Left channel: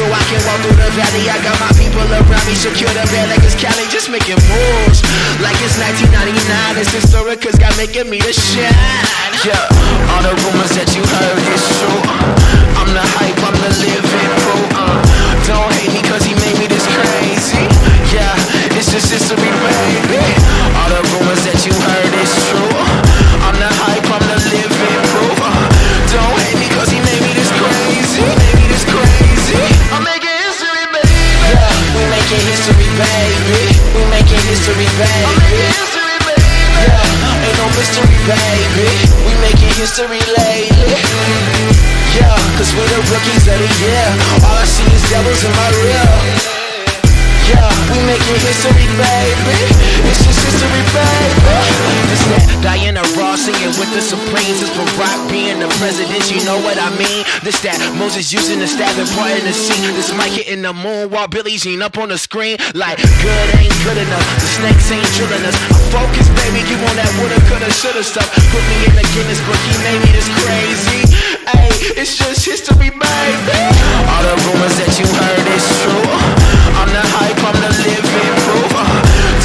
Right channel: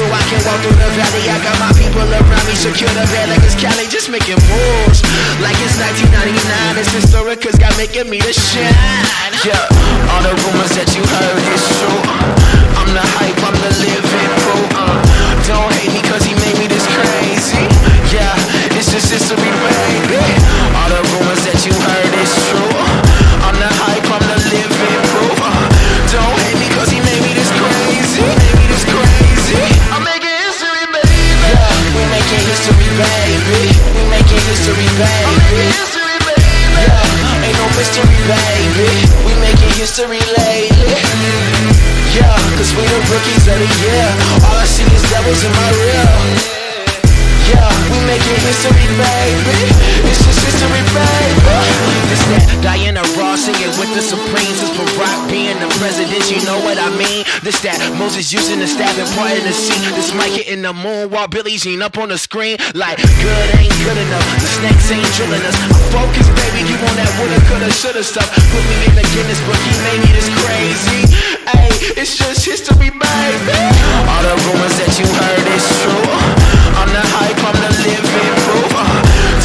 so I can walk through the valley. I got my people around me, secure the bed like it's Cali, just making moves like it's 1999. It's historic, cause God making me to shine. Yeah, all the rumors that you heard is true. I'm the hype, I'm the living proof. Don't hate me cause he made me this crazy. Yeah, it's just history, baby. All the rumors that you heard is true. I'm the hype, I'm the living proof. Don't hate me cause he made me this crazy. Made me this crazy. I'm making history, baby. Yeah, we making history, baby. We making history, baby. I'm making history, baby. Yeah, ain't no mystery, baby. We making history lately. Yeah, cause we the rookies of the year. All I see is devils in my rear. Yeah, we making history, baby. It's just history, baby. This that Diana Ross singing with the Supremes. It's Barack being the president, you know what I mean. This that Moses using the staff and parting the sea. This mic hitting the moon while Billie Jean up on the screen. Like, good ain't good enough, the snakes ain't drilling us. I'm focused, baby, you on that woulda, coulda, shoulda stuff. Put me in the Guinness book, he made me this crazy. Ay, it's just history, baby. All the rumors that you heard is true. I'm the hype, I'm the living proof.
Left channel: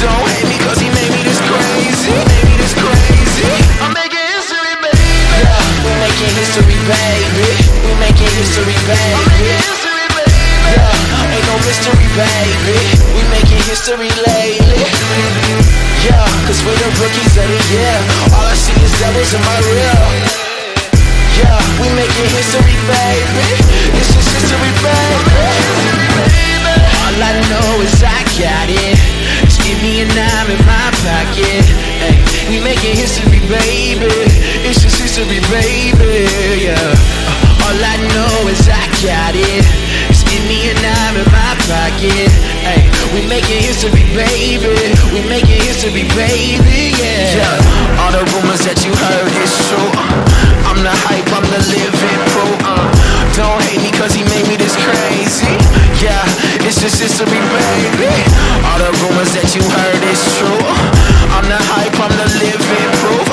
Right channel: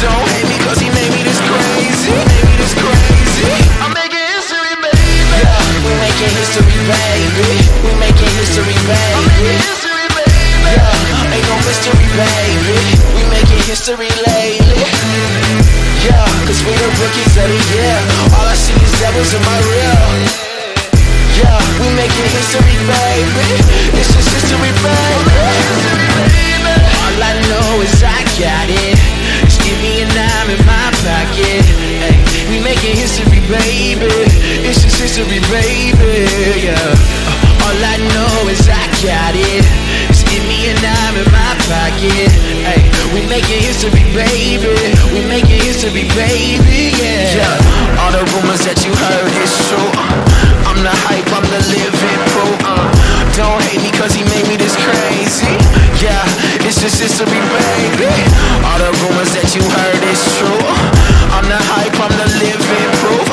Don't hate me cause he made me this crazy. Made me this crazy. I'm making history, baby. Yeah, we making history, baby. We making history, baby. I'm making history, baby. Yeah, ain't no mystery, baby. We making history lately. Yeah, cause we the rookies of the year. All I see is devils in my rear. Yeah, we making history, baby. It's just history, baby. All I know is I got it. Just give me a dime in my pocket. Ay, we making history, baby. It's just history, baby. Yeah. All I know is I got it. Just give me a dime in my pocket. Ay, we making history, baby. We making history, baby. Yeah. All the rumors that you heard is true. I'm the hype, I'm the living proof. Don't hate me cause he made me this crazy. Yeah, it's just history, baby. All the rumors that you heard is true. I'm the hype, I'm the living proof.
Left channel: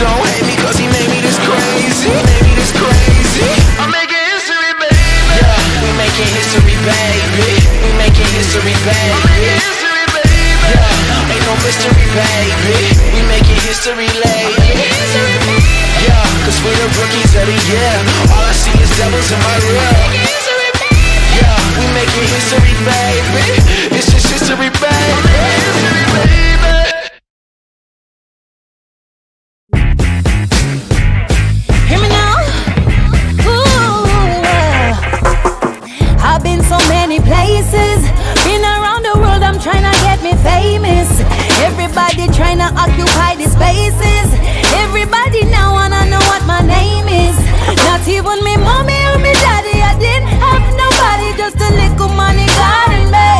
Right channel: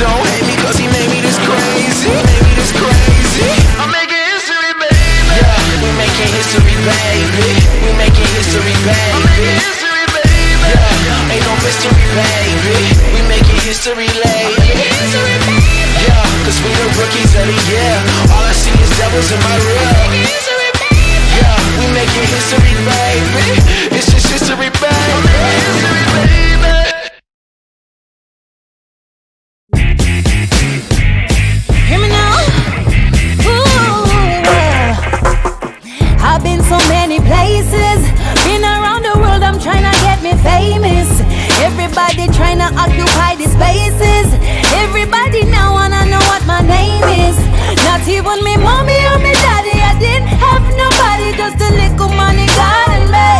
Don't hate me cause he made me this crazy. Made me this crazy. I'm making history, baby. Yeah, we making history, baby. We making history, baby. I'm making history, baby. Yeah, ain't no mystery, baby. We making history lately. Yeah, cause we the rookies of the year. All I see is devils in my rear. Yeah, we making history, baby. It's just history, baby. History, baby. Hear me now? Ooh, I've been so many places. Been around the world, I'm trying to get me famous. Everybody trying to occupy the spaces. Everybody now wanna know what my name is. Not even me mommy or me daddy. I didn't have nobody, just a little money God and me.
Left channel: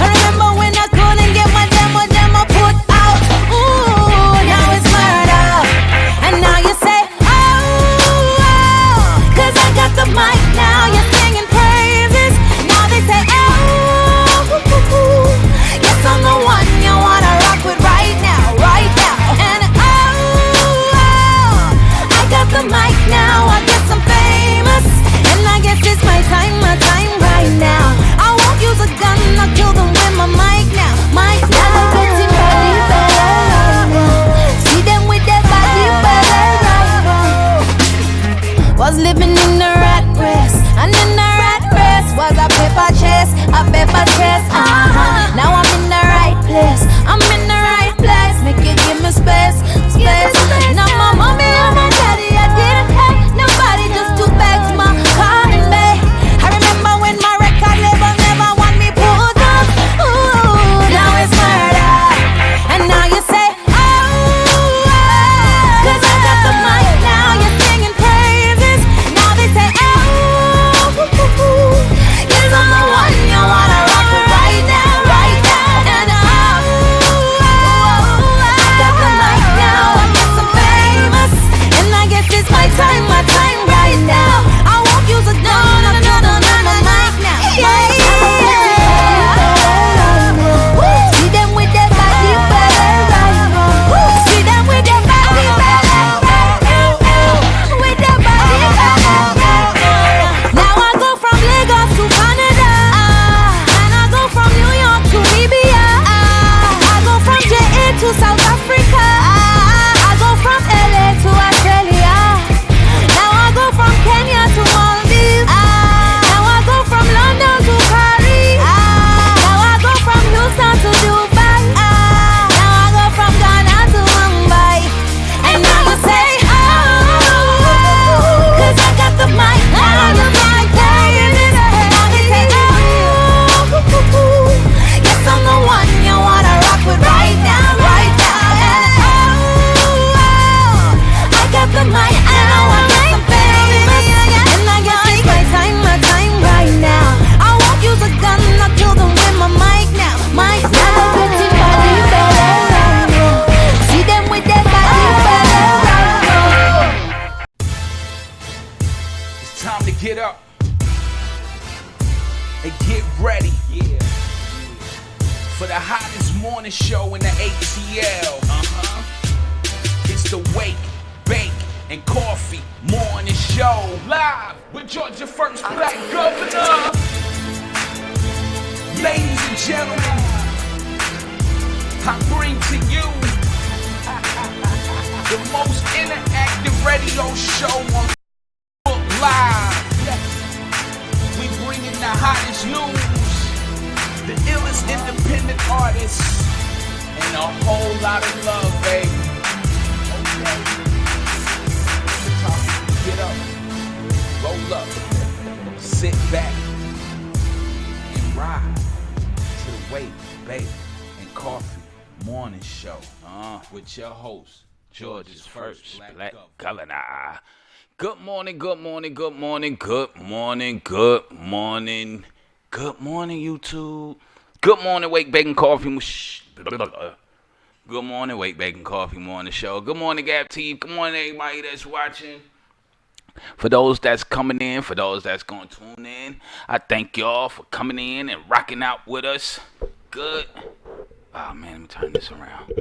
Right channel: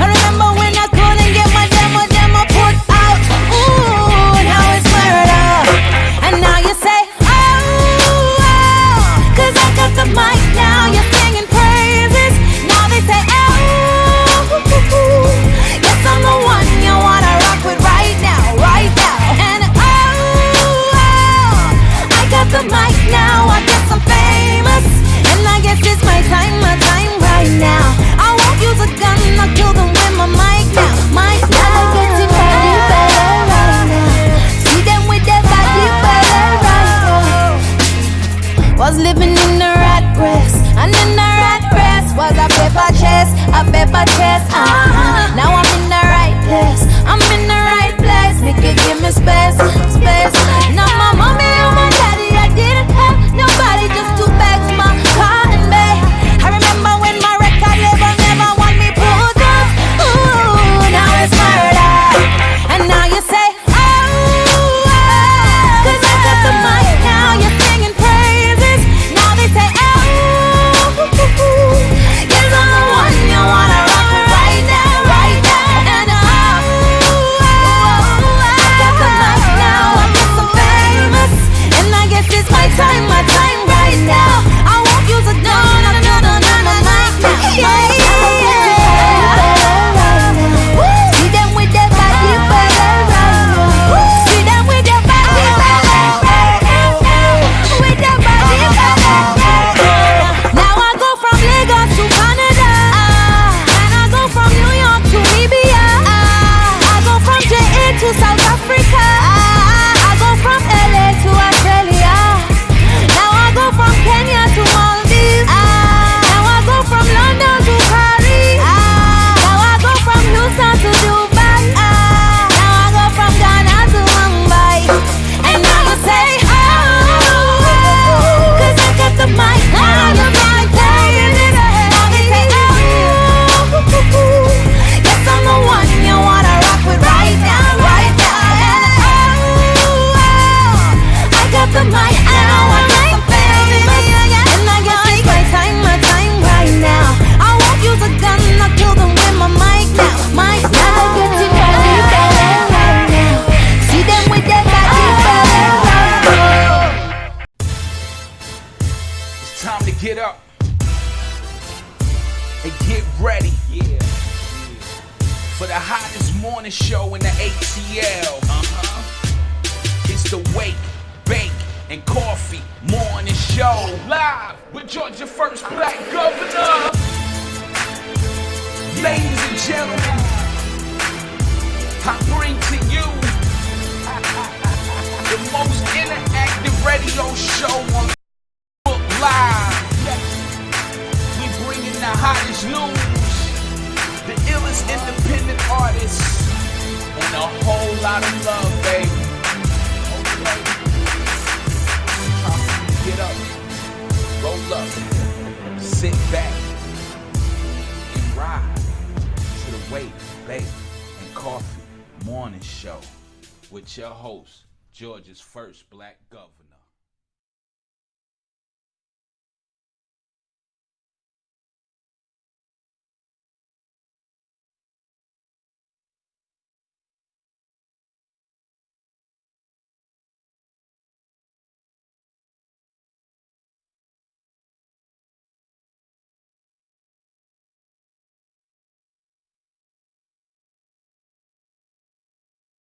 I remember when I couldn't get my demo put out. Ooh, now it's murder. And now you say, oh, cause I got the mic now. You're singing praises. Now they say, oh, yes, I'm the one you wanna rock with right now, right now. And oh, I got the mic now. I guess I'm famous, and I guess it's my time. get up and get ready for the hottest morning show in the ATL. It's the Wake, Bake, and Coffee Morning Show. Live with Georgia First Black Governor. Ladies and gentlemen, I bring to you the most interactive radio show on Facebook Live. We bring in the hottest news, the illest independent artists, and a whole lot of love, baby. Okay. Time to get up, roll up, sit back, and ride to the Wake, Bake, and Coffee Morning Show with your host, Georgia's First Black Governor. Good morning, good morning, good morning, good morning, good morning, good morning, YouTube. Good morning, Wake, Bake, and Coffee. Good morning, Wake, Bake, and Coffee Morning Show. Good morning, Gap Team. Good morning, everybody that's watching. For those that's coming in, for those that's going to tune in, I thank y'all for coming in and rocking out with us. Good. Oh, man, let me turn this around.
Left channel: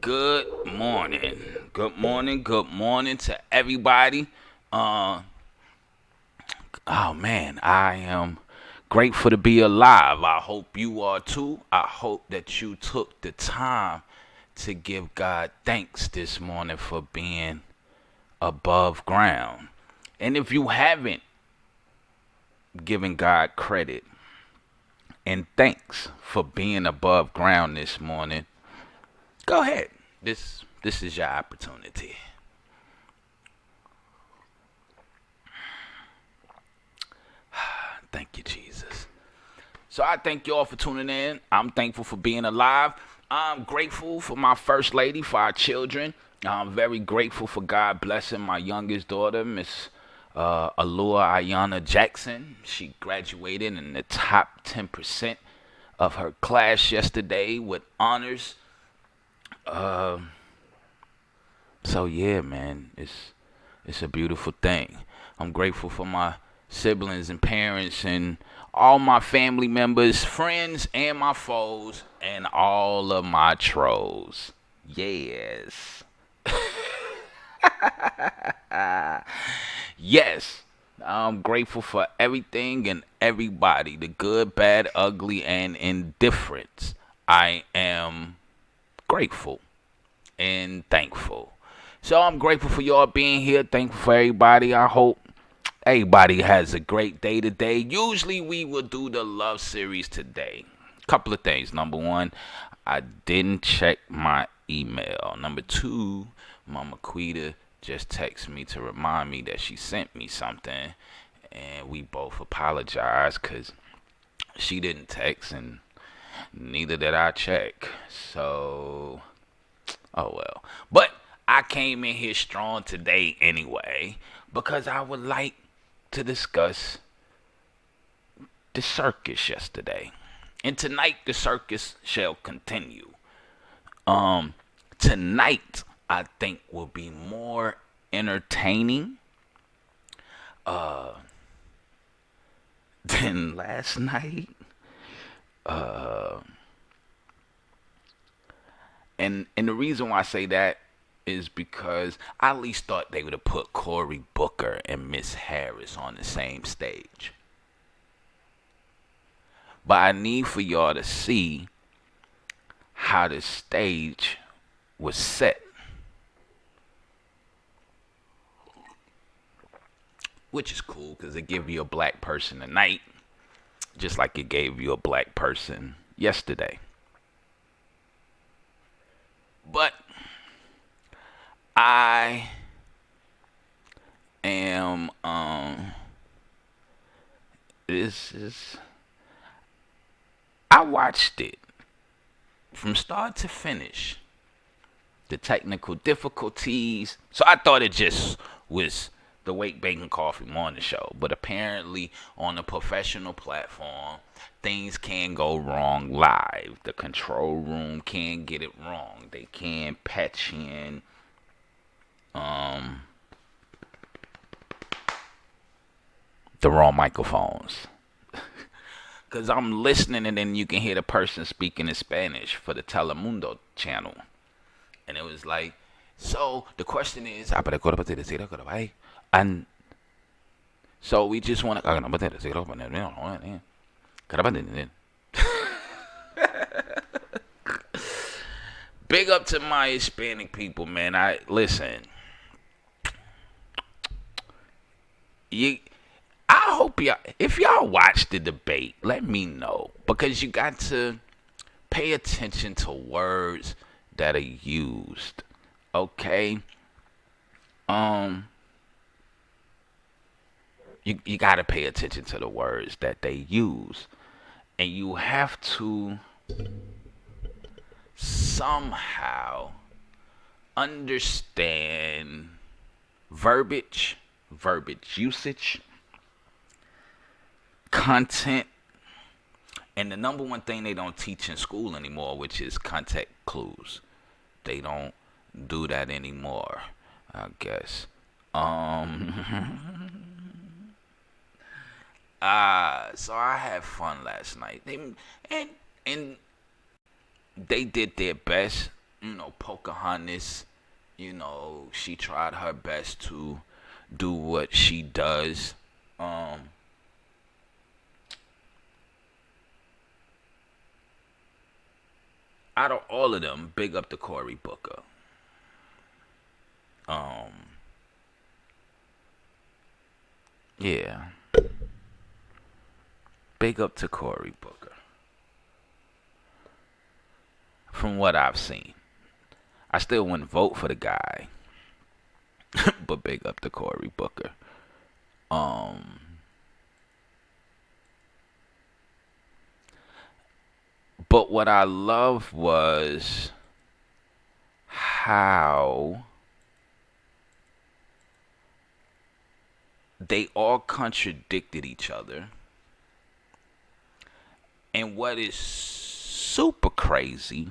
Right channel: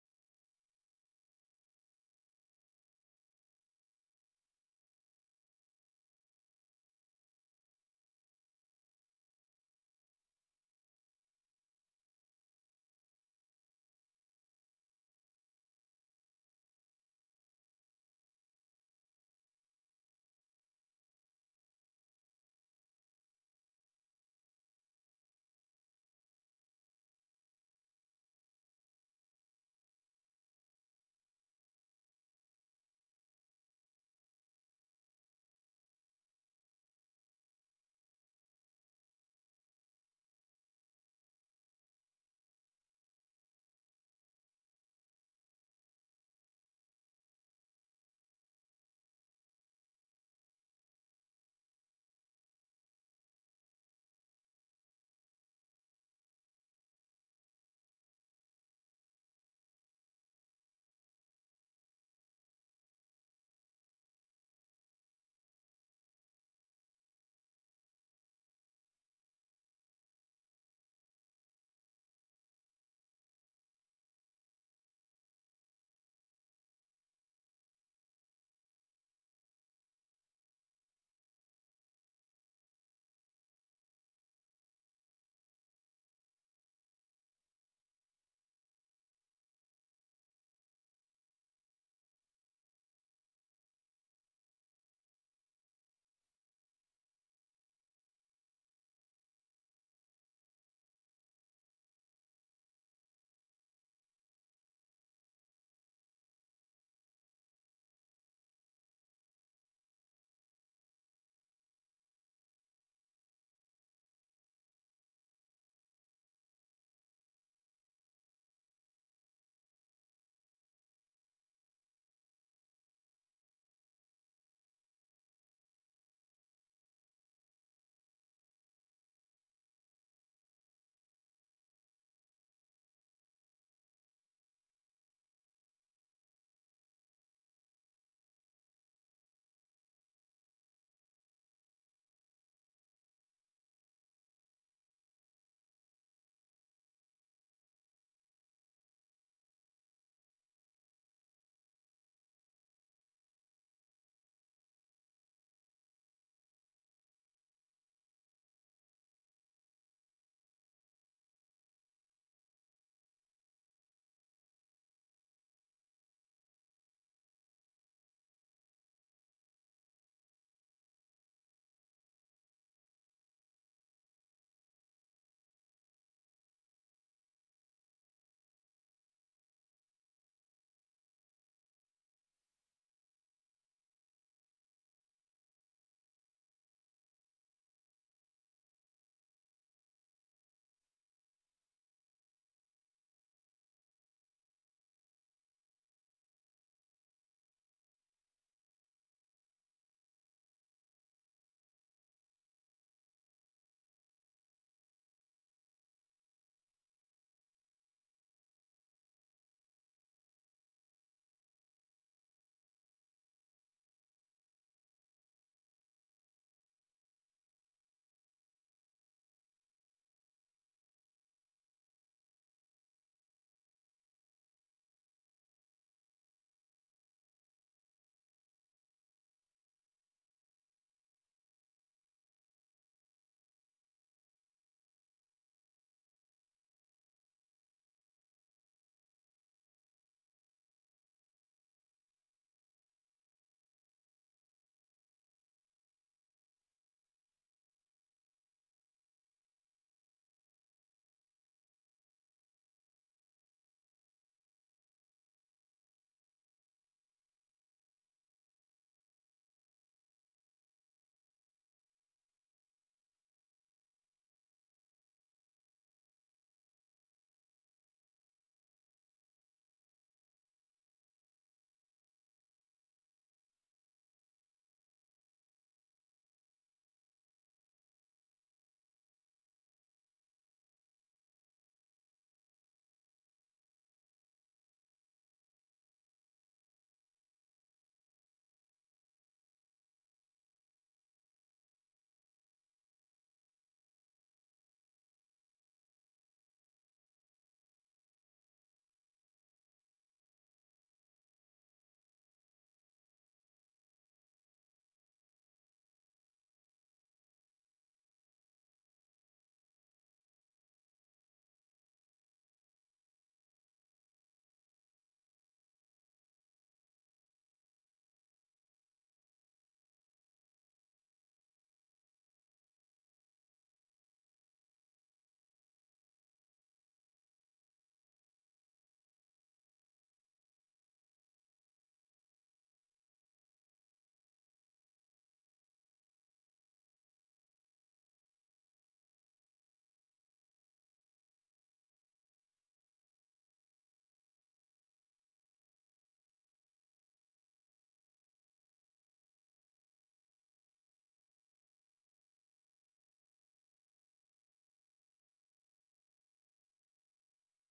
Good morning. Good morning. Good morning to everybody. Oh, man, I am grateful to be alive. I hope you are too. I hope that you took the time to give God thanks this morning for being above ground. And if you haven't given God credit and thanks for being above ground this morning, go ahead. This is your opportunity. Thank you, Jesus. So I thank you all for tuning in. I'm thankful for being alive. I'm grateful for my first lady, for our children. I'm very grateful for God blessing my youngest daughter, Miss Alua Ayana Jackson. She graduated in the top 10% of her class yesterday with honors. So yeah, man, it's a beautiful thing. I'm grateful for my siblings and parents and all my family members, friends, and my foes, and all of my trolls. Yes. Yes. I'm grateful for everything and everybody, the good, bad, ugly, and indifference. I am grateful and thankful. So I'm grateful for y'all being here. Thankful for everybody. I hope everybody has a great day today. Usually we will do the love series today. Couple of things. Number one, I didn't check my email. Number two, Mama Quita just texted me to remind me that she sent me something. And we both apologize because she didn't text and neither did I check. So, oh well. But I came in here strong today anyway because I would like to discuss the circus yesterday. And tonight the circus shall continue. Tonight I think will be more entertaining than last night. And the reason why I say that is because I at least thought they would have put Cory Booker and Miss Harris on the same stage. But I need for y'all to see how the stage was set. Which is cool because it gave you a black person tonight, just like it gave you a black person yesterday. But I am I watched it from start to finish. The technical difficulties. So I thought it just was the Wake, Bake, and Coffee Morning Show. But apparently on a professional platform, things can go wrong live. The control room can get it wrong. They can patch in the wrong microphones. Because I'm listening and then you can hear the person speaking in Spanish for the Telemundo channel. And it was like, so the question is, and so we just want to. Big up to my Hispanic people, man. I listen. I hope y'all, if y'all watch the debate, let me know, because you got to pay attention to words that are used. Okay. You got to pay attention to the words that they use, and you have to somehow understand verbiage usage, content, and the number one thing they don't teach in school anymore, which is context clues. They don't do that anymore, I guess. So I had fun last night. And they did their best. Pocahontas, she tried her best to do what she does. Out of all of them, big up to Cory Booker. Yeah. Big up to Cory Booker. From what I've seen. I still wouldn't vote for the guy. But big up to Cory Booker. But what I loved was how they all contradicted each other. And what is super crazy,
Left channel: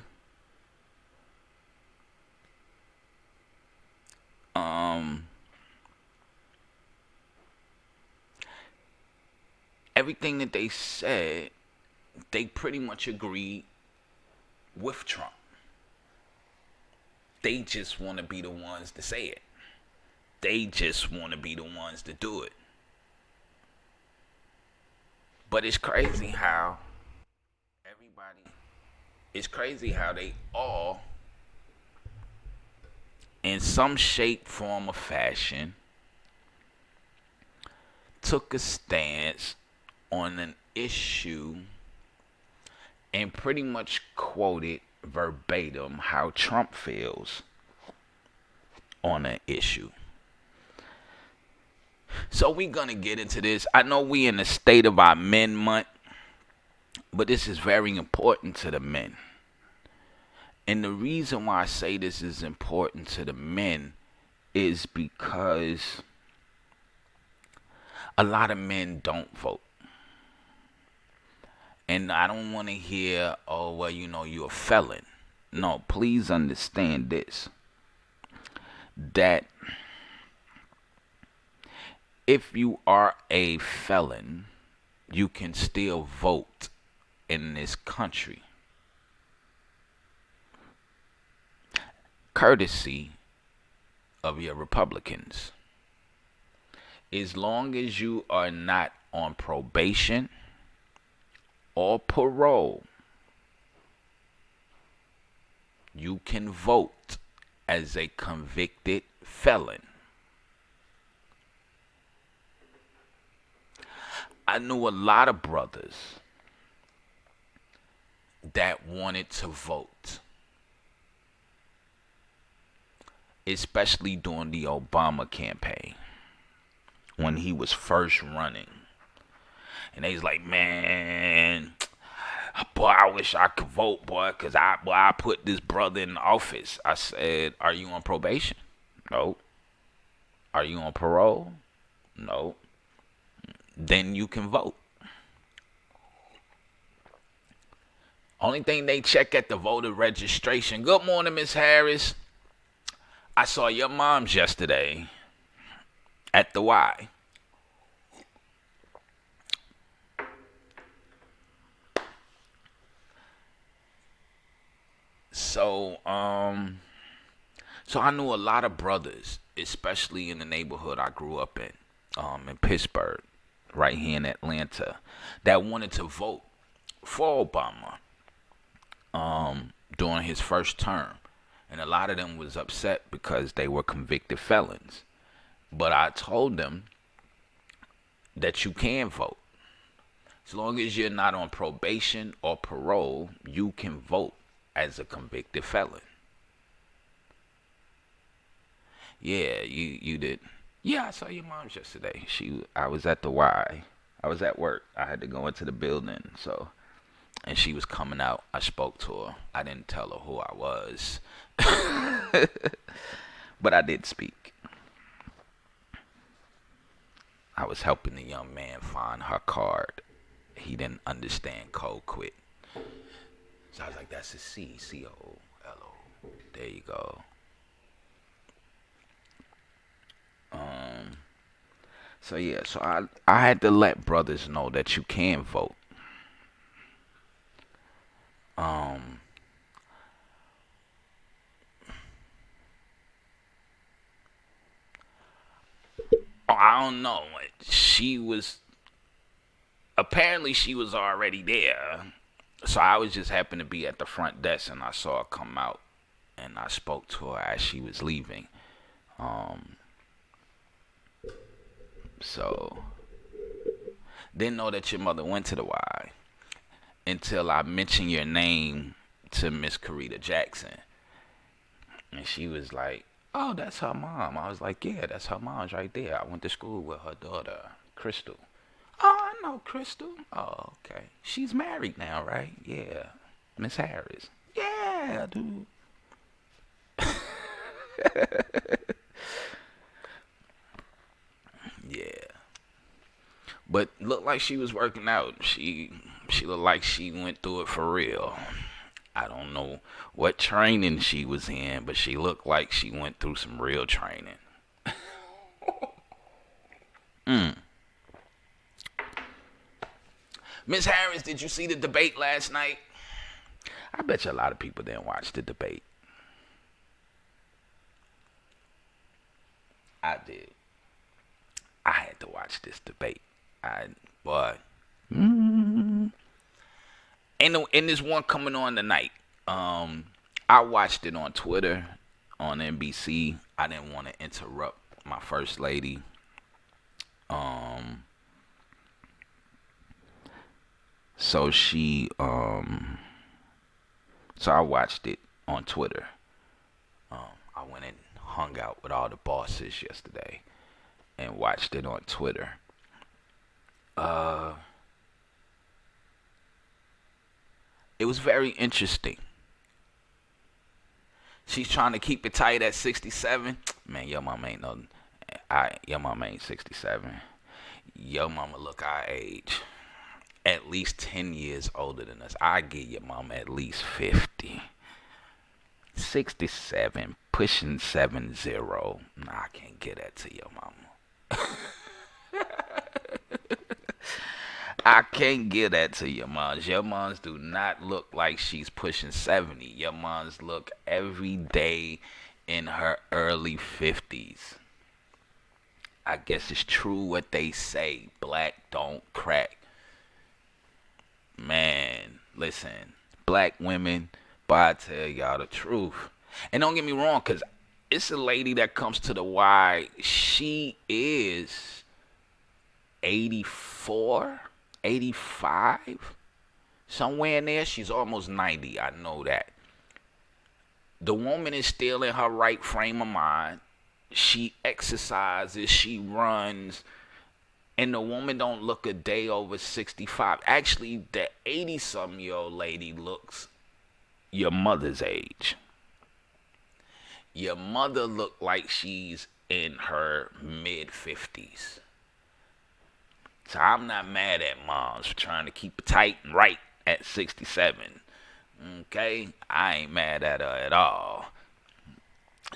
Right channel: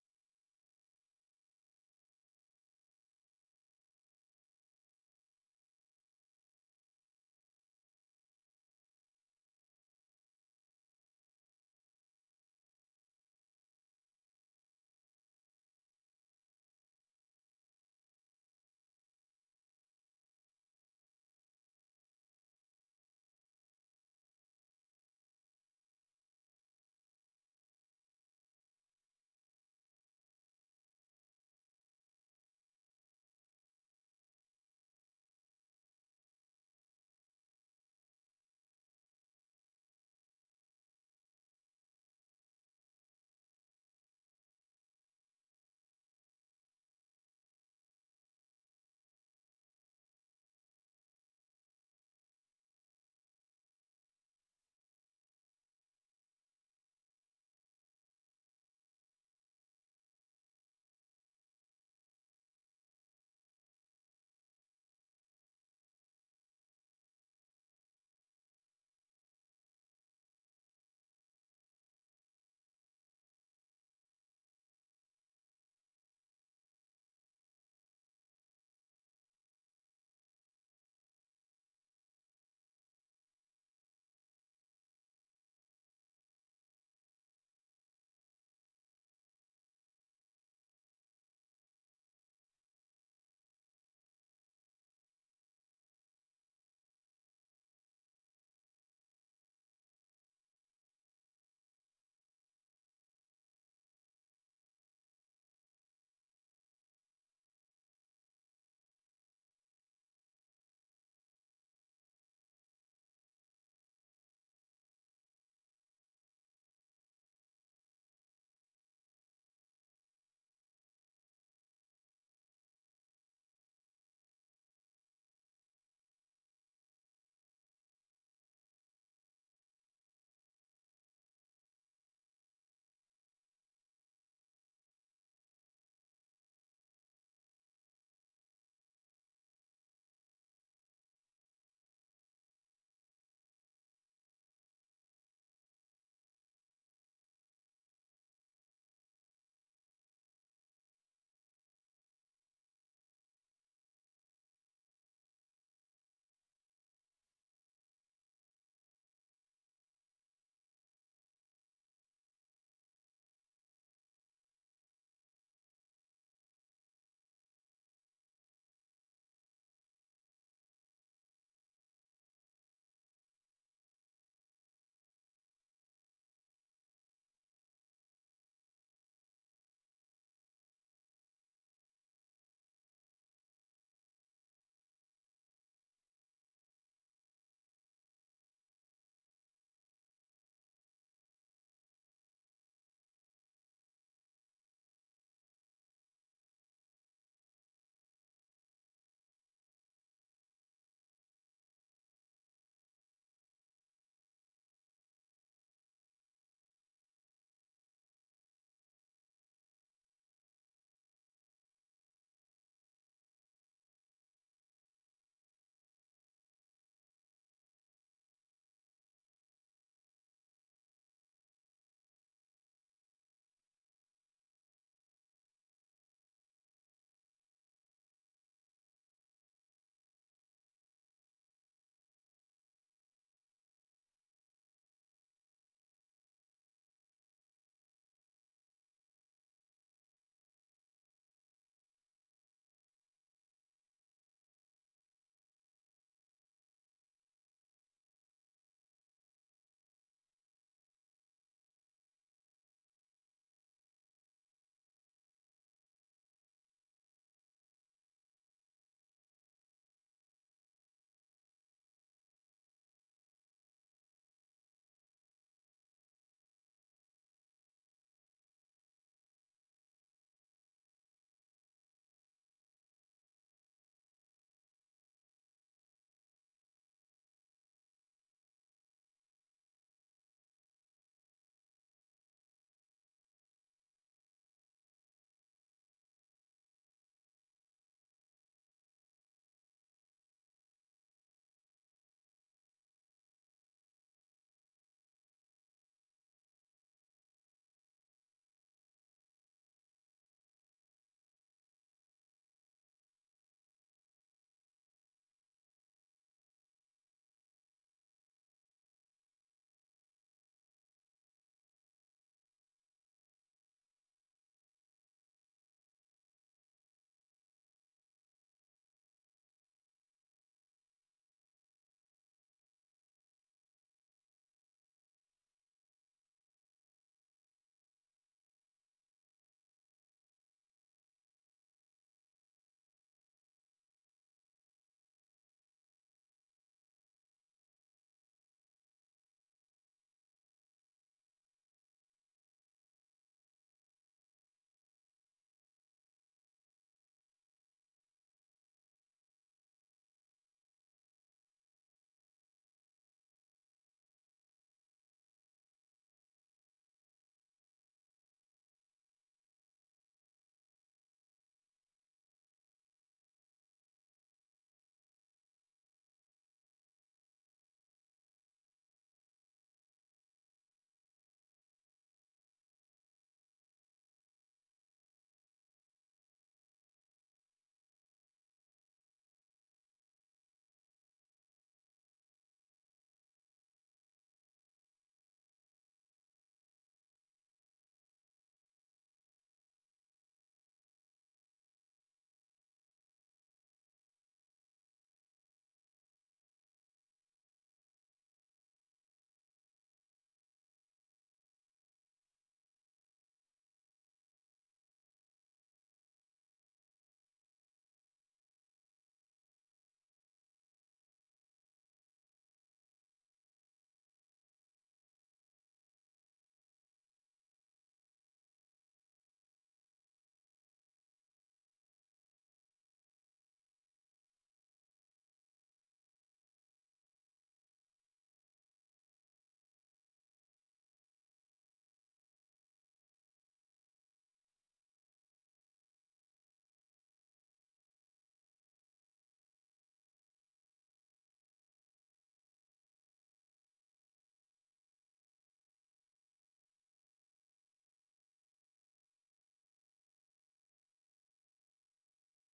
everything that they said, they pretty much agreed with Trump. They just want to be the ones to say it. They just want to be the ones to do it. But it's crazy how they all, in some shape, form, or fashion, took a stance on an issue and pretty much quoted verbatim how Trump feels on an issue. So we're going to get into this. I know we in the state of our men month, but this is very important to the men. And the reason why I say this is important to the men is because a lot of men don't vote. And I don't want to hear, oh, well, you're a felon. No, please understand this. That if you are a felon, you can still vote in this country. Courtesy of your Republicans. As long as you are not on probation or parole, you can vote as a convicted felon. I knew a lot of brothers that wanted to vote, especially during the Obama campaign when he was first running. And they was like, man, boy, I wish I could vote, boy, because I put this brother in office. I said, are you on probation? No. Are you on parole? No. Then you can vote. Only thing they check at the voter registration. Good morning, Miss Harris. I saw your mom's yesterday at the Y. So, so I knew a lot of brothers, especially in the neighborhood I grew up in Pittsburgh, right here in Atlanta, that wanted to vote for Obama during his first term. And a lot of them was upset because they were convicted felons. But I told them that you can vote. As long as you're not on probation or parole, you can vote as a convicted felon. Yeah, you did. Yeah, I saw your mom's yesterday. I was at the Y. I was at work. I had to go into the building, so and she was coming out. I spoke to her. I didn't tell her who I was, but I did speak. I was helping the young man find her card. He didn't understand code quit. So I was like, that's a C, C-O-L-O. There you go. So yeah, so I had to let brothers know that you can vote. I don't know. Apparently she was already there. So I was just happened to be at the front desk and I saw her come out and I spoke to her as she was leaving. So didn't know that your mother went to the Y until I mentioned your name to Miss Karita Jackson. And she was like, oh, that's her mom. I was like, yeah, that's her mom's right there. I went to school with her daughter, Crystal. Oh, I know Crystal. Oh, okay. She's married now, right? Yeah. Miss Harris. Yeah, dude. Yeah. But looked like she was working out. She looked like she went through it for real. I don't know what training she was in, but she looked like she went through some real training. Miss Harris, did you see the debate last night? I bet you a lot of people didn't watch the debate. I did. I had to watch this debate. Boy. And there's one coming on tonight. I watched it on Twitter, on NBC. I didn't want to interrupt my first lady. So I watched it on Twitter. I went and hung out with all the bosses yesterday and watched it on Twitter. It was very interesting. She's trying to keep it tight at 67. Man, your mama ain't no. Your mama ain't 67. Your mama look our age. At least 10 years older than us. I give your mama at least 50. 67, pushing 70. Nah, I can't get that to your mama. I can't give that to your moms. Your moms do not look like she's pushing 70. Your moms look every day in her early 50s. I guess it's true what they say. Black don't crack. Man, listen. Black women, but I tell y'all the truth. And don't get me wrong, because it's a lady that comes to the Y. She is 84, 85, somewhere in there. She's almost 90. I know that. The woman is still in her right frame of mind. She exercises, she runs, and the woman don't look a day over 65. Actually, the 80-some-year-old lady looks your mother's age. Your mother looked like she's in her mid-50s. So I'm not mad at moms for trying to keep it tight and right at 67. Okay? I ain't mad at her at all.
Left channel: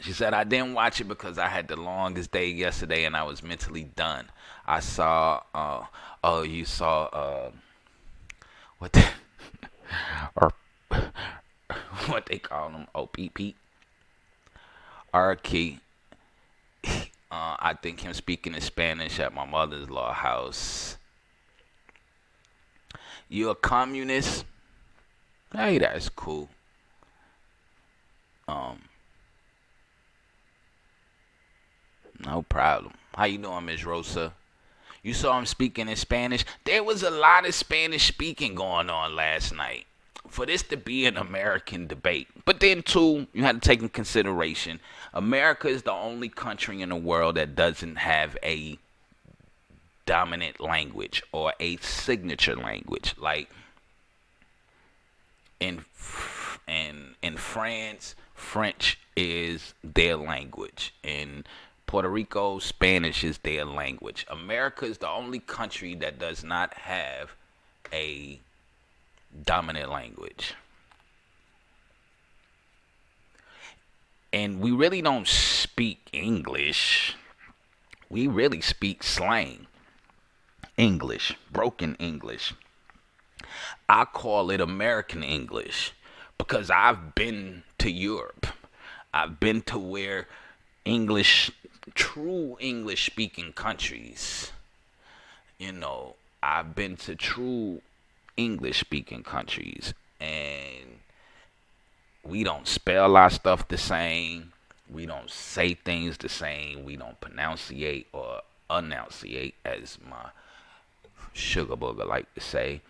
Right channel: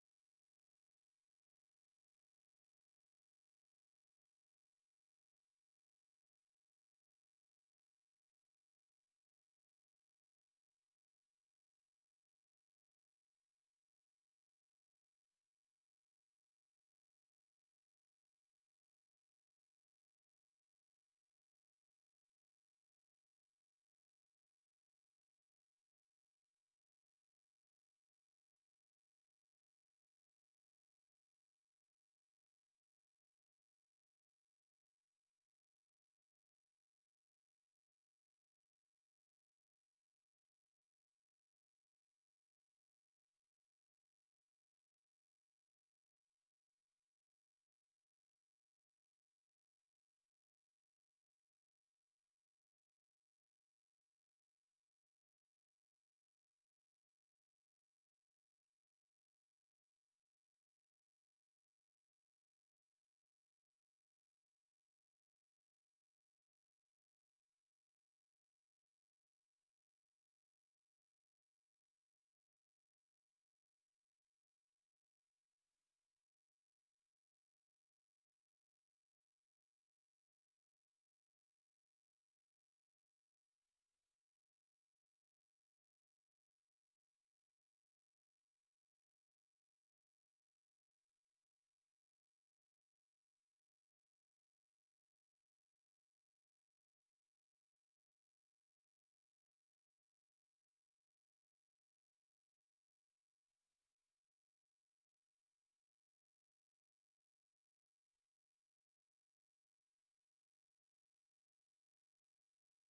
She said, I didn't watch it because I had the longest day yesterday and I was mentally done. I saw, you saw, what the, what they call them, OPP, R-Key. I think him speaking in Spanish at my mother-in-law house. You a communist? Hey, that's cool. Um, no problem. How you doing, Miss Rosa? You saw him speaking in Spanish. There was a lot of Spanish speaking going on last night for this to be an American debate. But then, too, you had to take in consideration, America is the only country in the world that doesn't have a dominant language or a signature language. Like in France, French is their language. In Puerto Rico, Spanish is their language. America is the only country that does not have a dominant language. And we really don't speak English. We really speak slang English, broken English. I call it American English because I've been to Europe. I've been to where true English speaking countries. I've been to true English speaking countries, and we don't spell our stuff the same. We don't say things the same. We don't pronunciate or enunciate, as my sugar booger like to say.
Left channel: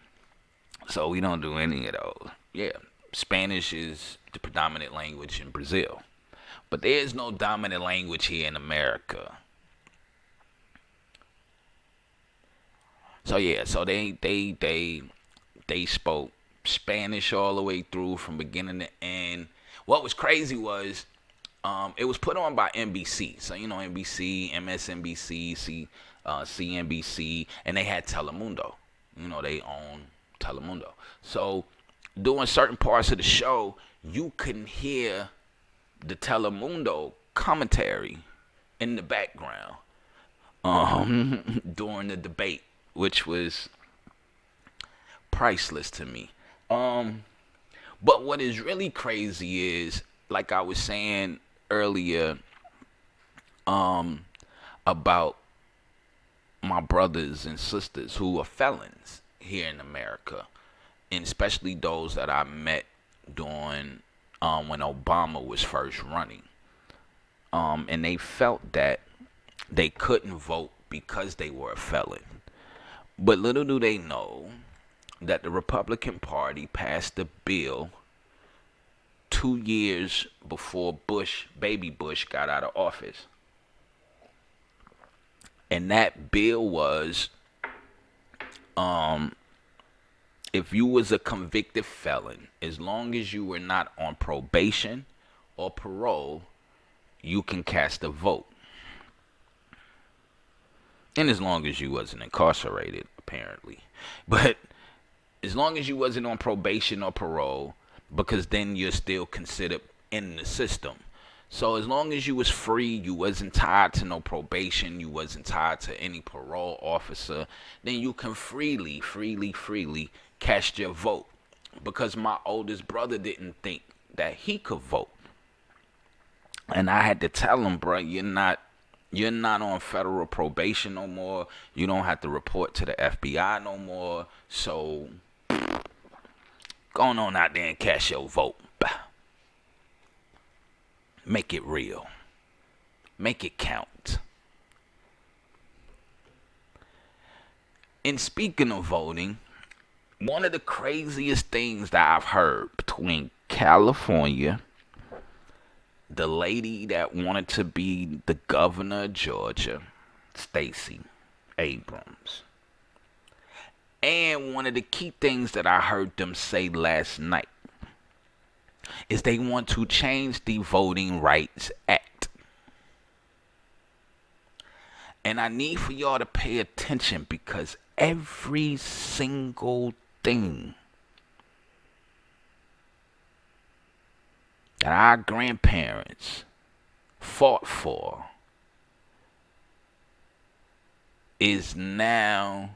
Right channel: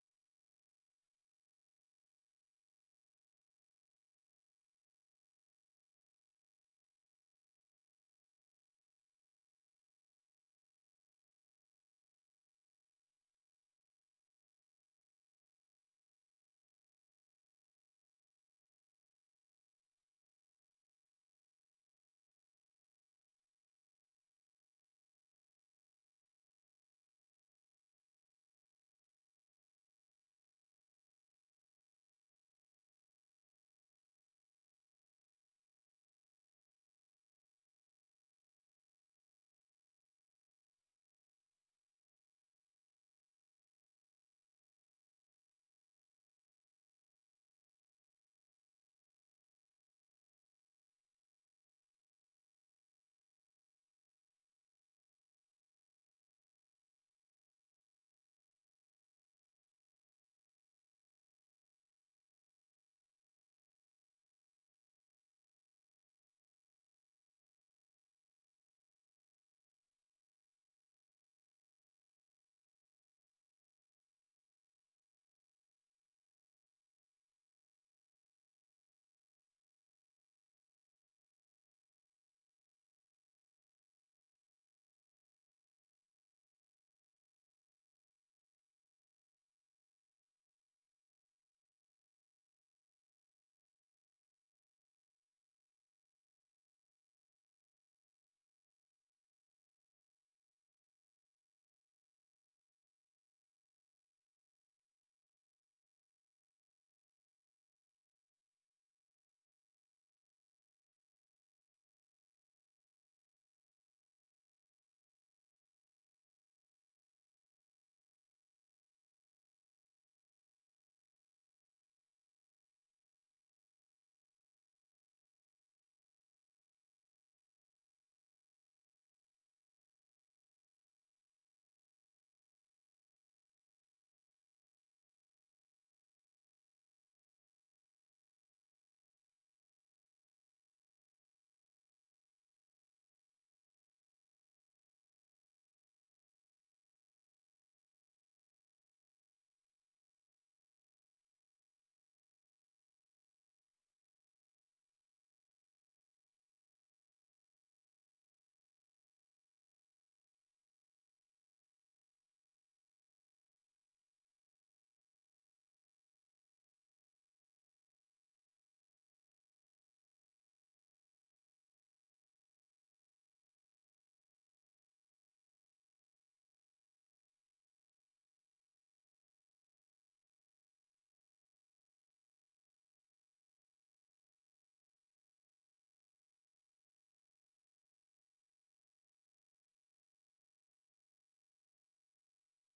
So we don't do any of those. Yeah, Spanish is the predominant language in Brazil. But there is no dominant language here in America. So yeah, so they spoke Spanish all the way through from beginning to end. What was crazy was it was put on by NBC. So NBC, MSNBC, CNBC, and they had Telemundo. They own Telemundo. So during certain parts of the show, you couldn't hear the Telemundo commentary in the background during the debate, which was priceless to me. But what is really crazy is, like I was saying earlier, about my brothers and sisters who are felons here in America, and especially those that I met during when Obama was first running, and they felt that they couldn't vote because they were a felon. But little do they know that the Republican Party passed a bill 2 years before baby Bush, got out of office. And that bill was, if you was a convicted felon, as long as you were not on probation or parole, you can cast a vote. And as long as you wasn't incarcerated, apparently. But as long as you wasn't on probation or parole, because then you're still considered in the system. So as long as you was free, you wasn't tied to no probation, you wasn't tied to any parole officer, then you can freely cast your vote. Because my oldest brother didn't think that he could vote. And I had to tell him, bro, you're not on federal probation no more. You don't have to report to the FBI no more. So go on out there and cast your vote. Make it real. Make it count. And speaking of voting, one of the craziest things that I've heard between California, the lady that wanted to be the governor of Georgia, Stacey Abrams, and one of the key things that I heard them say last night is they want to change the Voting Rights Act. And I need for y'all to pay attention, because every single thing that our grandparents fought for is now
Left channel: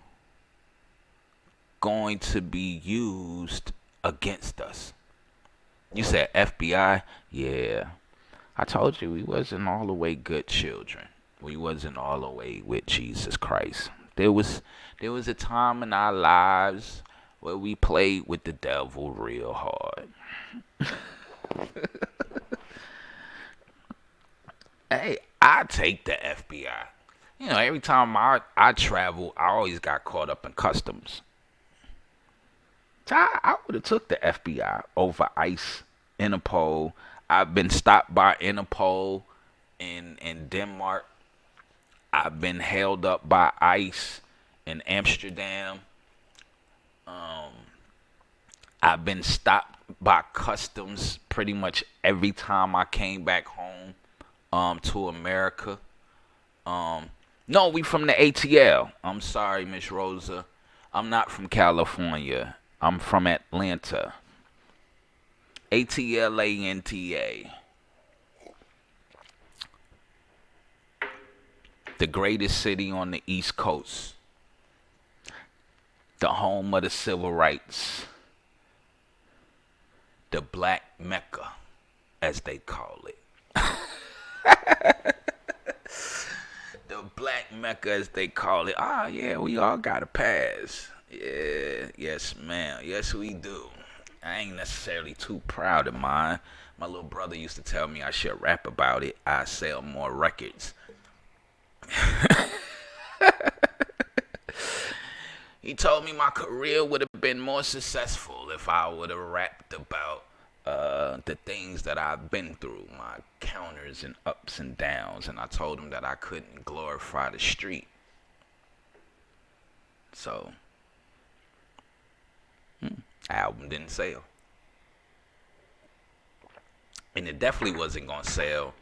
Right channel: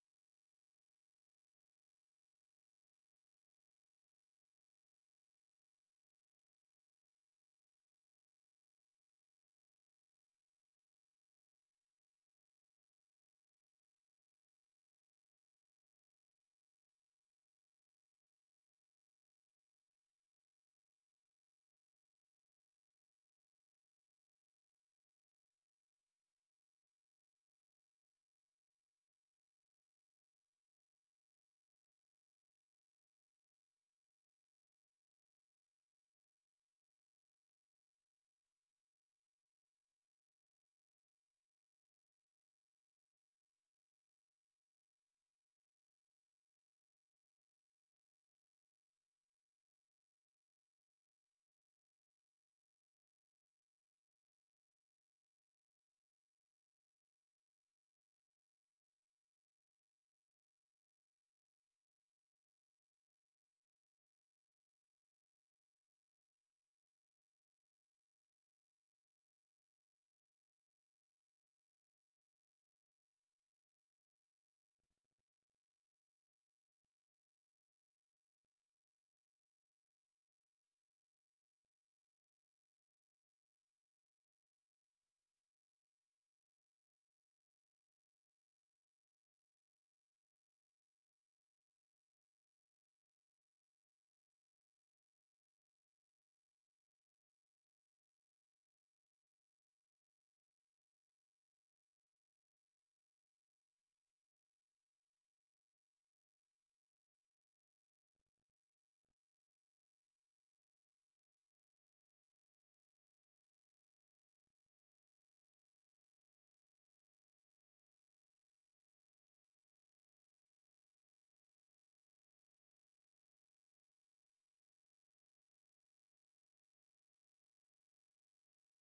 going to be used against us. You said FBI? Yeah. I told you we wasn't all the way good children. We wasn't all the way with Jesus Christ. There was a time in our lives where we played with the devil real hard. Hey, I take the FBI. You know, every time I travel, I always got caught up in customs. So I would have took the FBI over ICE, Interpol. I've been stopped by Interpol in Denmark. I've been held up by ICE in Amsterdam. I've been stopped by customs pretty much every time I came back home to America. No, we from the ATL. I'm sorry, Miss Rosa. I'm not from California. I'm from Atlanta. ATLANTA. The greatest city on the East Coast. The home of the civil rights. The Black Mecca, as they call it. The Black Mecca, as they call it. Ah, yeah, we all got a pass. Yeah, yes, ma'am. Yes, we do. I ain't necessarily too proud of mine. My little brother used to tell me I should rap about it. I sell more records. He told me my career would have been more successful if I would have rapped about the things that I've been through, my counters and ups and downs, and I told him that I couldn't glorify the street. So, album didn't sell. And it definitely wasn't going to sell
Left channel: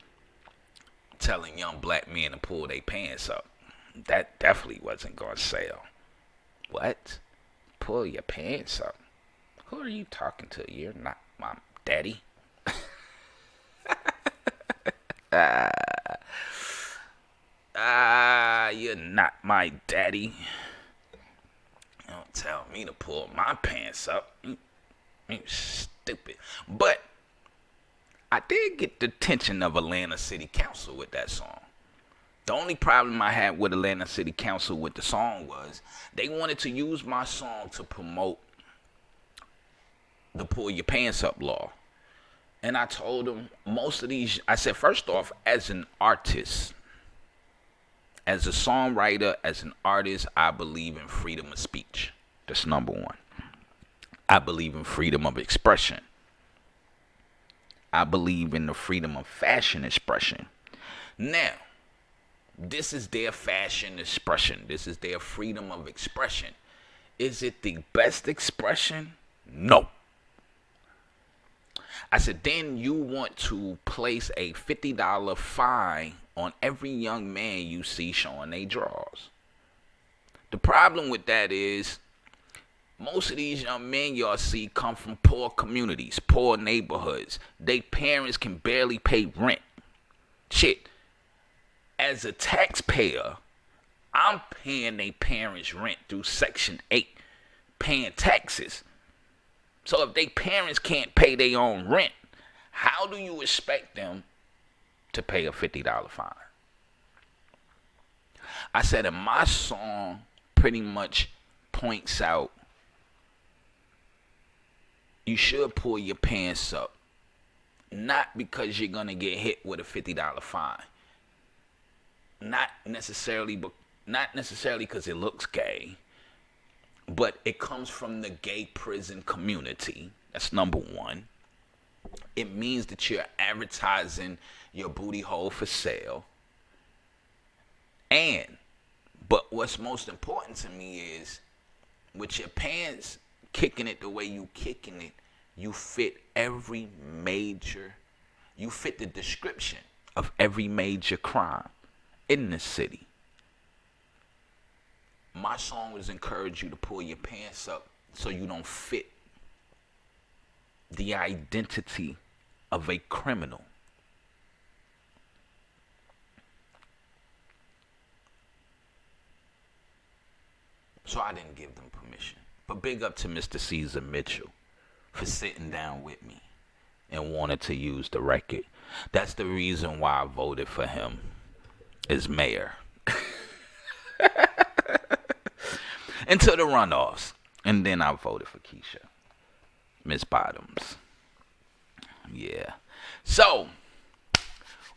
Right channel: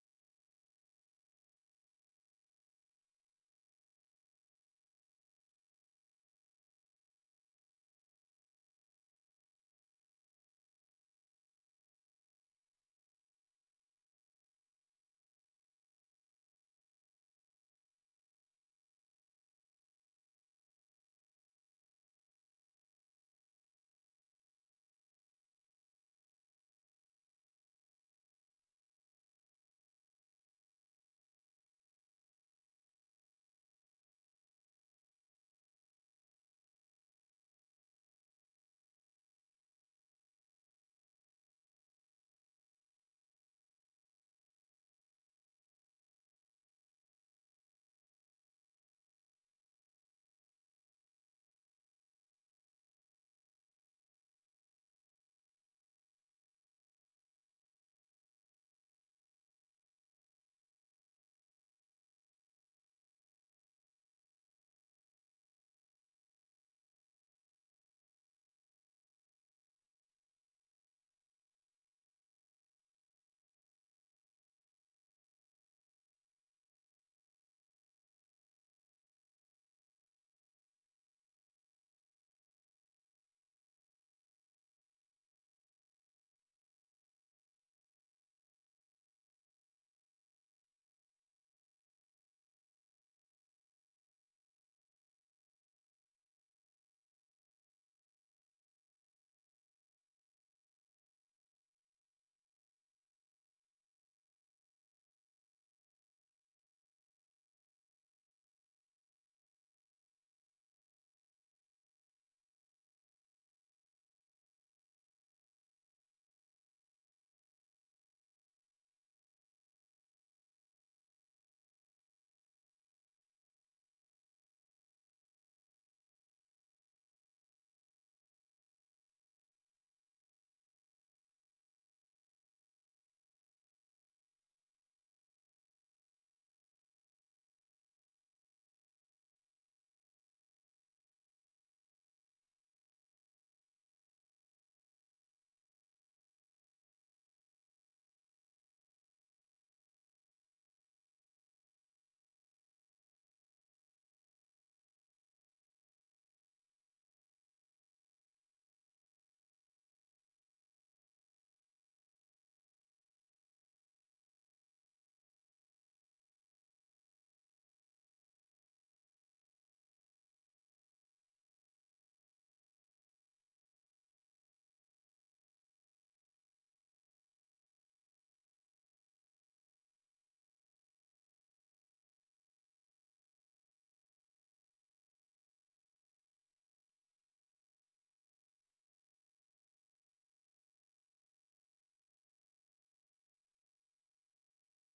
telling young black men to pull their pants up. That definitely wasn't going to sell. What? Pull your pants up? Who are you talking to? You're not my daddy. You're not my daddy. Don't tell me to pull my pants up. You stupid. But I did get the attention of Atlanta City Council with that song. The only problem I had with Atlanta City Council with the song was they wanted to use my song to promote the pull your pants up law. And I told them most of these, I said, first off, as an artist, as a songwriter, as an artist, I believe in freedom of speech. That's number one. I believe in freedom of expression. I believe in the freedom of fashion expression. Now, this is their fashion expression. This is their freedom of expression. Is it the best expression? No. I said, then you want to place a $50 fine on every young man you see showing their drawers. The problem with that is most of these young men y'all see come from poor communities, poor neighborhoods. Their parents can barely pay rent. Shit. As a taxpayer, I'm paying their parents' rent through Section 8, paying taxes. So if their parents can't pay their own rent, how do you expect them to pay a $50 fine? I said, and my song pretty much points out you should pull your pants up, not because you're going to get hit with a $50 fine. Not necessarily because it looks gay, but it comes from the gay prison community. That's number one. It means that you're advertising your booty hole for sale. But what's most important to me is with your pants kicking it the way you kicking it, you fit the description of every major crime in this city. My song would encourage you to pull your pants up so you don't fit the identity of a criminal. So I didn't give them permission. But big up to Mr. Caesar Mitchell for sitting down with me and wanted to use the record. That's the reason why I voted for him as mayor. Until the runoffs. And then I voted for Keisha. Miss Bottoms. Yeah. So,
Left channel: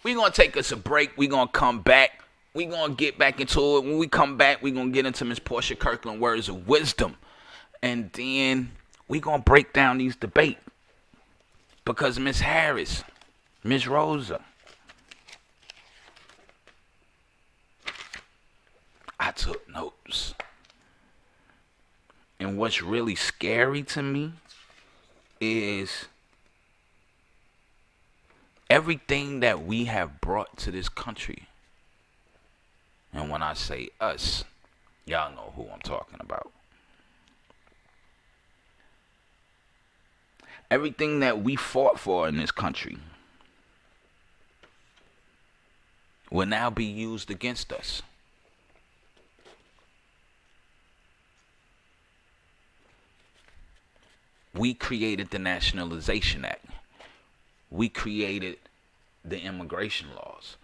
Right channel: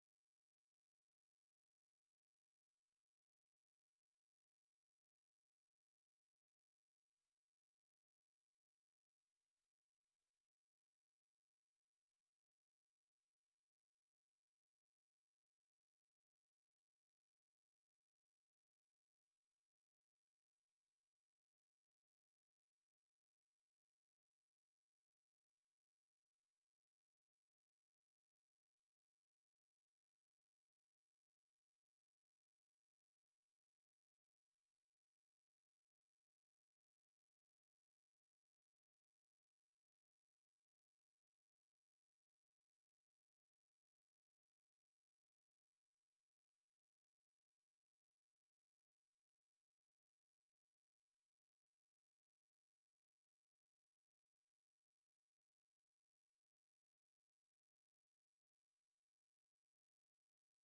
we're going to take us a break. We're going to come back. We're going to get back into it. When we come back, we're going to get into Miss Portia Kirkland words of wisdom. And then we're going to break down these debates. Because Miss Harris, Miss Rosa, I took notes. And what's really scary to me is everything that we have brought to this country. And when I say us, y'all know who I'm talking about. Everything that we fought for in this country will now be used against us. We created the Nationalization Act. We created the immigration laws.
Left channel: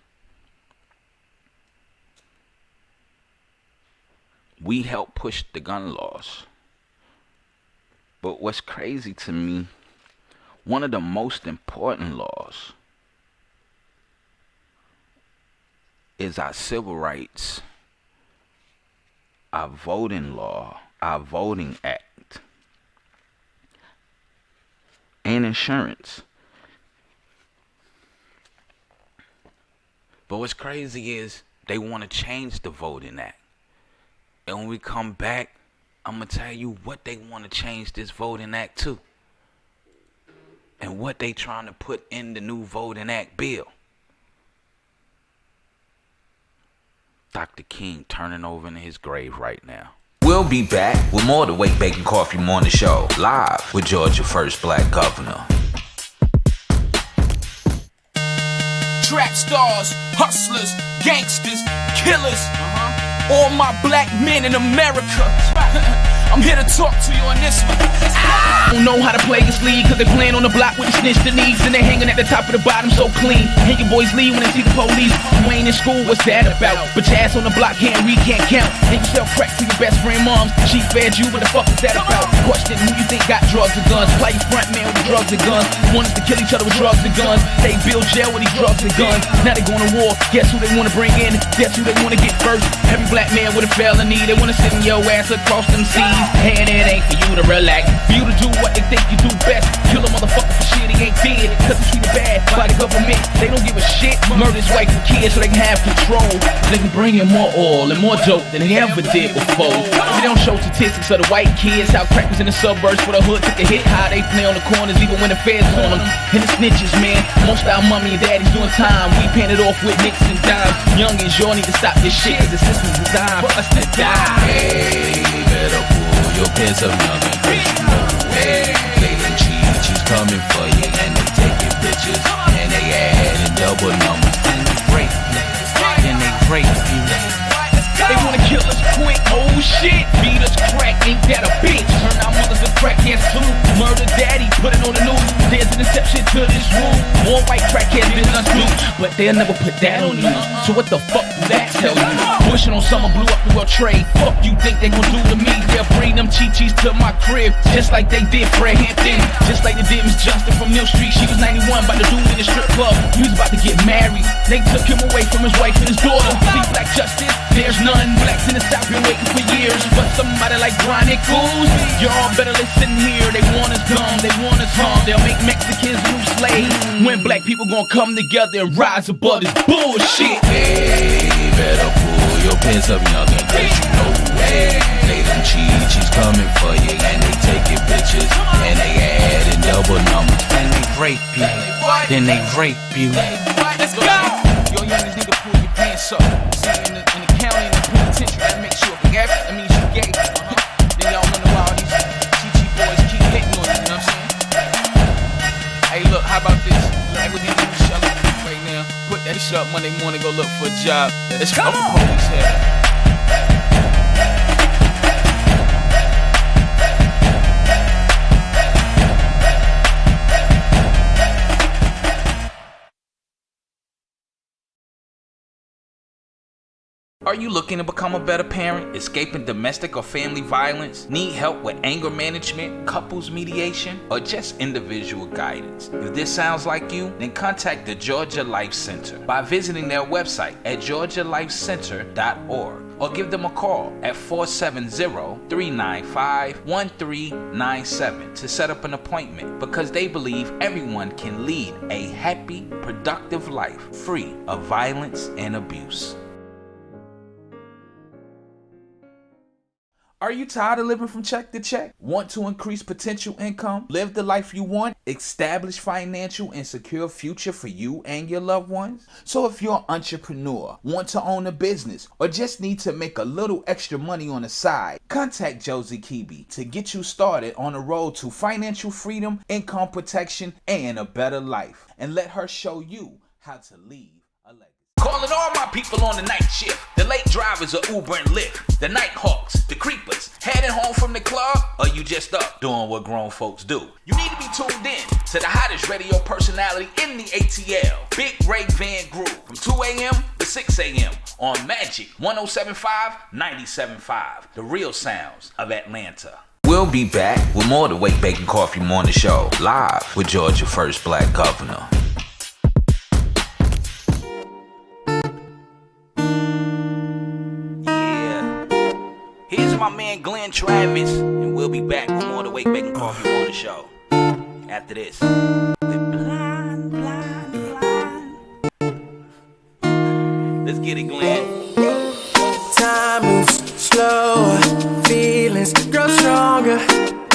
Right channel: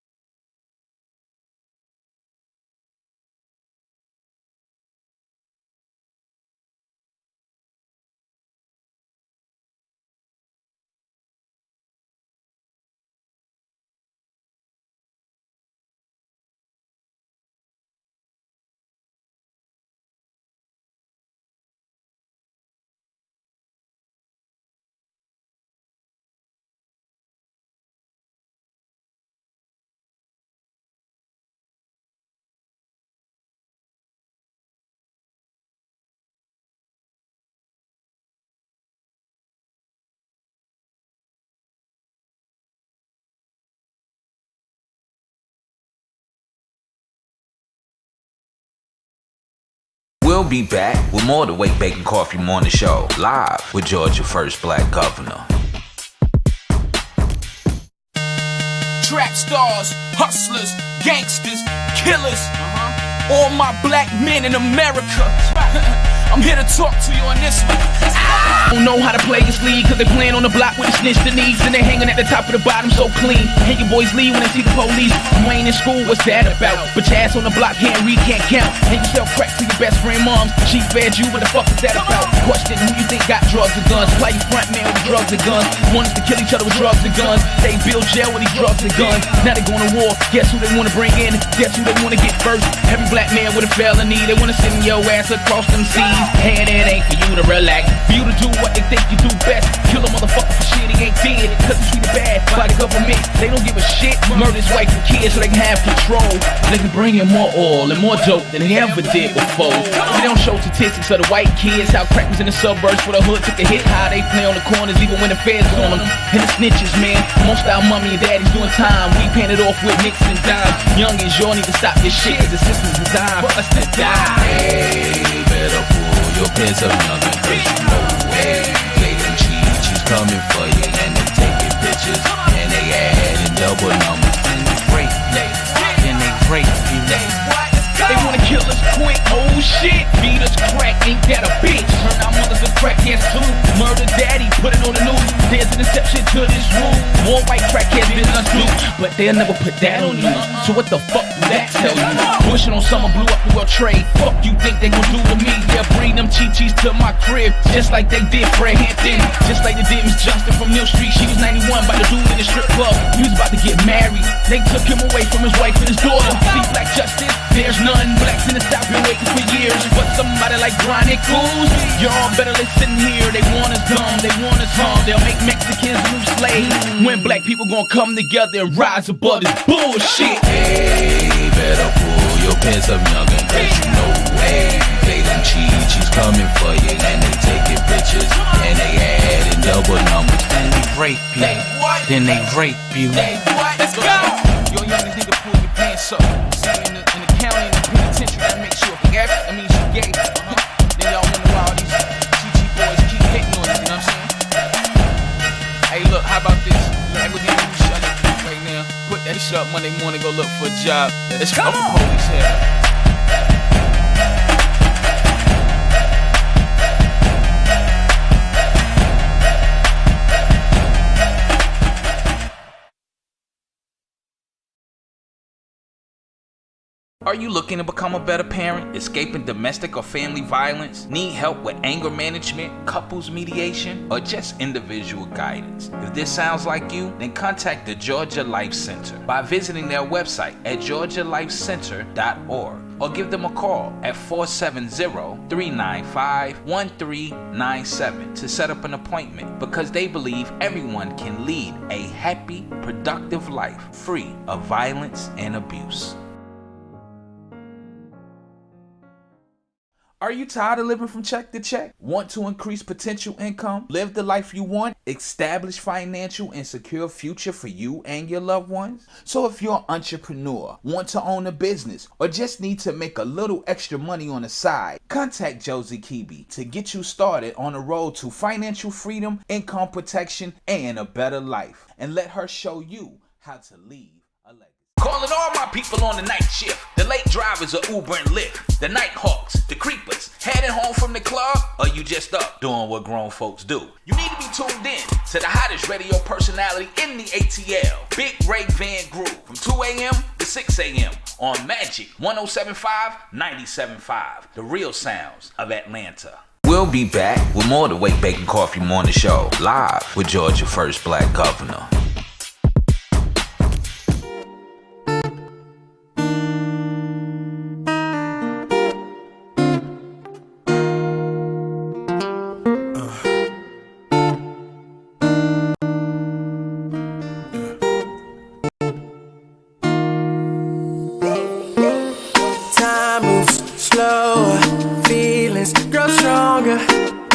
We helped push the gun laws. But what's crazy to me, one of the most important laws is our civil rights, our voting law, our voting act, and insurance. But what's crazy is they want to change the voting act. And when we come back, I'm going to tell you what they want to change this voting act to. And what they trying to put in the new voting act bill. Dr. King turning over in his grave right now. We'll be back with more of the Wake, Bake, and Coffee Morning Show, live with Georgia's first black governor. Trap stars, hustlers, gangsters, killers. All my black men in America. I'm here to talk to you on this one. I don't know how to play this league, cause they playing on the block with the snitch the knees, and they hanging at the top of the bottom so clean. And your boys leave when they see the police. You ain't in school, what's that about? But your ass on the block can't read, can't count. And you sell crack to your best friend moms. She fed you, what the fuck is that about? Question who you think got drugs and guns. Play your front man with drugs and guns. Want us to kill each other with drugs and guns. They build jail with these drugs and guns. Now they going to war, guess who they want to bring in? Guess who they want to get first? Every black man with a felony, they want to send your ass across them seas. And it ain't for you to relax, for you to do what they think you do best. Kill a motherfucker for shit he ain't dead, cause he treated bad by the government. They don't give a shit. Murder his wife and kids so they can have control. They can bring in more oil and more dope than they ever did before. They don't show statistics of the white kids, how crack was in the suburbs for the hood took a hit, how they play on the corners even when the feds on them. And the snitches, man, most of our mommy and daddies doing time. We paying it off with nicks and dimes. Youngins, y'all need to stop this shit, cause the system's designed for us to die. Hey, better pull your pants up, youngin', cause you know, hey, play them cheats, she's coming for you, and they taking pictures, and they adding double numbers, and they break you. They wanna kill us quick, oh shit. Beat us crack, ain't that a bitch? Turn our mothers to crackheads too. Murder daddy, put it on the news. There's an exception to this rule. More white crackheads than us do, but they'll never put that on you. So what the fuck do that tell you? Bushing on summer blew up the World Trade. Fuck you think they gon' do to me? They'll bring them Chi-Chis to my crib, just like they did Fred Hampton, just like they did Miss Justin from Mill Street. She was 91, by the dude in the strip club. He was about to get married. They took him away from his wife and his daughter. See, black justice, there's none. Blacks in the South been waiting for years, but somebody like Chronicles, y'all better listen here. They want us dumb, they want us harm. They'll make Mexicans new slaves. When black people gon' come together and rise above this bullshit. Hey, better pull your pants up, youngin', cause you know, hey, play them cheats, she's coming for you, and they taking pictures, and they adding double numbers, and they rape you, Let's go. Yo, youngins need to pull your pants up. See, in the county, in the penitentiary, that makes you a gay. That means you gay. Then y'all wonder why all these TG boys keep hitting on you, you know what I'm saying? Hey, look, how about this? Look, we're gonna do shut up right now. Put that shit up Monday morning, go look for a job. Let's go. The police head. Are you looking to become a better parent, escaping domestic or family violence, need help with anger management, couples mediation, or just individual guidance? If this sounds like you, then contact the Georgia Life Center by visiting their website at georgialifecenter.org or give them a call at 470-395-1397 to set up an appointment, because they believe everyone can lead a happy, productive life free of violence and abuse. Are you tired of living from check to check? Want to increase potential income? Live the life you want? Establish financial and secure future for you and your loved ones? So if you're an entrepreneur, want to own a business, or just need to make a little extra money on the side, contact Josie Kibi to get you started on the road to financial freedom, income protection, and a better life. And let her show you how to leave a legacy. Calling all my people on the night shift, the late drivers of Uber and Lyft, the night hawks, the creepers, heading home from the club, or you just up doing what grown folks do. You need to be tuned in to the hottest radio personality in the ATL, Big Ray Van Groove, from 2 a.m. to 6 a.m. on Magic 107.5, 97.5, the real sounds of Atlanta. We'll be back with more of the Wake, Bake, and Coffee Morning Show, live with Georgia's first black governor. Travis, and we'll be back with more of the Wake, Bake, and Coffee Morning Show after this. Let's get it, Glenn. Time moves slower, feelings grow stronger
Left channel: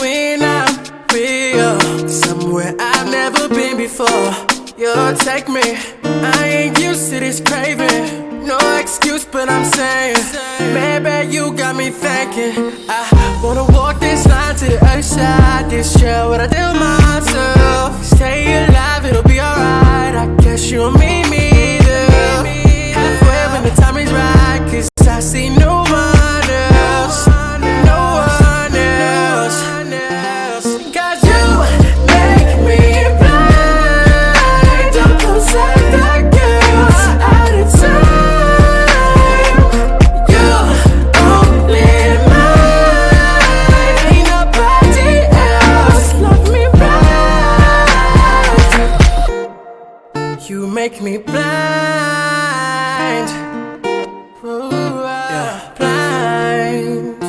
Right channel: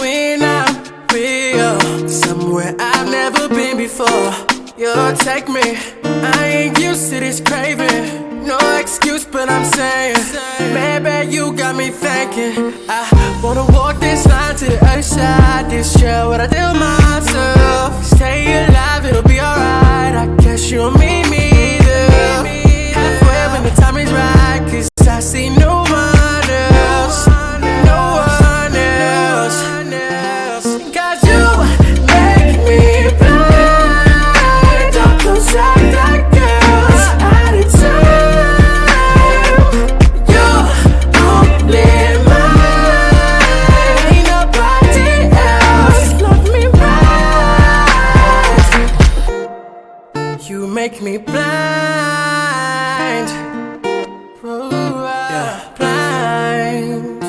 when I'm with you. Somewhere I've never been before, you'll take me. I ain't used to this craving. No excuse, but I'm saying, maybe you got me thinking. I wanna walk this line to the other side. This year, what I tell myself, stay alive, it'll be alright. I guess you'll meet me there, halfway when the time is right. Cause I see no one else, no one else. Cause you make me blind. Don't protect the girls out of time. You make me blind, blind.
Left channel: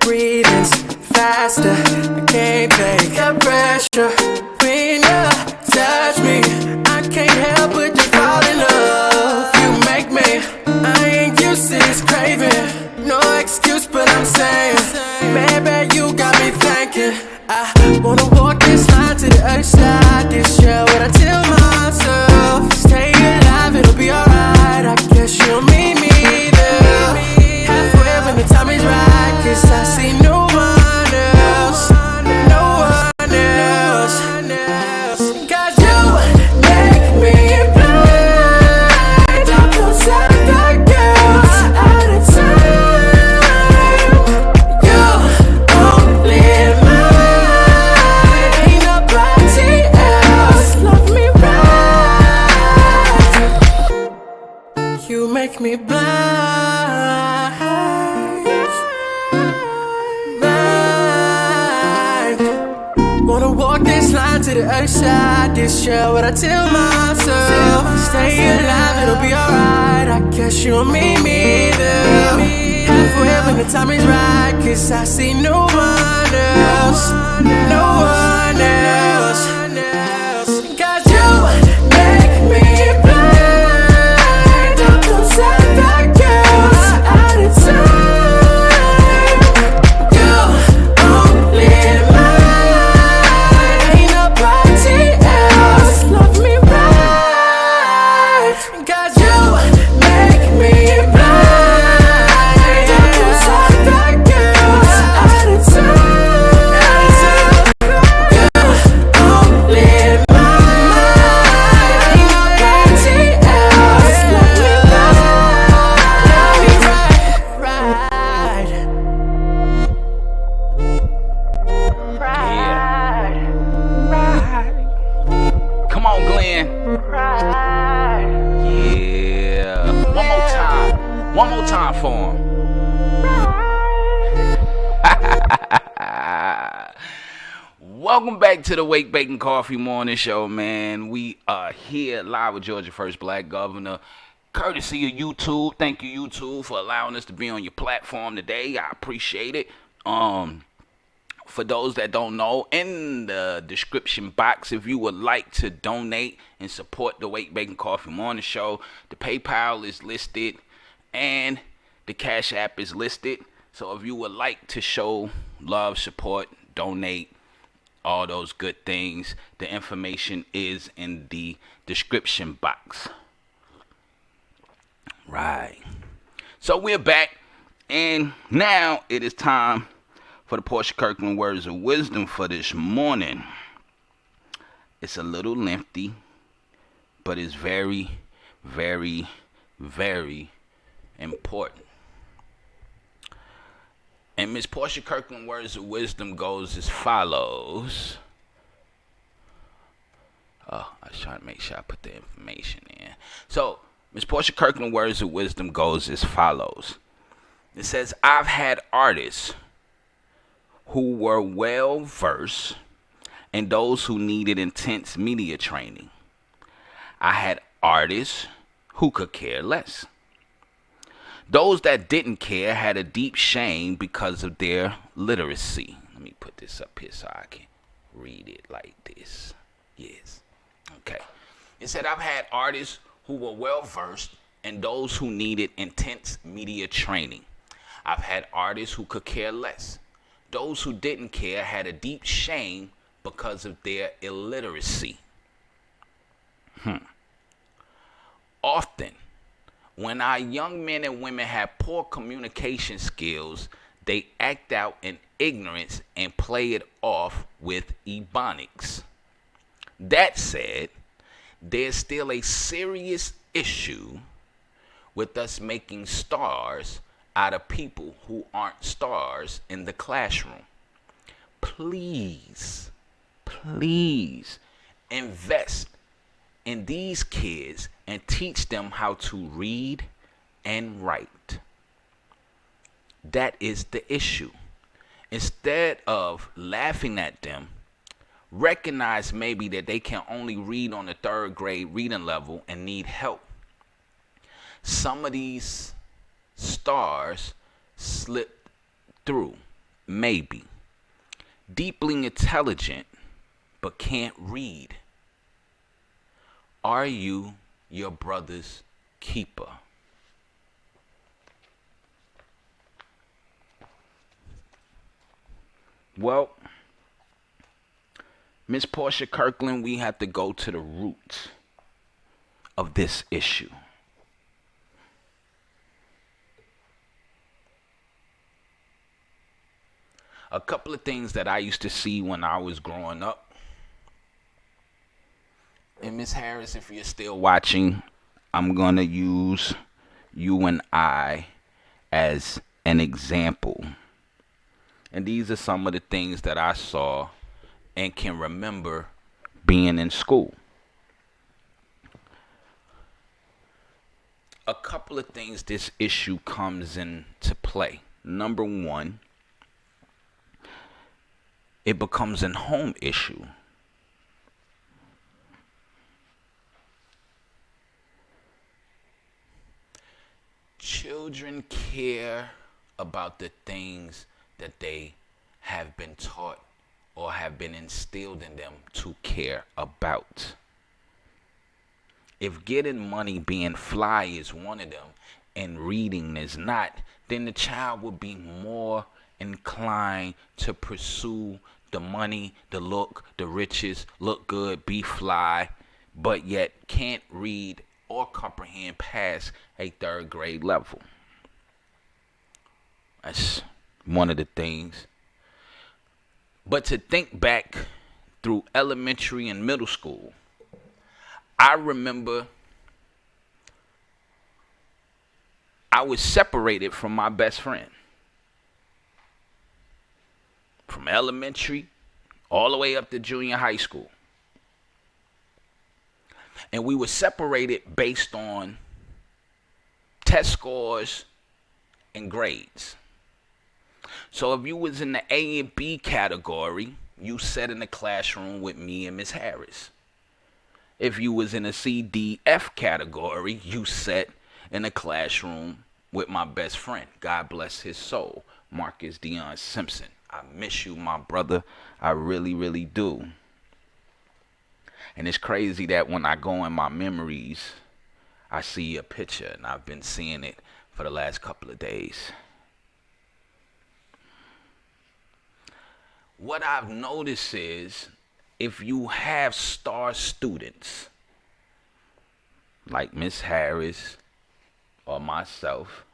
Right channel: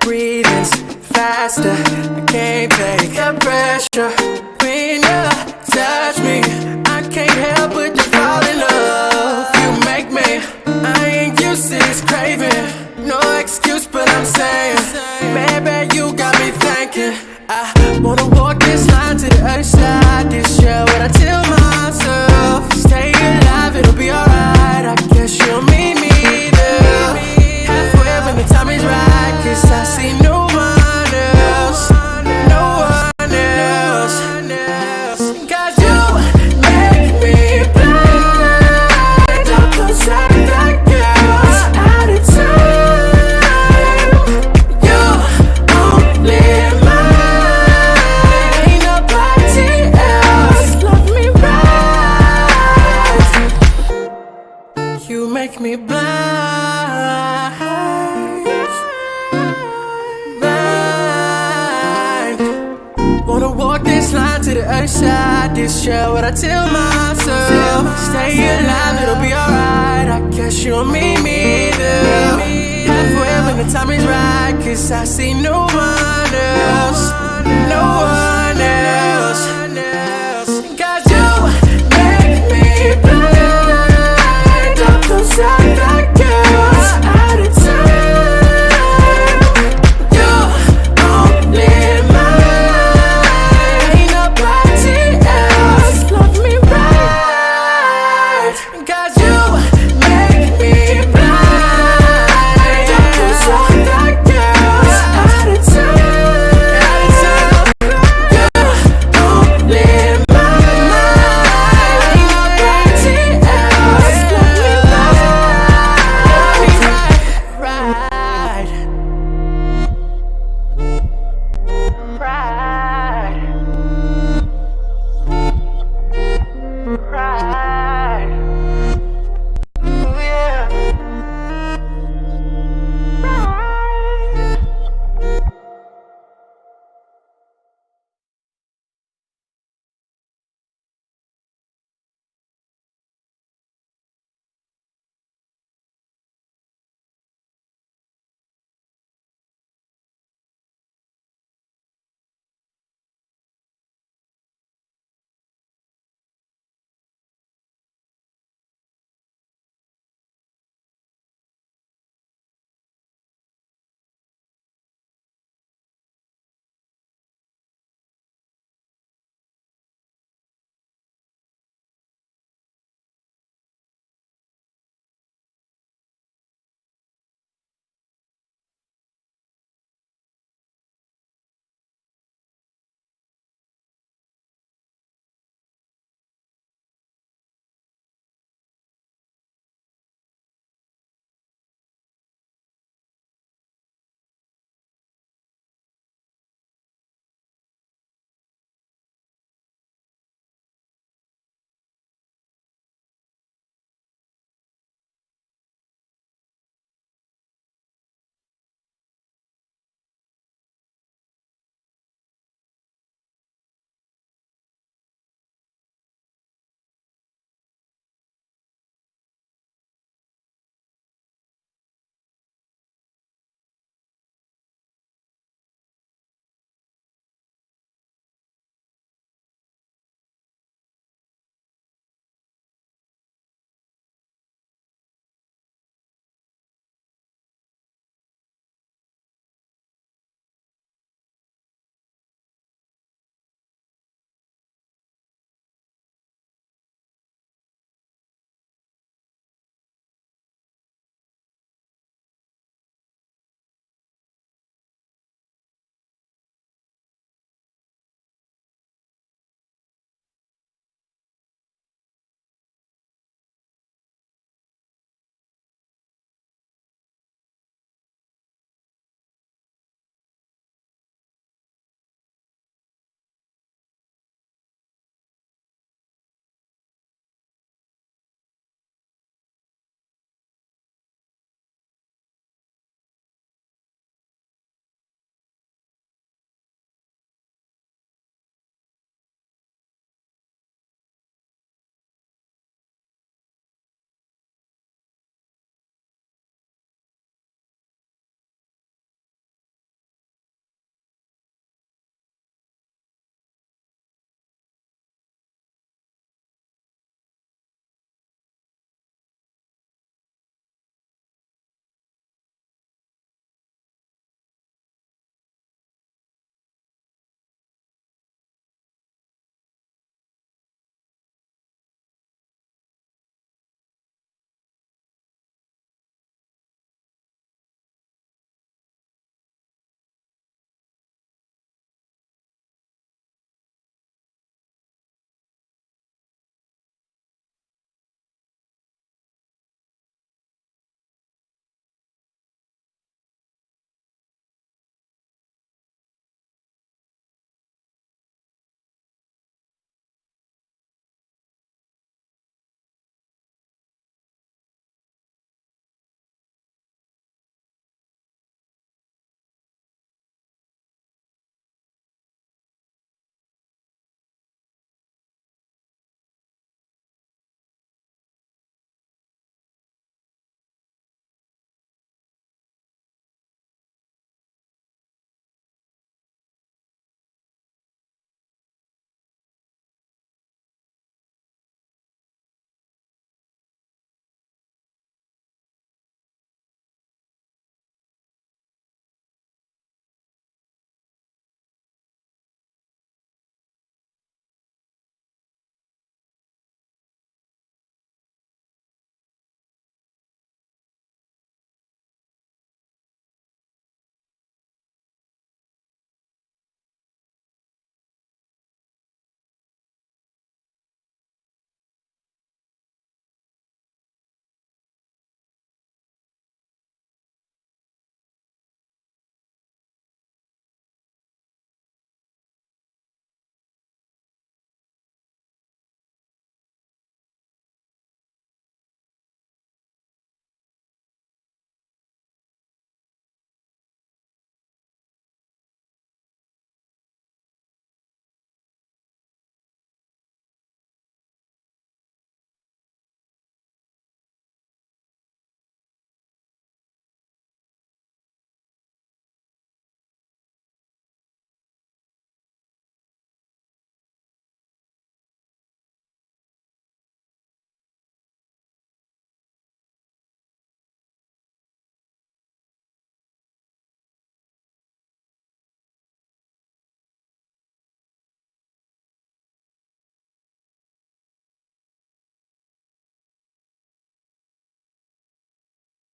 Breathing's faster, I can't take the pressure. When you touch me, I can't help but to fall in love. You make me, I ain't used to this craving. No excuse, but I'm saying, maybe you got me thinking. I wanna walk this line to the other side. This year, what I tell myself, stay alive, it'll be alright. I guess you'll meet me there, halfway when the time is right. Cause I see no one else, no one else. Cause you make me blind. I'm outside of the girls out of time. You only mine, ain't nobody else. Love me right. You make me blind. Wanna walk this line to the other side. This year, what I tell myself, stay alive, it'll be alright. I guess you'll meet me there, halfway when the time is right. Cause I see no one else, no one else. Cause you make me blind. Don't outside the girls out of time. You only mine, ain't nobody else. Love me right. Cause you make me blind. Don't outside the girls out of time. Welcome back to the Wake Bake and Coffee Morning Show, man. We are here live with Georgia First Black Governor, courtesy of YouTube. Thank you, YouTube, for allowing us to be on your platform today. I appreciate it. For those that don't know, in the description box, if you would like to donate and support the Wake Bake and Coffee Morning Show, the PayPal is listed and the Cash App is listed. So if you would like to show love, support, donate, all those good things, the information is in the description box. Right. So we're back, and now it is time for the Portia Kirkland Words of Wisdom for this morning. It's a little lengthy, but it's very, very, very important. And Miss Portia Kirkland Words of Wisdom goes as follows. Oh, I was trying to make sure I put the information in. So, Miss Portia Kirkland Words of Wisdom goes as follows. It says, I've had artists who were well versed and those who needed intense media training. I had artists who could care less. Those that didn't care had a deep shame because of their literacy. Let me put this up here so I can read it like this. Yes. Okay. It said, I've had artists who were well versed and those who needed intense media training. I've had artists who could care less. Those who didn't care had a deep shame because of their illiteracy. Often, when our young men and women have poor communication skills, they act out in ignorance and play it off with ebonics. That said, there's still a serious issue with us making stars out of people who aren't stars in the classroom. Please, please invest in these kids and teach them how to read and write. That is the issue. Instead of laughing at them, recognize maybe that they can only read on the 3rd grade reading level and need help. Some of these stars slip through, maybe. Deeply intelligent, but can't read. Are you your brother's keeper? Well, Miss Portia Kirkland, we have to go to the root of this issue. A couple of things that I used to see when I was growing up. And Miss Harris, if you're still watching, I'm going to use you and I as an example. And these are some of the things that I saw and can remember being in school. A couple of things this issue comes into play. Number one, it becomes a home issue. Children care about the things that they have been taught or have been instilled in them to care about. If getting money, being fly is one of them and reading is not, then the child will be more inclined to pursue the money, the look, the riches, look good, be fly, but yet can't read or comprehend past a 3rd grade level. That's one of the things. But to think back through elementary and middle school, I remember I was separated from my best friend. From elementary all the way up to junior high school. And we were separated based on test scores and grades. So if you was in the A and B category, you sat in the classroom with me and Miss Harris. If you was in a CDF category, you sat in a classroom with my best friend. God bless his soul, Marcus Dion Simpson. I miss you, my brother. I really, really do. And it's crazy that when I go in my memories, I see a picture, and I've been seeing it for the last couple of days. What I've noticed is if you have star students like Miss Harris or myself,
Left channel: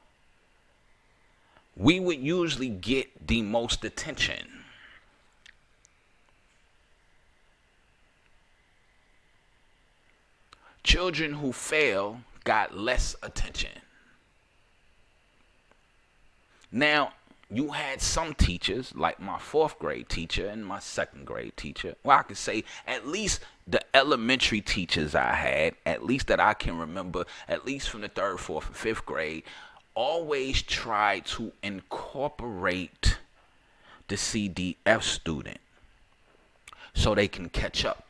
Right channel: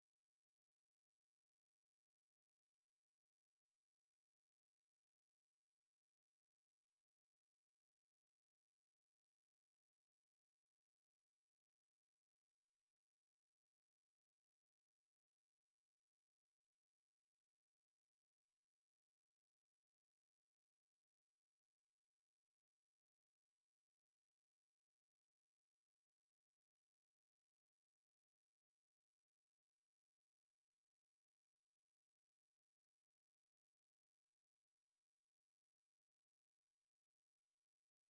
we would usually get the most attention. Children who fail got less attention. Now, you had some teachers, like my 4th grade teacher and my 2nd grade teacher. Well, I could say at least the elementary teachers I had, at least that I can remember, at least from the 3rd, 4th, and 5th grade, always tried to incorporate the CDF student so they can catch up.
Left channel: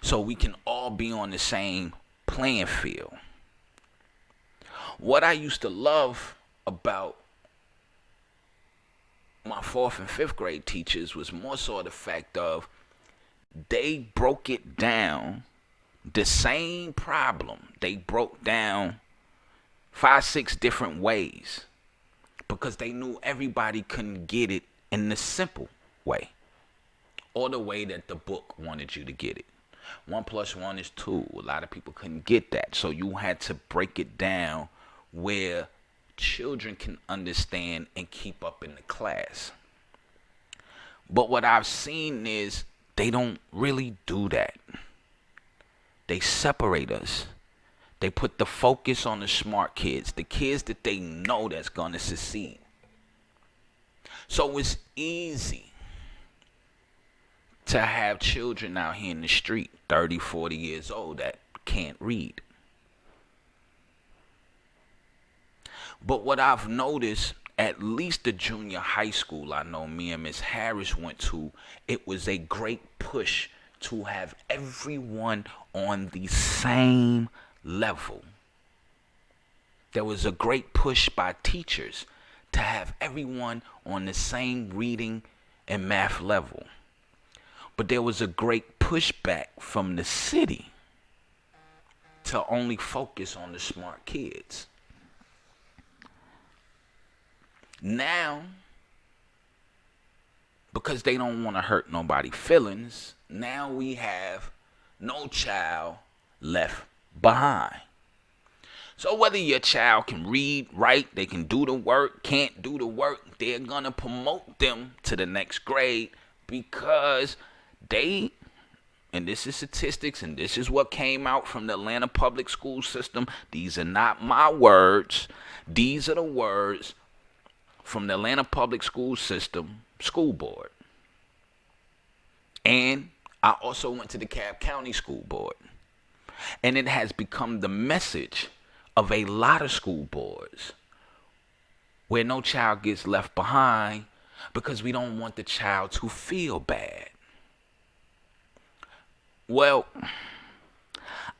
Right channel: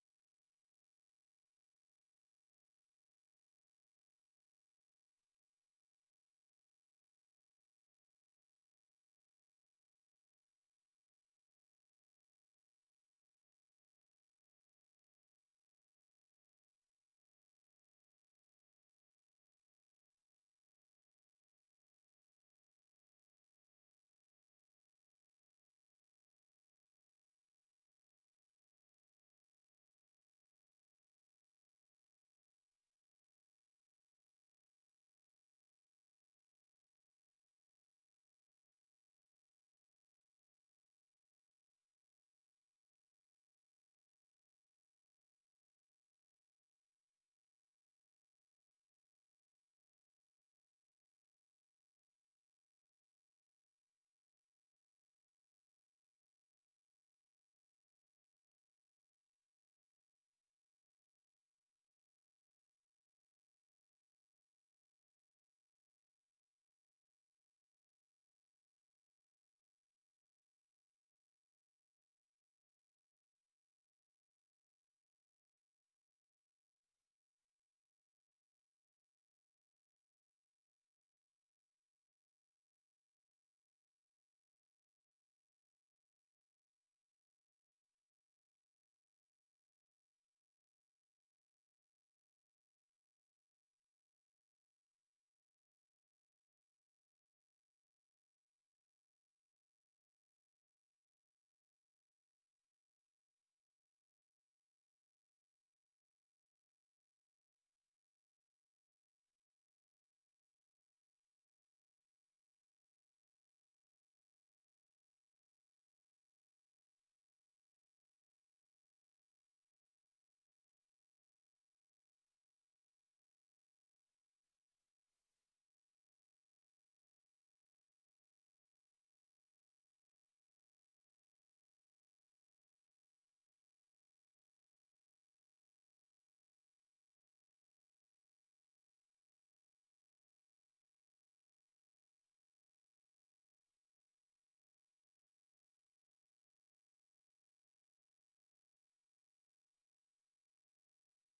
So we can all be on the same playing field. What I used to love about my 4th and 5th grade teachers was more so the fact of they broke it down, the same problem. They broke down 5, 6 different ways because they knew everybody couldn't get it in the simple way or the way that the book wanted you to get it. 1 + 1 is 2. A lot of people couldn't get that. So you had to break it down where children can understand and keep up in the class. But what I've seen is they don't really do that. They separate us. They put the focus on the smart kids, the kids that they know that's going to succeed. So it's easy to have children out here in the street, 30, 40 years old, that can't read. But what I've noticed, at least the junior high school I know me and Miss Harris went to, it was a great push to have everyone on the same level. There was a great push by teachers to have everyone on the same reading and math level. But there was a great pushback from the city to only focus on the smart kids. Now, because they don't want to hurt nobody's feelings, now we have no child left behind. So whether your child can read, write, they can do the work, can't do the work, they're going to promote them to the next grade because they, and this is statistics, and this is what came out from the Atlanta public school system. These are not my words. These are the words from the Atlanta public school system school board. And I also went to the Cobb County School Board. And it has become the message of a lot of school boards where no child gets left behind because we don't want the child to feel bad. Well,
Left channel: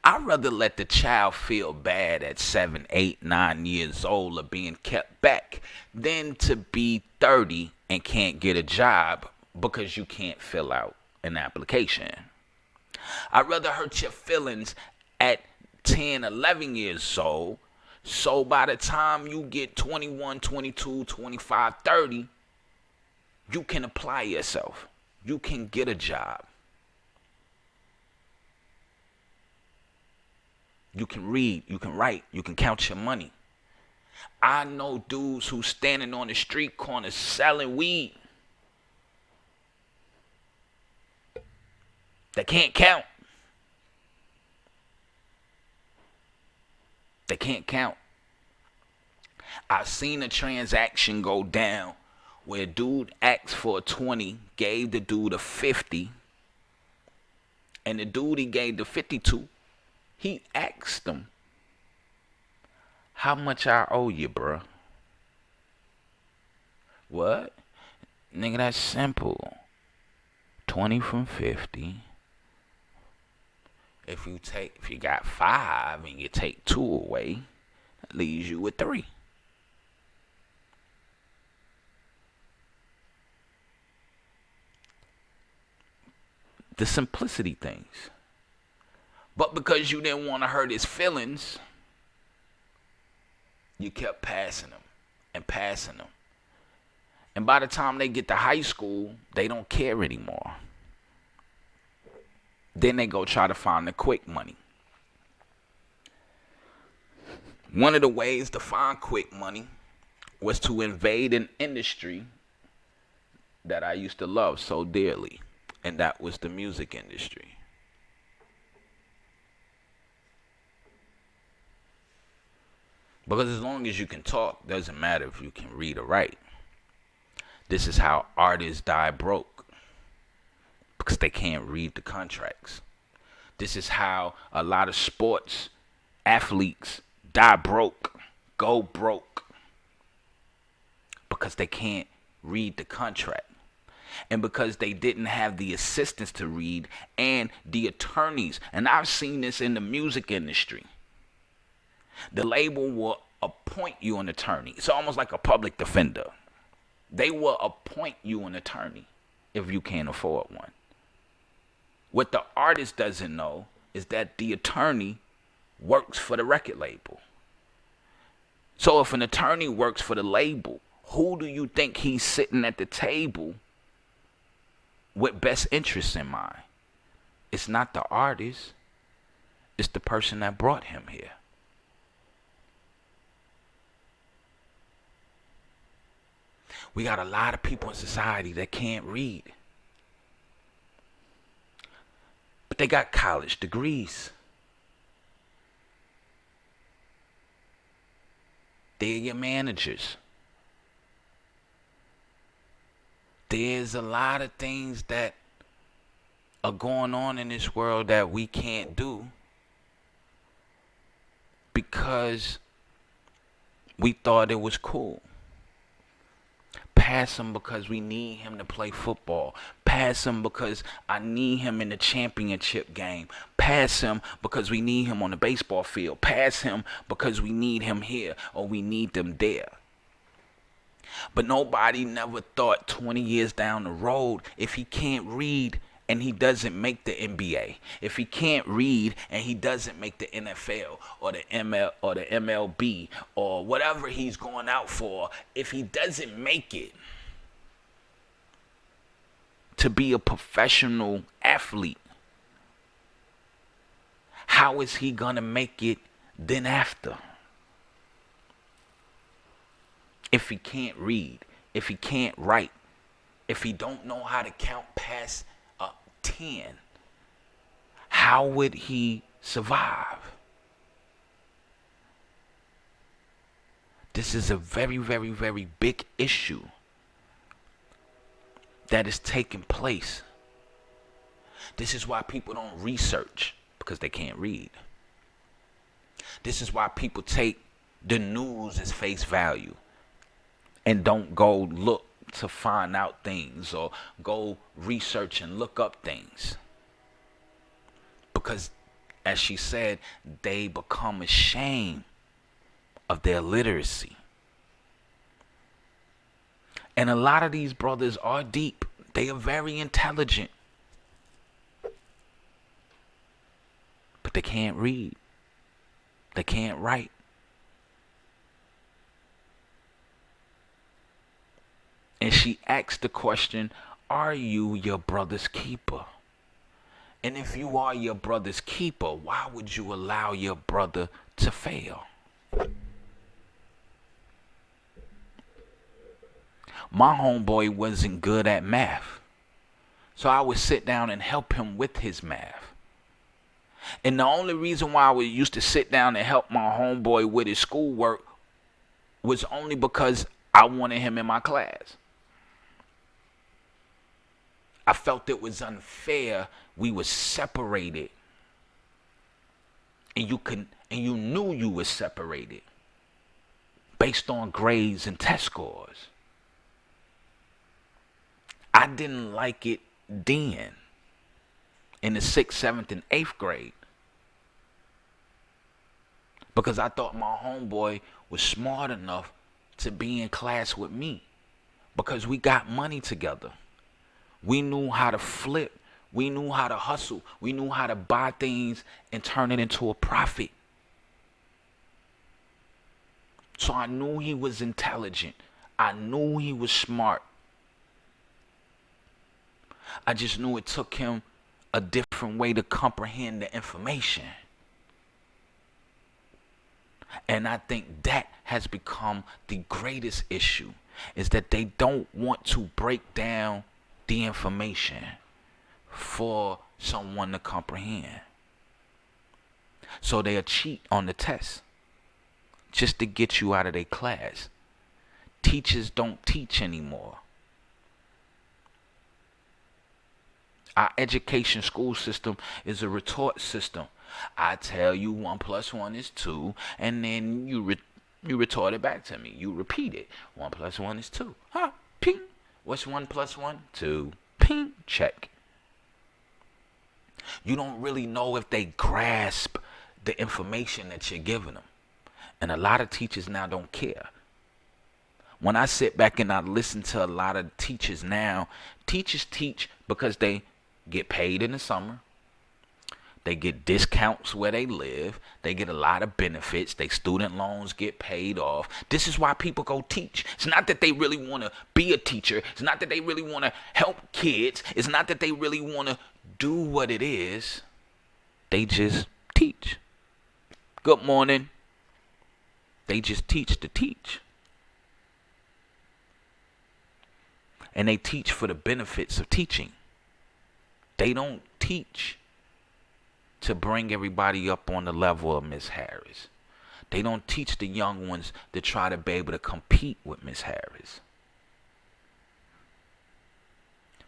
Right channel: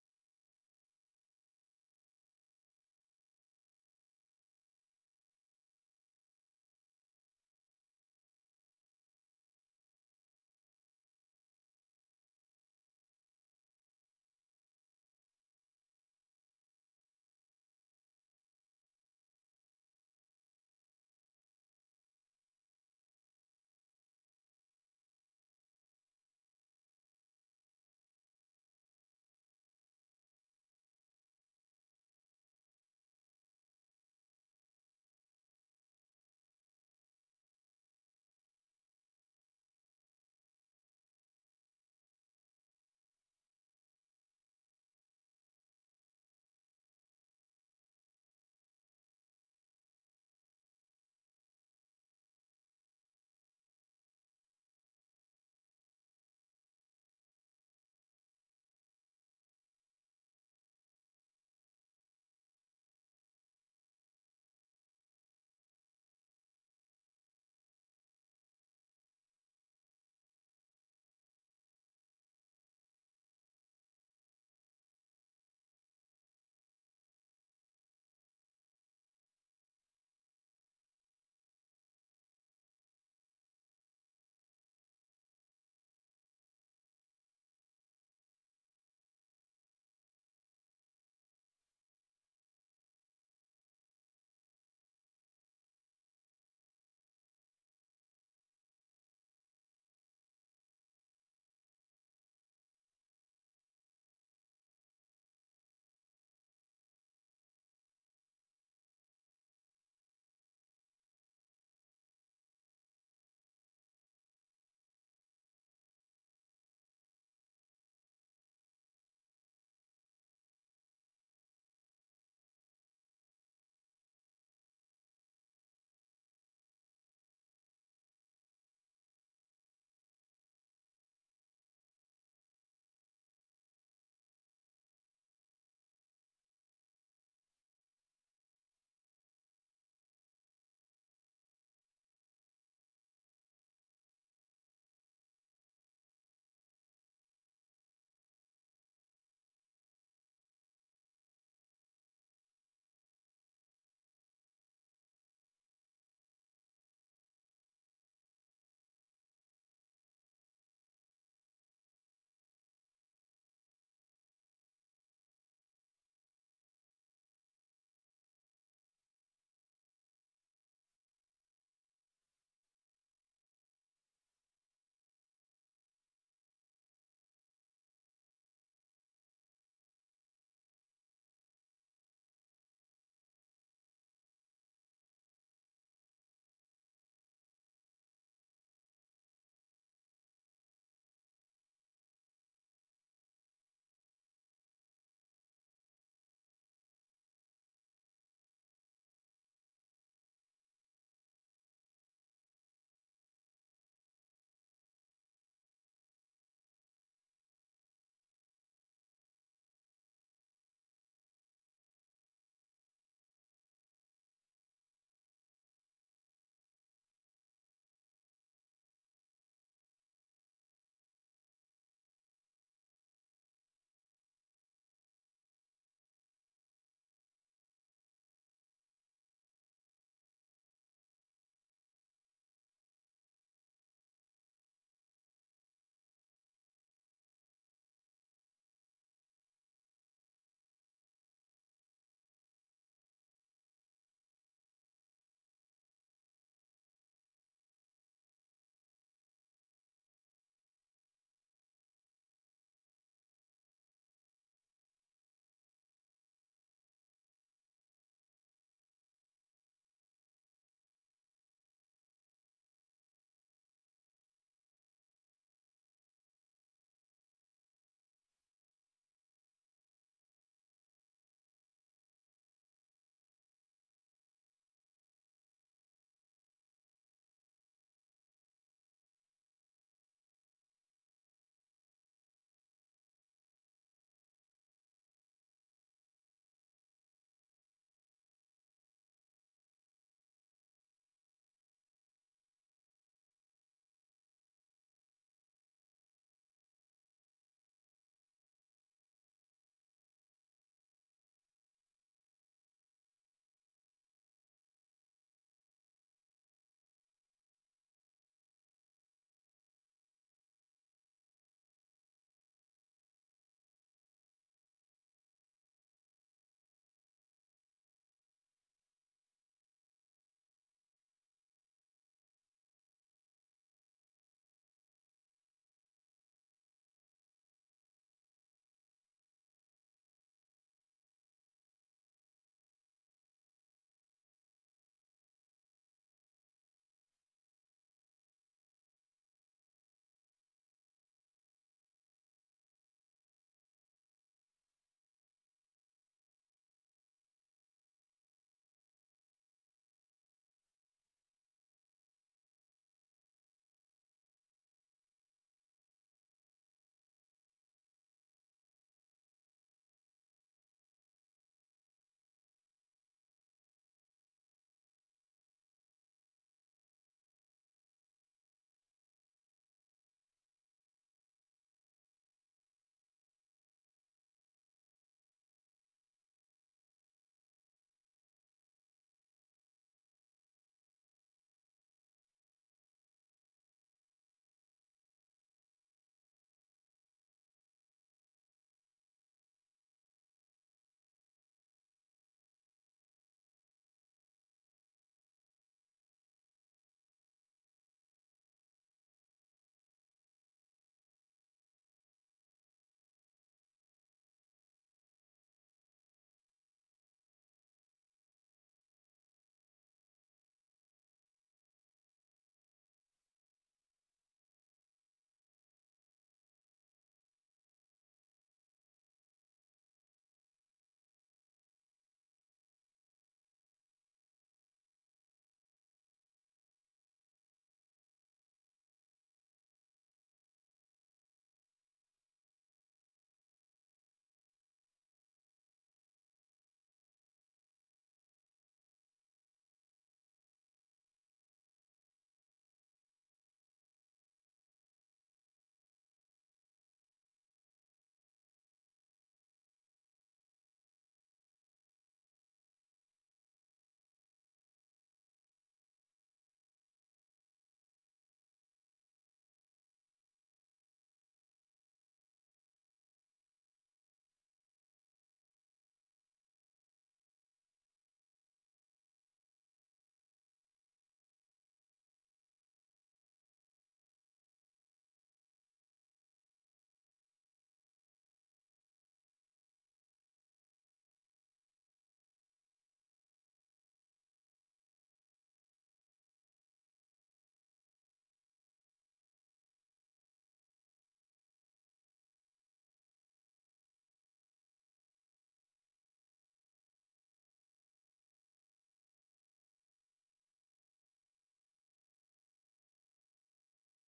I'd rather let the child feel bad at 7, 8, 9 years old of being kept back than to be 30 and can't get a job because you can't fill out an application. I'd rather hurt your feelings at 10, 11 years old, so by the time you get 21, 22, 25, 30, you can apply yourself. You can get a job. You can read, you can write, you can count your money. I know dudes who's standing on the street corner selling weed. They can't count. They can't count. I've seen a transaction go down where a dude asked for a 20, gave the dude a 50, and the dude he gave the 50 to, he asked him, "How much I owe you, bruh?" "What?" Nigga, that's simple. 20 from 50. If you got 5 and you take 2 away, that leaves you with 3. The simplicity things. But because you didn't want to hurt his feelings, you kept passing them and passing them. And by the time they get to high school, they don't care anymore. Then they go try to find the quick money. One of the ways to find quick money was to invade an industry that I used to love so dearly, and that was the music industry. Because as long as you can talk, doesn't matter if you can read or write. This is how artists die broke, because they can't read the contracts. This is how a lot of sports athletes die broke, go broke, because they can't read the contract. And because they didn't have the assistants to read and the attorneys. And I've seen this in the music industry. The label will appoint you an attorney. It's almost like a public defender. They will appoint you an attorney if you can't afford one. What the artist doesn't know is that the attorney works for the record label. So if an attorney works for the label, who do you think he's sitting at the table with best interests in mind? It's not the artist. It's the person that brought him here. We got a lot of people in society that can't read. But they got college degrees. They're your managers. There's a lot of things that are going on in this world that we can't do because we thought it was cool. Pass him because we need him to play football. Pass him because I need him in the championship game. Pass him because we need him on the baseball field. Pass him because we need him here or we need them there. But nobody never thought 20 years down the road, if he can't read and he doesn't make the NBA, if he can't read and he doesn't make the NFL or the MLB or whatever he's going out for, if he doesn't make it to be a professional athlete, how is he going to make it then after? If he can't read, if he can't write, if he don't know how to count past 10, how would he survive? This is a very, very, very big issue that is taking place. This is why people don't research, because they can't read. This is why people take the news as face value and don't go look to find out things or go research and look up things. Because, as she said, they become ashamed of their literacy. And a lot of these brothers are deep. They are very intelligent. But they can't read. They can't write. And she asked the question, are you your brother's keeper? And if you are your brother's keeper, why would you allow your brother to fail? My homeboy wasn't good at math, so I would sit down and help him with his math. And the only reason why I used to sit down and help my homeboy with his schoolwork was only because I wanted him in my class. I felt it was unfair. We were separated. And you knew you were separated based on grades and test scores. I didn't like it then in the 6th, 7th, and 8th grade because I thought my homeboy was smart enough to be in class with me because we got money together. We knew how to flip. We knew how to hustle. We knew how to buy things and turn it into a profit. So I knew he was intelligent. I knew he was smart. I just knew it took him a different way to comprehend the information. And I think that has become the greatest issue, is that they don't want to break down the information for someone to comprehend. So they'll cheat on the test just to get you out of their class. Teachers don't teach anymore. Our education school system is a retort system. I tell you 1 + 1 is 2, and then you retort it back to me. You repeat it. 1 + 1 is 2. Huh? Ping. What's 1 + 1? 2. Ping. Check. You don't really know if they grasp the information that you're giving them. And a lot of teachers now don't care. When I sit back and I listen to a lot of teachers now, teachers teach because they get paid in the summer. They get discounts where they live. They get a lot of benefits. Their student loans get paid off. This is why people go teach. It's not that they really want to be a teacher. It's not that they really want to help kids. It's not that they really want to do what it is. They just teach. Good morning. They just teach to teach. And they teach for the benefits of teaching. They don't teach to bring everybody up on the level of Miss Harris. They don't teach the young ones to try to be able to compete with Miss Harris.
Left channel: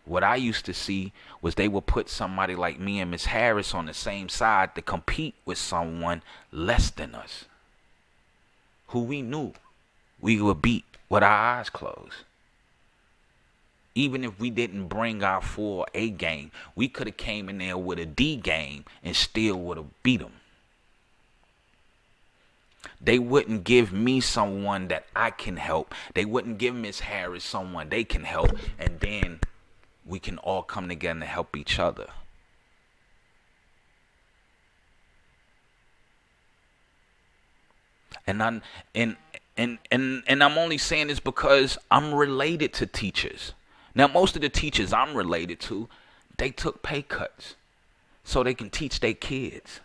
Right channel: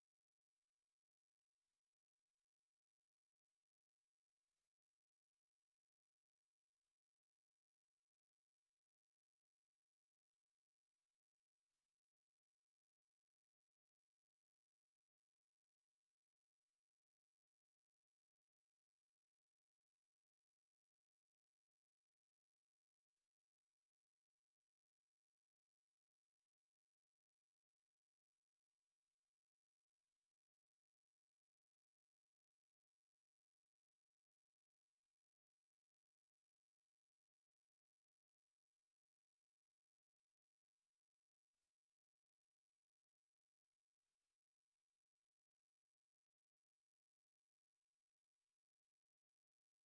What I used to see was they would put somebody like me and Miss Harris on the same side to compete with someone less than us, who we knew we would beat with our eyes closed. Even if we didn't bring our full A game, we could have came in there with a D game and still would have beat them. They wouldn't give me someone that I can help. They wouldn't give Miss Harris someone they can help, and then we can all come together and help each other. And I'm only saying this because I'm related to teachers. Now, most of the teachers I'm related to, they took pay cuts so they can teach their kids.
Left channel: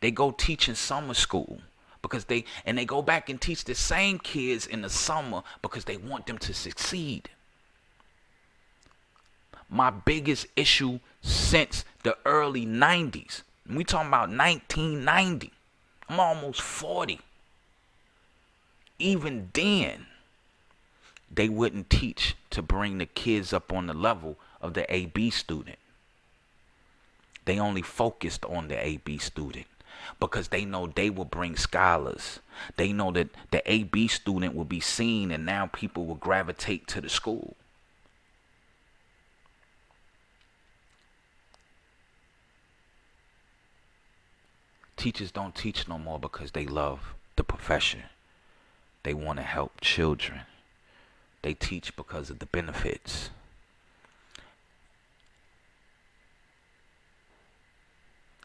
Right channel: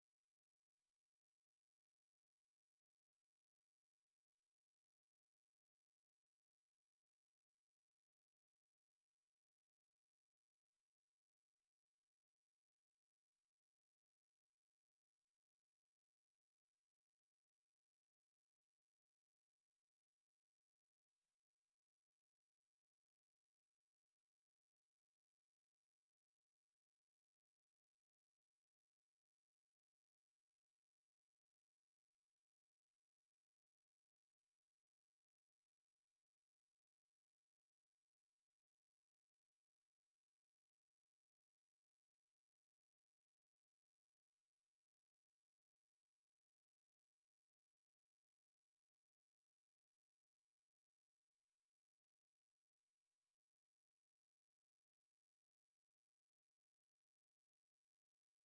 They go teach in summer school because they go back and teach the same kids in the summer because they want them to succeed. My biggest issue since the early 90s, and we talking about 1990, I'm almost 40. Even then, they wouldn't teach to bring the kids up on the level of the AB student. They only focused on the AB student because they know they will bring scholars. They know that the AB student will be seen, and now people will gravitate to the school. Teachers don't teach no more because they love the profession. They want to help children. They teach because of the benefits.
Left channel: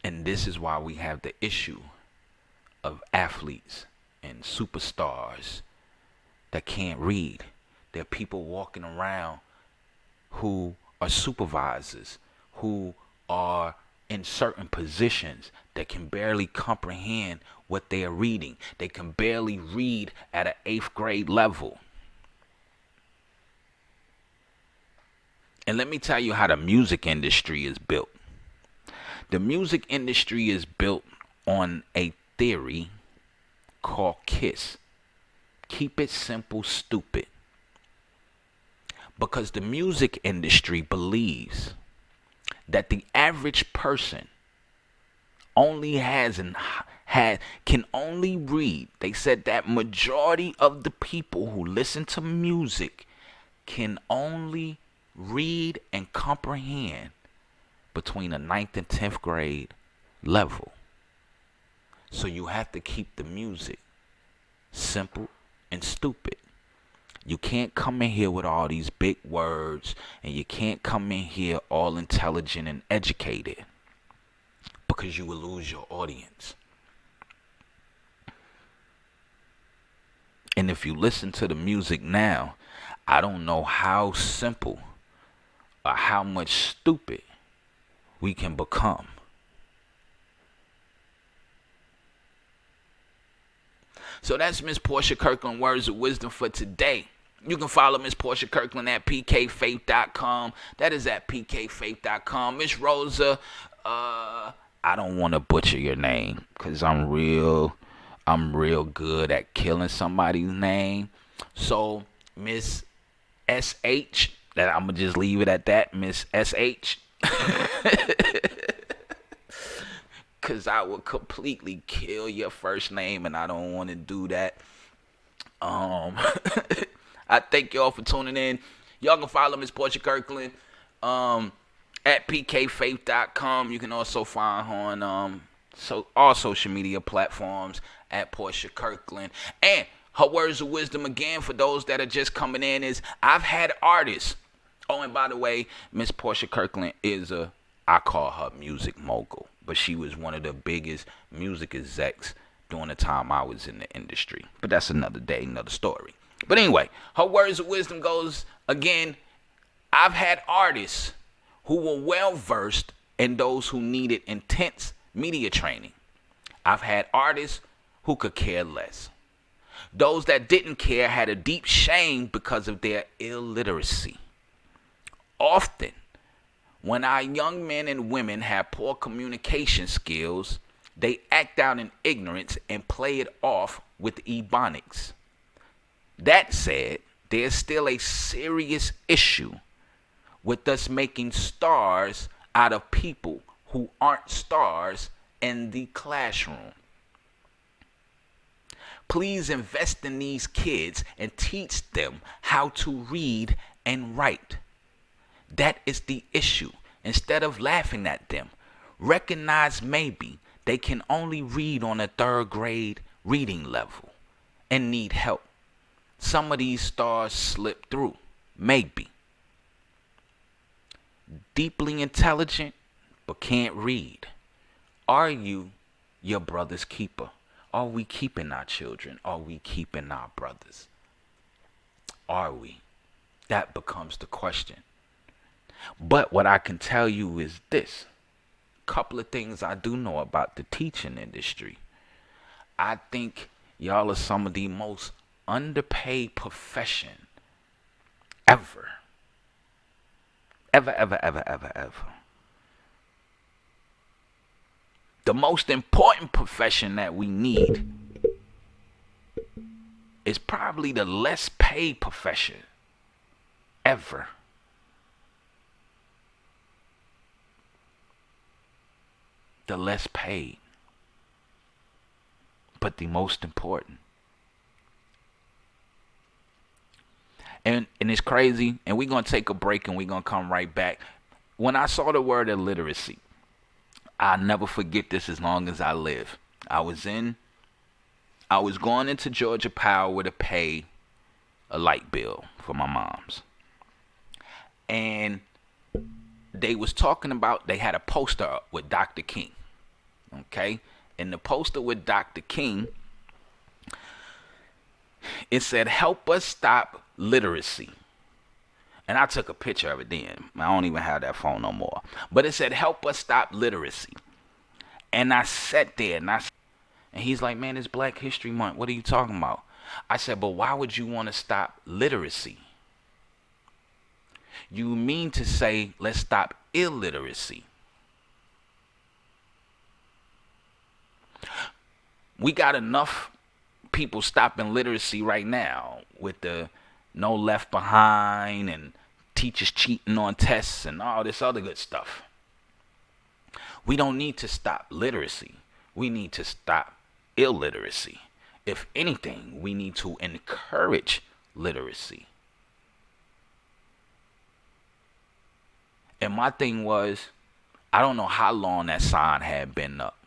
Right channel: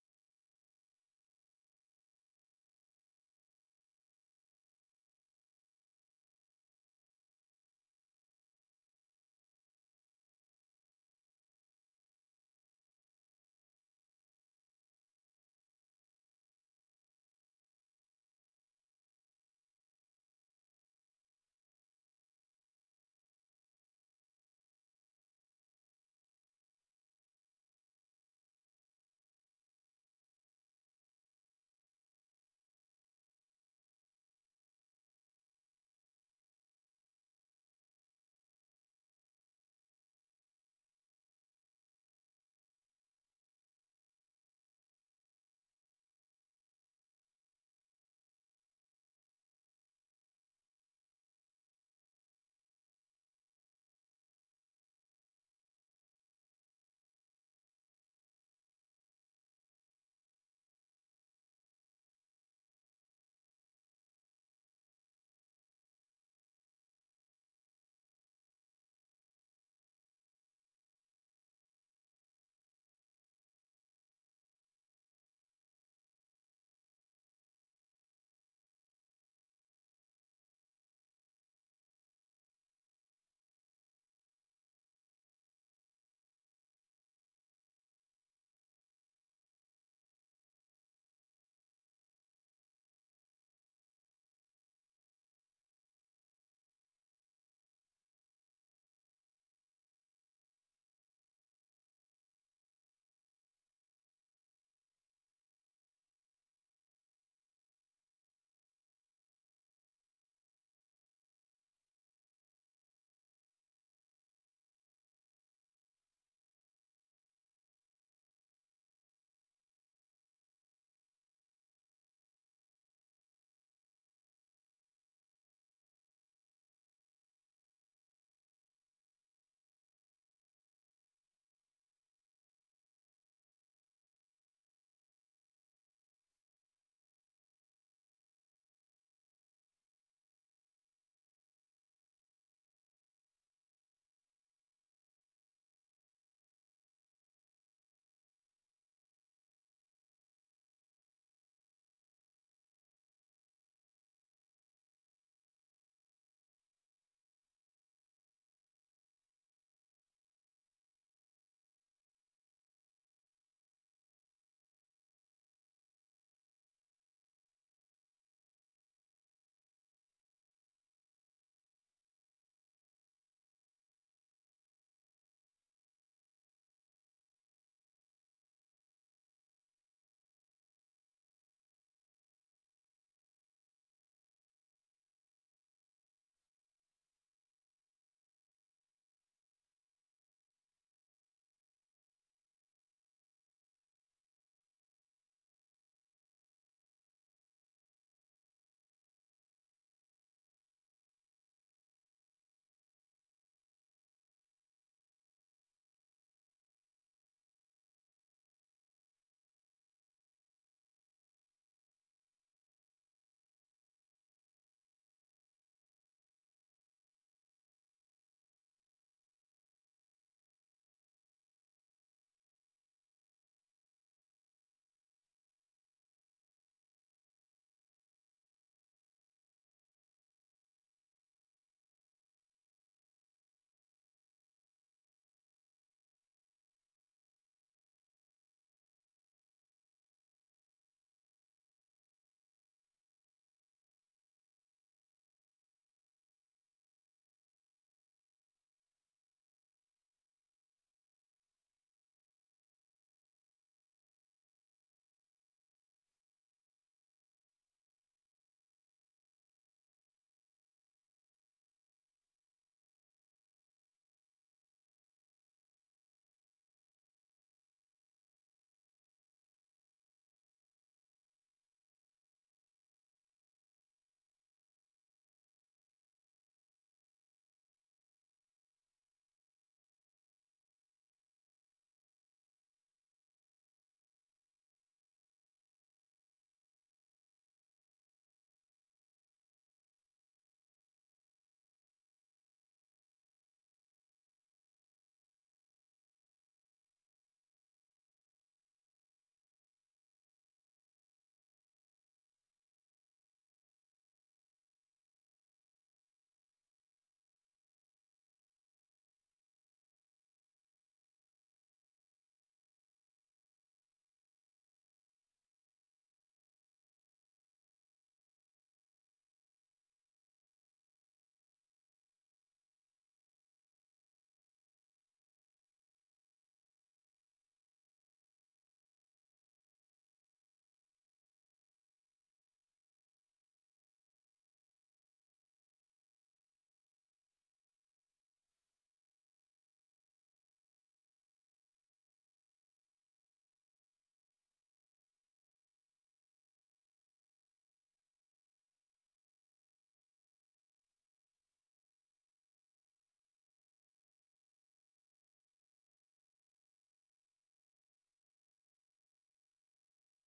And this is why we have the issue of athletes and superstars that can't read. There are people walking around who are supervisors, who are in certain positions that can barely comprehend what they are reading. They can barely read at an 8th grade level. And let me tell you how the music industry is built. The music industry is built on a theory called KISS. Keep it simple, stupid. Because the music industry believes that the average person only can only read. They said that majority of the people who listen to music can only read and comprehend between the 9th and 10th grade level. So you have to keep the music simple and stupid. You can't come in here with all these big words, and you can't come in here all intelligent and educated, because you will lose your audience. And if you listen to the music now, I don't know how simple or how much stupid we can become. So that's Miss Portia Kirkland, Words of Wisdom for today. You can follow Miss Portia Kirkland at pkfaith.com. That is at pkfaith.com. Miss Rosa, I don't want to butcher your name because I'm real good at killing somebody's name. So Miss SH, that I'm going to just leave it at that, Miss SH. Because I would completely kill your first name, and I don't want to do that. I thank y'all for tuning in. Y'all can follow Miss Portia Kirkland at pkfaith.com. You can also find her on all social media platforms at Portia Kirkland. And her words of wisdom, again, for those that are just coming in, is I've had artists. Oh, and by the way, Miss Portia Kirkland is I call her music mogul, but she was one of the biggest music execs during the time I was in the industry. But that's another day, another story. But anyway, her words of wisdom goes, again, I've had artists who were well-versed and those who needed intense media training. I've had artists who could care less. Those that didn't care had a deep shame because of their illiteracy. Often, when our young men and women have poor communication skills, they act out in ignorance and play it off with ebonics. That said, there's still a serious issue with us making stars out of people who aren't stars in the classroom. Please invest in these kids and teach them how to read and write. That is the issue. Instead of laughing at them, recognize maybe they can only read on a 3rd grade reading level and need help. Some of these stars slip through, maybe. Deeply intelligent, but can't read. Are you your brother's keeper? Are we keeping our children? Are we keeping our brothers? Are we? That becomes the question. But what I can tell you is this. Couple of things I do know about the teaching industry. I think y'all are some of the most underpaid profession ever. Ever. The most important profession that we need is probably the less paid profession ever. The less paid, but the most important. And it's crazy, and we're going to take a break and we're going to come right back. When I saw the word illiteracy, I'll never forget this as long as I live. I was going into Georgia Power to pay a light bill for my mom's. And they was talking about, they had a poster up with Dr. King. Okay? And the poster with Dr. King, it said, help us stop literacy. And I took a picture of it then. I don't even have that phone no more. But it said, help us stop literacy. And I sat there and he's like, man, it's Black History Month. What are you talking about? I said, but why would you want to stop literacy? You mean to say, let's stop illiteracy. We got enough people stopping literacy right now with the no left behind and teachers cheating on tests and all this other good stuff. We don't need to stop literacy. We need to stop illiteracy. If anything, we need to encourage literacy. And my thing was, I don't know how long that sign had been up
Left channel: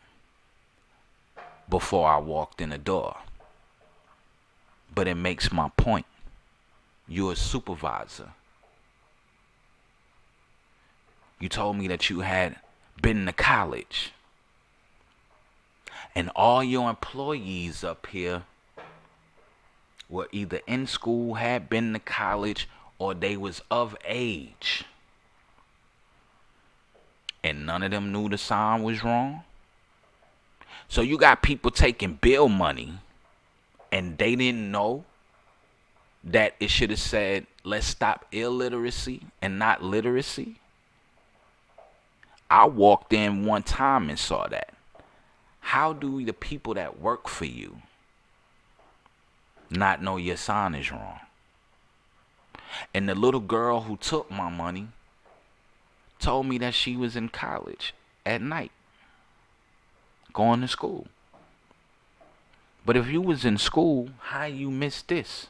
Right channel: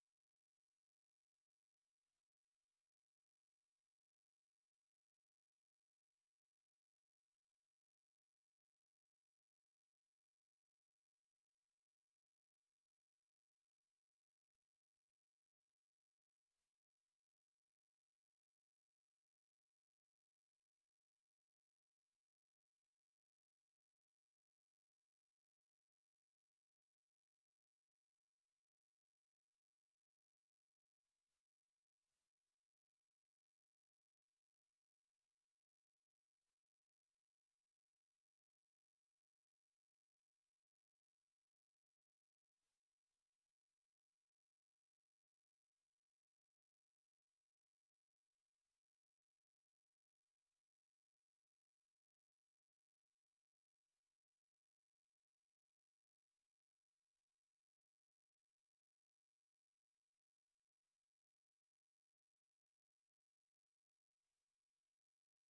before I walked in the door. But it makes my point. You're a supervisor. You told me that you had been to college. And all your employees up here were either in school, had been to college, or they was of age. And none of them knew the sign was wrong. So you got people taking bill money and they didn't know that it should have said, let's stop illiteracy and not literacy. I walked in one time and saw that. How do the people that work for you not know your sign is wrong? And the little girl who took my money told me that she was in college at night, going to school. But if you was in school, how you missed this?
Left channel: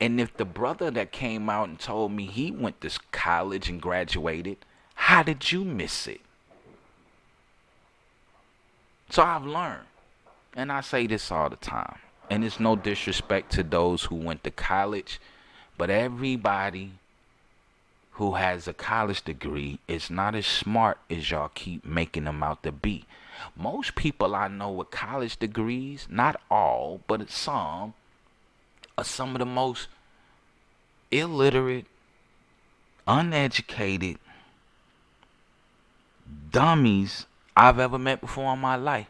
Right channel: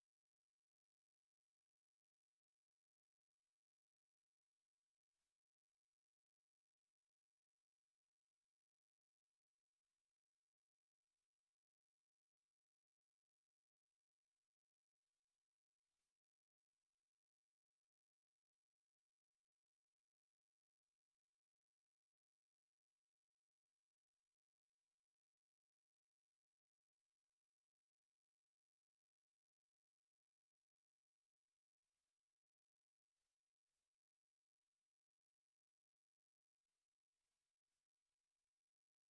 And if the brother that came out and told me he went to college and graduated, how did you miss it? So I've learned, and I say this all the time, and it's no disrespect to those who went to college, but everybody who has a college degree is not as smart as y'all keep making them out to be. Most people I know with college degrees, not all, but some, are some of the most illiterate, uneducated dummies I've ever met before in my life.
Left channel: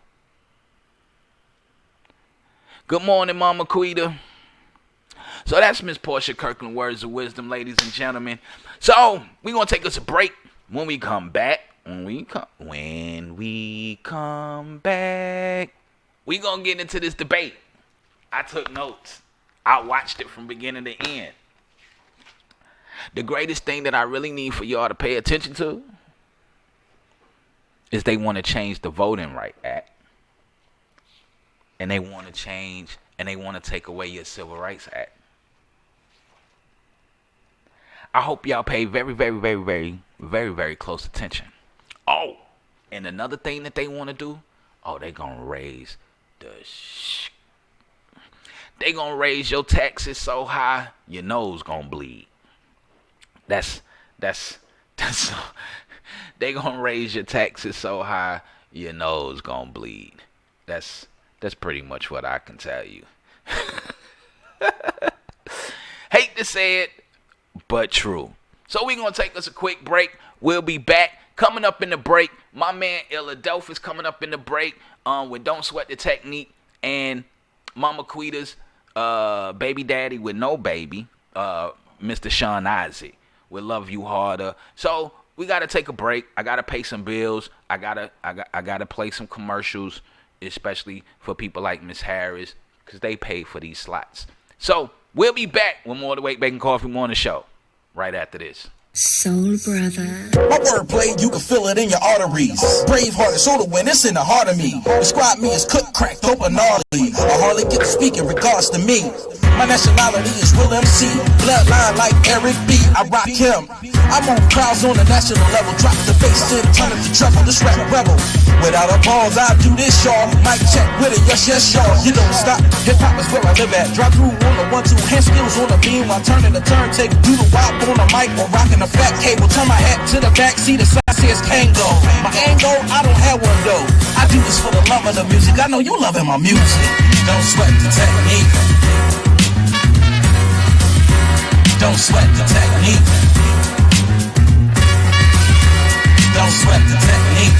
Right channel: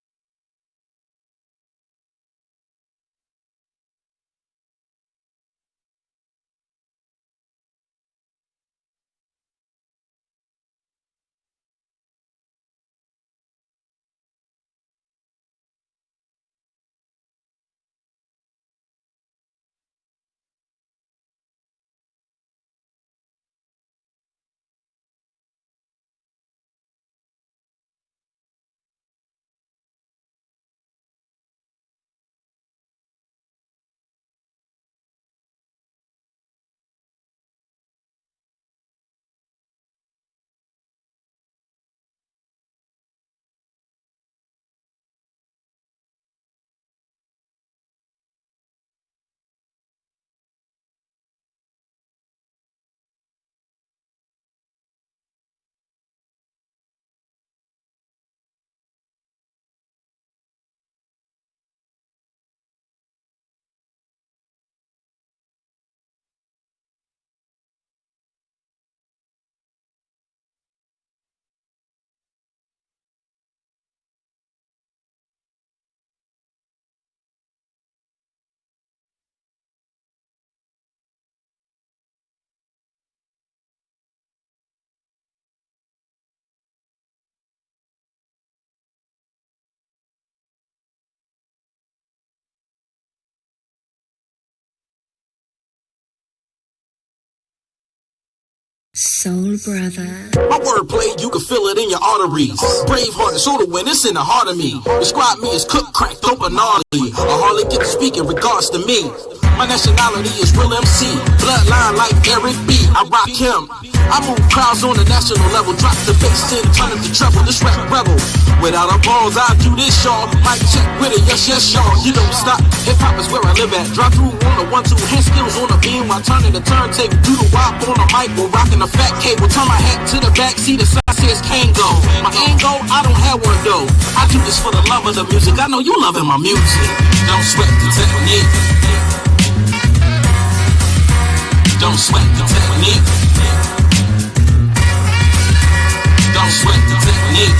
Good morning, Mama Quita. So that's Miss Portia Kirkland, words of wisdom, ladies and gentlemen. So we're going to take us a break. When we come back, we're going to get into this debate. I took notes. I watched it from beginning to end. The greatest thing that I really need for y'all to pay attention to is they want to change the Voting Rights Act. And they want to change and they want to take away your Civil Rights Act. I hope y'all pay very, very, very, very, very, very close attention. Oh, and another thing that they want to do, they going to raise they going to raise your taxes so high, your nose going to bleed. That's they going to raise your taxes so high, your nose going to bleed. That's pretty much what I can tell you. Hate to say it, but true. So we're going to take us a quick break. We'll be back. Coming up in the break, my man Philadelphia's coming up in the break with Don't Sweat the Technique and Mama Quita's baby daddy with no baby, Mr. Sean Isaac, will Love You Harder. So we got to take a break. I got to pay some bills. I gotta play some commercials, especially for people like Miss Harris, because they pay for these slots. So we'll be back with more of the WakeBake and Coffee Morning Show right after this. Soul Brother. My wordplay, you can feel it in your arteries. Braveheart and soda when it's in the heart of me. Describe me as cook, crack, dope, and gnarly. I hardly get to speak in regards to me. My nationality is real MC. Bloodline like Eric B. I rock him. I move crowds on the national level. Drop the bass and turn it to treble. This rap rebel. Without a pause, I do this, y'all. Mic check with it, yes, yes, y'all. You don't stop. Hip-hop is where I live at. Drive through on a 1-2. Hand skills on a beam while turning the turntable. Do the wop on a mic while rocking a fat cable. Turn my hat to the back, see the sign says Kango. My angle, I don't have one though. I do this for the love of the music. I know you loving my music. Don't sweat the technique. Don't sweat the technique. Don't sweat the technique.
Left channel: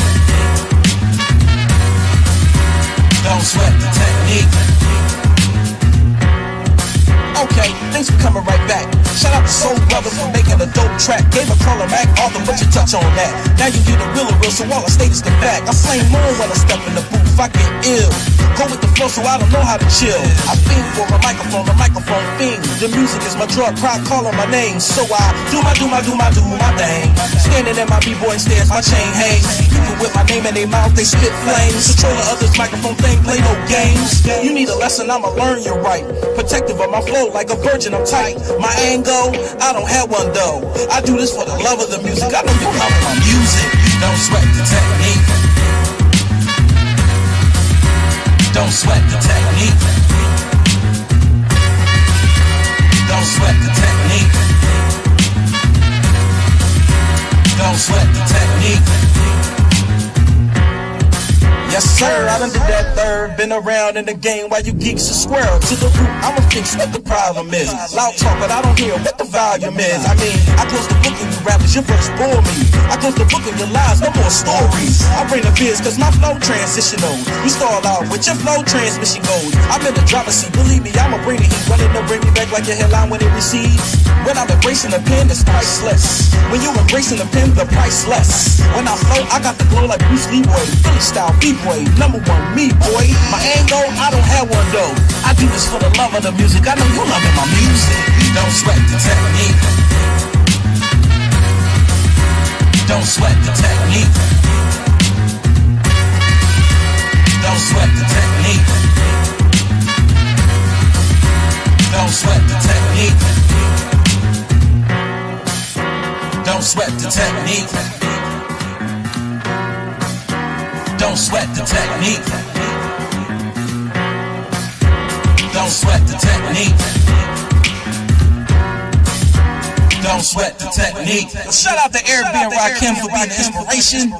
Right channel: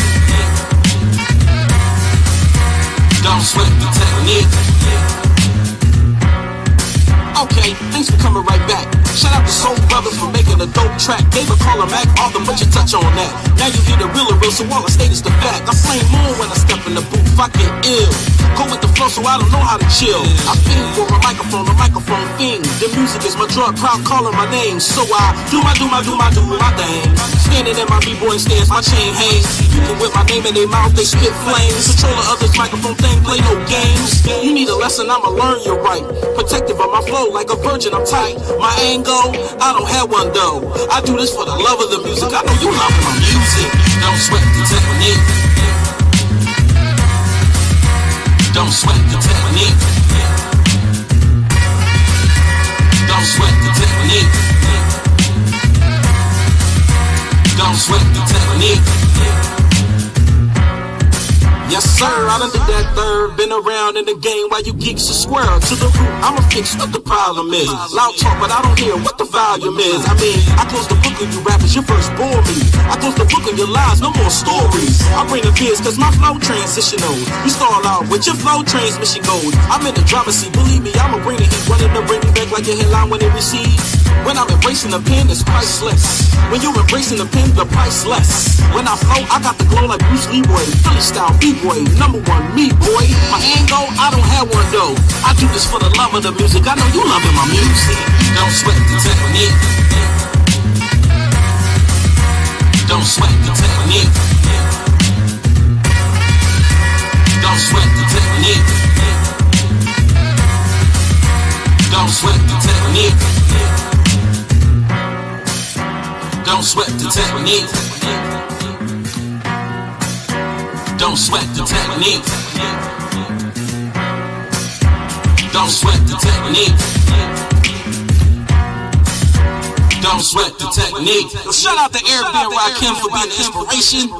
Don't sweat the technique. Okay, thanks for coming right back. Shout out to Soul Brothers for making a dope track. Gave a caller Mac, Arthur, put your touch on that. Now you hear the real, so all I state is the fact. I flame more when I step in the booth, I get ill. Go with the flow, so I don't know how to chill. I fiend for a microphone fiend. The music is my drug, crowd calling my name. So I do my thing. Standing in my B-boy stairs, my chain hangs. People with my name in their mouth, they spit flames. Control the others' microphone thing, play no games. You need a lesson, I'ma learn you right. Protective of my flow like a virgin, I'm tight. My angle, I don't have one though. I do this for the love of the music. I know you love my music. Don't sweat the technique. Don't sweat the technique. Don't sweat the technique. Don't sweat the technique. Yes, sir, I done did that third. Been around in the game while you geeks are square. To the root, I'ma fix what the problem is. Loud talk, but I don't hear what the volume is. I mean, I close the book on you rappers, your verse bore me. I close the book on your lies, no more stories. I bring the fears, cause my flow transitional. You stall out with your flow transmission goes. I'm in the driver's seat, believe me, I'ma bring the heat. Running to bring me back like your headline when it recedes. When I'm embracing the pen, it's priceless. When you embracing the pen, the priceless. When I flow, I got the glow like Bruce Lee, boy. Philly style B-boy, number one me, boy. My angle, I don't have one though. I do this for the love of the music. I know you loving my music. Don't sweat the technique. Don't sweat the technique. Don't sweat the technique. Don't sweat the technique. Don't sweat the technique. Don't sweat the technique. Don't sweat the technique. Don't sweat the technique. Yo, shout out to Eric B and Rakim for being the inspiration.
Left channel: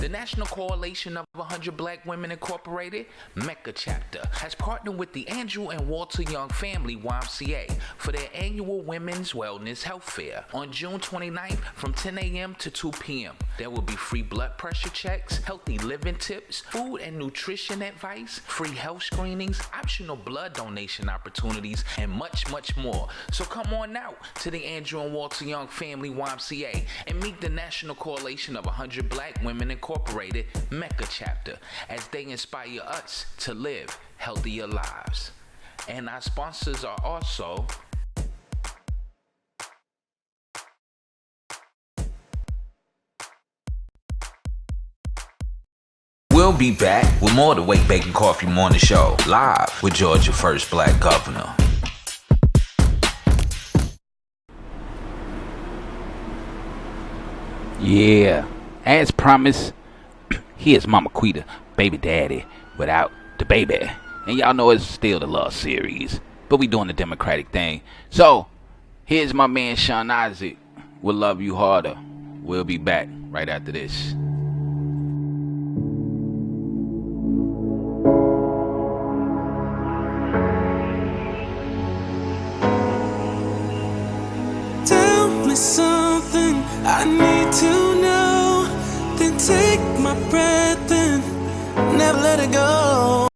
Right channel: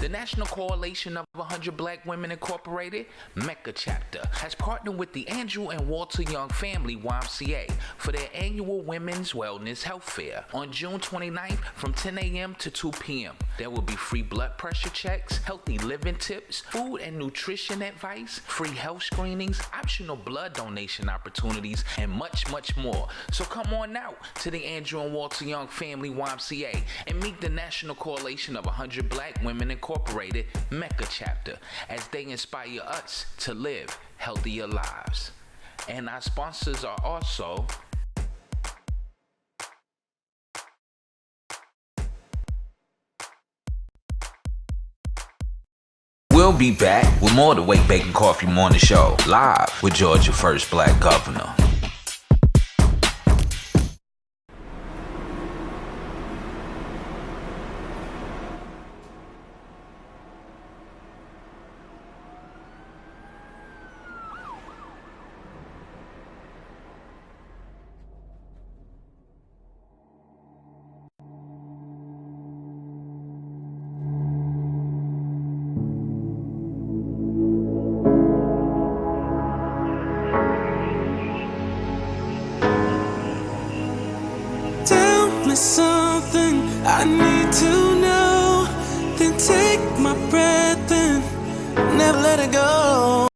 The National Coalition of 100 Black Women Incorporated, Mecca Chapter, has partnered with the Andrew and Walter Young Family YMCA for their annual Women's Wellness Health Fair on June 29th from 10 a.m. to 2 p.m. There will be free blood pressure checks, healthy living tips, food and nutrition advice, free health screenings, optional blood donation opportunities, and much, much more. So come on out to the Andrew and Walter Young Family YMCA and meet the National Coalition of 100 Black Women Incorporated, Mecca Chapter, as they inspire us to live healthier lives. And our sponsors are also We'll be back with more of the WakeBake and Coffee Morning Show, live with Georgia's first black governor. Yeah, as promised, here's Mama Quita, baby daddy, without the baby. And y'all know it's still the Love series, but we doing the Democratic thing. So, here's my man Sean Isaac with Love You Harder. We'll be back right after this. Tell me something I need to know, then take my breath and never let it go.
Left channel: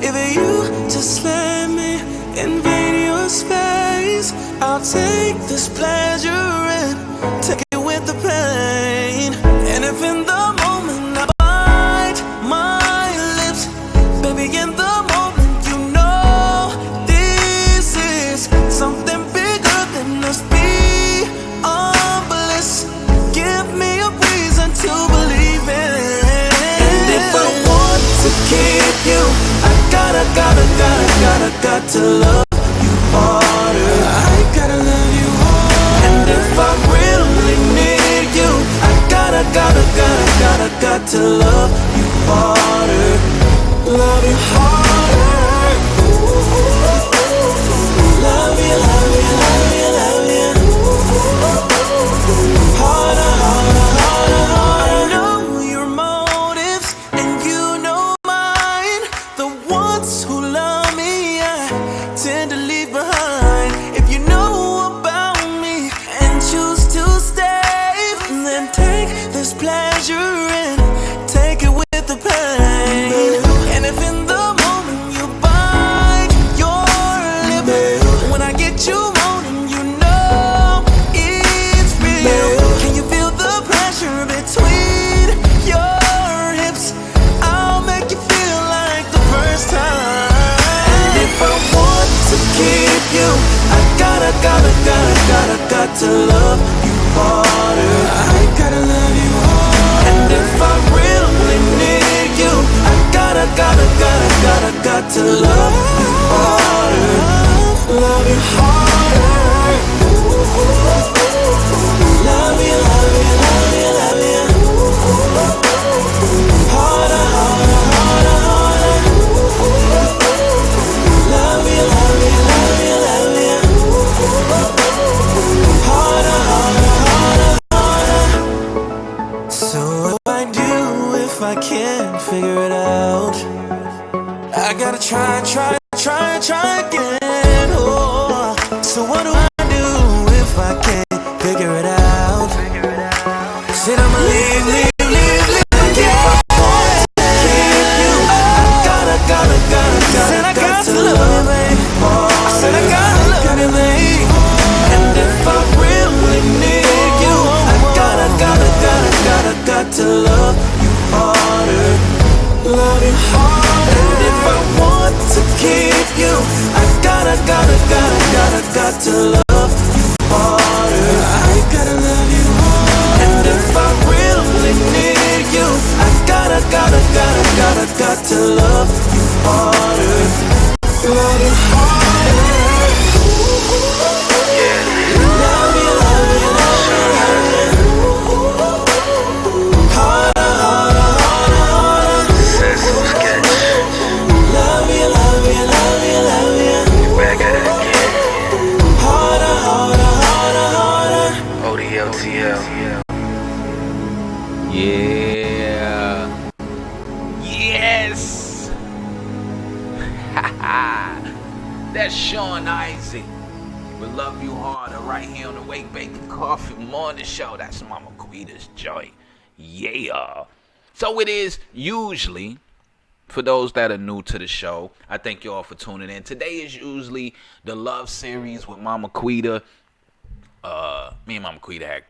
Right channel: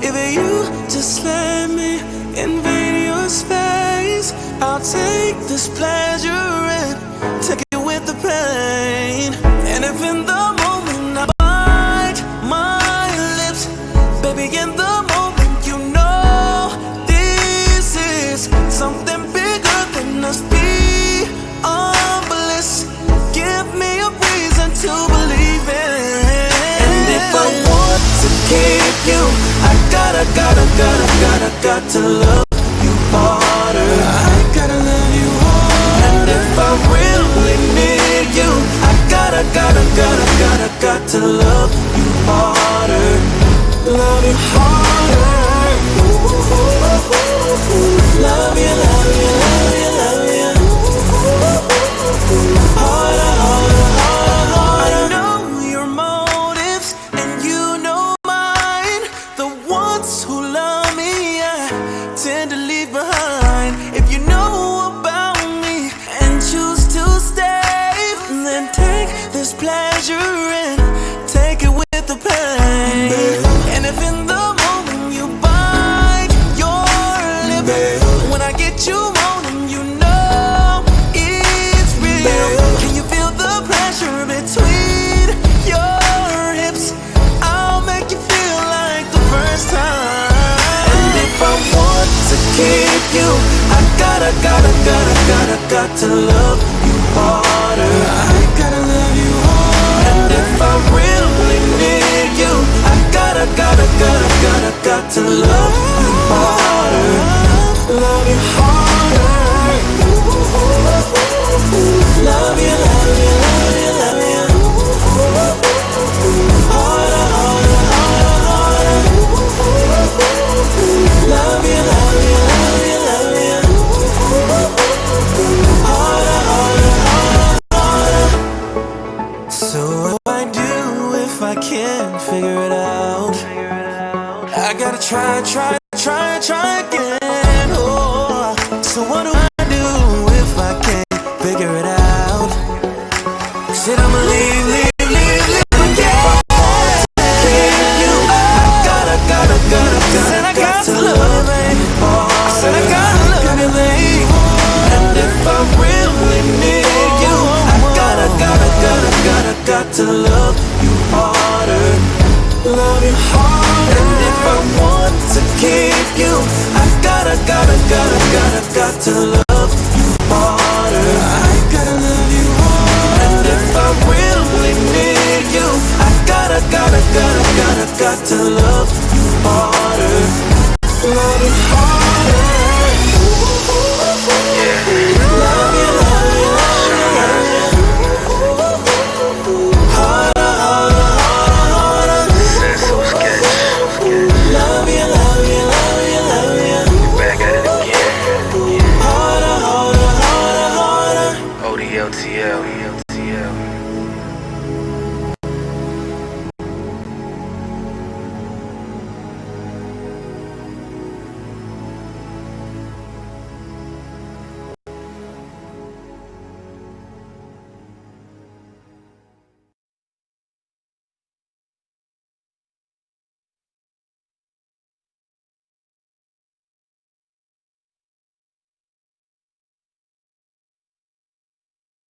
If you just let me invade your space, I'll take this pleasure and take it with the pain. And if in the moment I bite my lips, baby, in the moment you know this is something bigger than us. Be bliss, give got to love you harder. I gotta love you harder. And if I really need you, I gotta got to love you harder. Love you harder. Love you, love you, love you, love you. Harder, harder, harder, harder. I know your motives and you know mine. The ones who love me, I tend to leave behind. If you know about me and choose to stay, then take this pleasure and take it with the pain. And if in the moment you bite your lip, when I get you moaning, you know it's real. Can you feel the pressure between your hips? I'll make you feel like the first time. And if I want to keep you, I got to love you harder. I gotta love you harder. And if I really need you, I gotta got to love you harder. Love you harder. Love you, love you, love you, love you. Harder, harder, harder, harder. Love you, love you, love you, love you. Harder, harder, harder, harder. So what do I do if I can't figure it out? I gotta try again. Oh, so what do I do if I can't figure it out? Said I'ma leave again. Keep you. I gotta. Said I got to love you, babe. I said I gotta love you, babe. And if I really need you, I got to love you harder. Love you harder. And if I want to keep you, I gotta got to love you harder. I gotta love you harder. And if I really need you, I gotta got to love you harder. Love you harder. Yeah. Love you, love you, love you. Harder, harder, harder. Sense so sketch. Love you, love you, love you, love you. You back at it again. Harder, harder, harder, harder. ODLTL. Yeah. Yes. That's Sean Isaac. We love you harder right here on the WakeBake Coffee Morning Show. That's Mama Quita's joint. Yeah. So it is usually, for those that are new to the show, I thank you all for tuning in. Today is usually the love series with Mama Quita. Me and Mama Quita had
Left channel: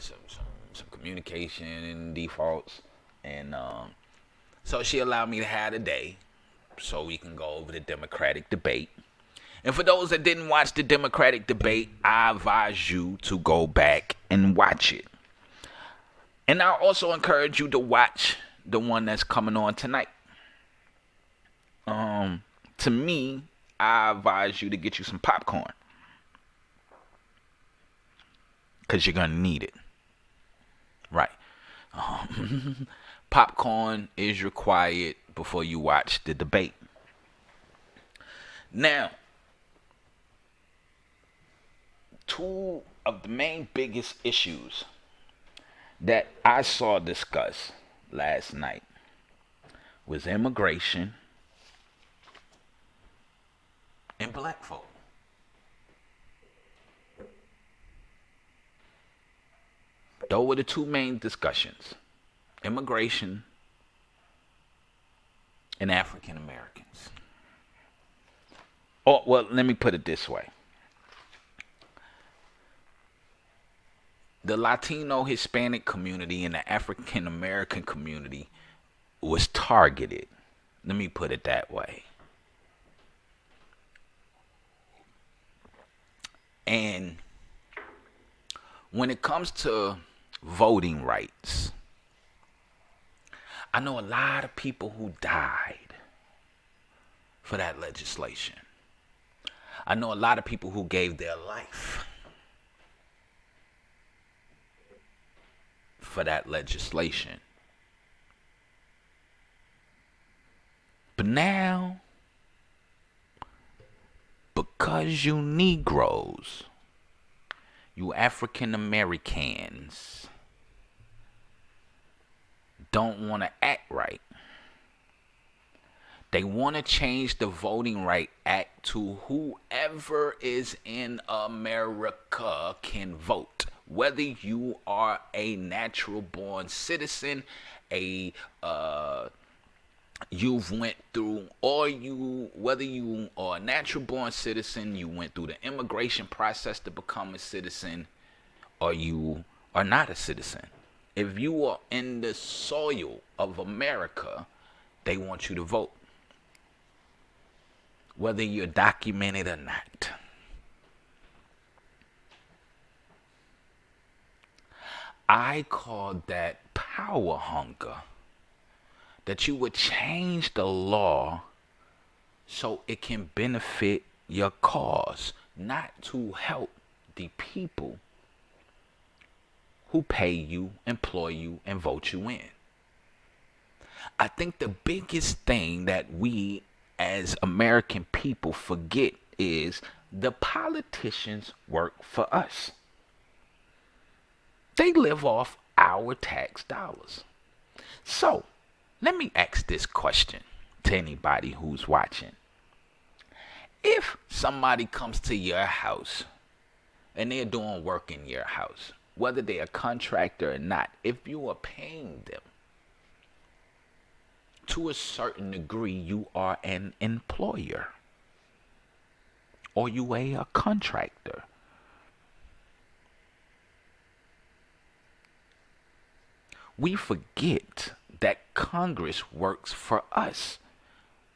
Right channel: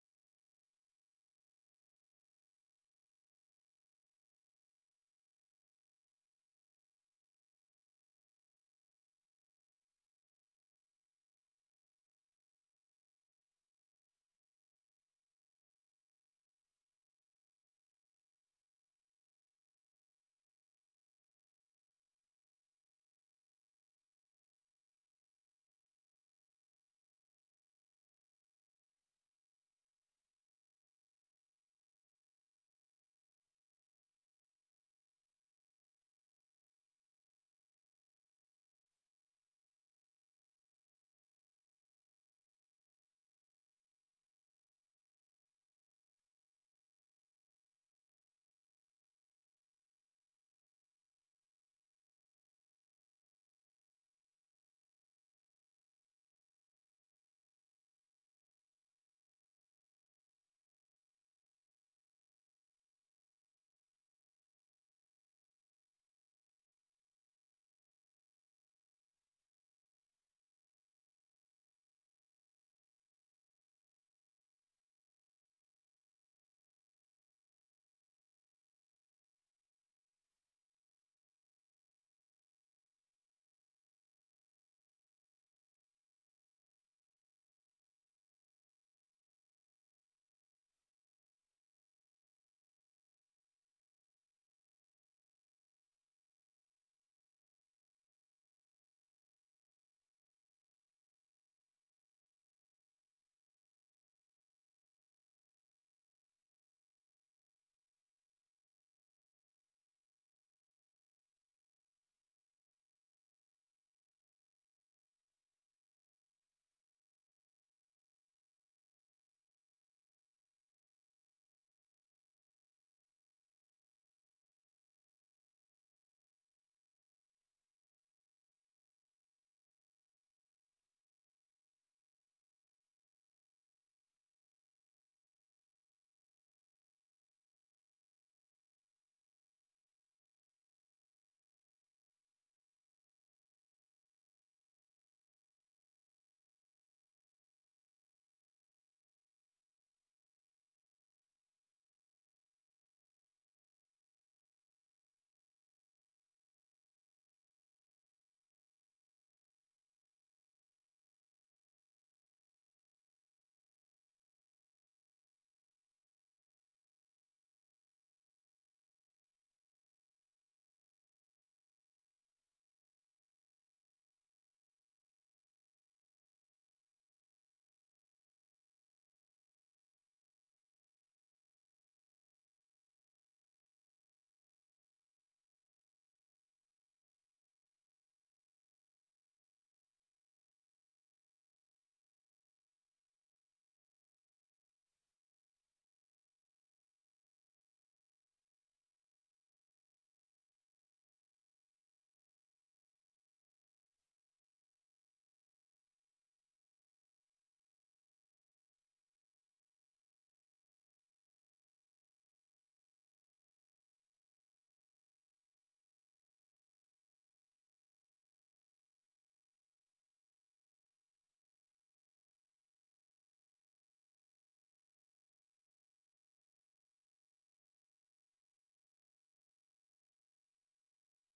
some communication and defaults, and so she allowed me to have a day so we can go over the Democratic debate. And for those that didn't watch the Democratic debate, I advise you to go back and watch it. And I also encourage you to watch the one that's coming on tonight. To me, I advise you to get you some popcorn, because you're going to need it. Right. Popcorn is required before you watch the debate. Now, two of the main biggest issues that I saw discussed last night was immigration and black folk. Those were the two main discussions: immigration and African Americans. Oh, well, let me put it this way. The Latino Hispanic community and the African American community was targeted. Let me put it that way. And when it comes to voting rights, I know a lot of people who died for that legislation. I know a lot of people who gave their life for that legislation. But now, because you Negroes, you African Americans, don't want to act right, they want to change the Voting Right Act to whoever is in America can vote. Whether you are a natural born citizen, you've went through, or whether you are a natural born citizen, you went through the immigration process to become a citizen, or you are not a citizen. If you are in the soil of America, they want you to vote. Whether you're documented or not. I call that power hunger. That you would change the law so it can benefit your cause, not to help the people who pay you, employ you, and vote you in. I think the biggest thing that we as American people forget is the politicians work for us. They live off our tax dollars. So, let me ask this question to anybody who's watching. If somebody comes to your house and they're doing work in your house, whether they're a contractor or not, if you are paying them, to a certain degree, you are an employer. Or you are a contractor. We forget that Congress works for us.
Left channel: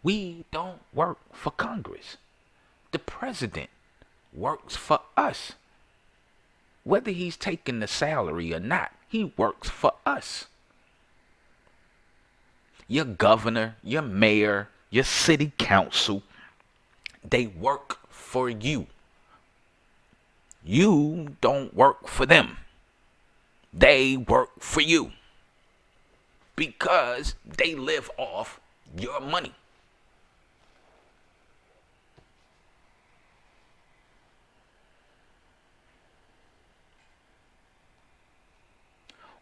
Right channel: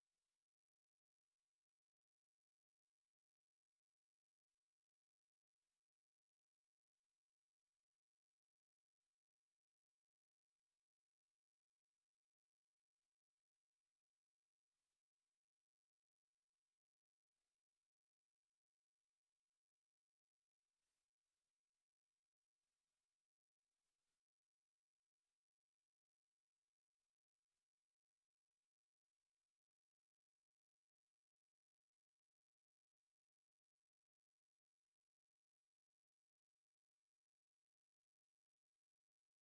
We don't work for Congress. The president works for us. Whether he's taking the salary or not, he works for us. Your governor, your mayor, your city council, they work for you. You don't work for them. They work for you. Because they live off your money.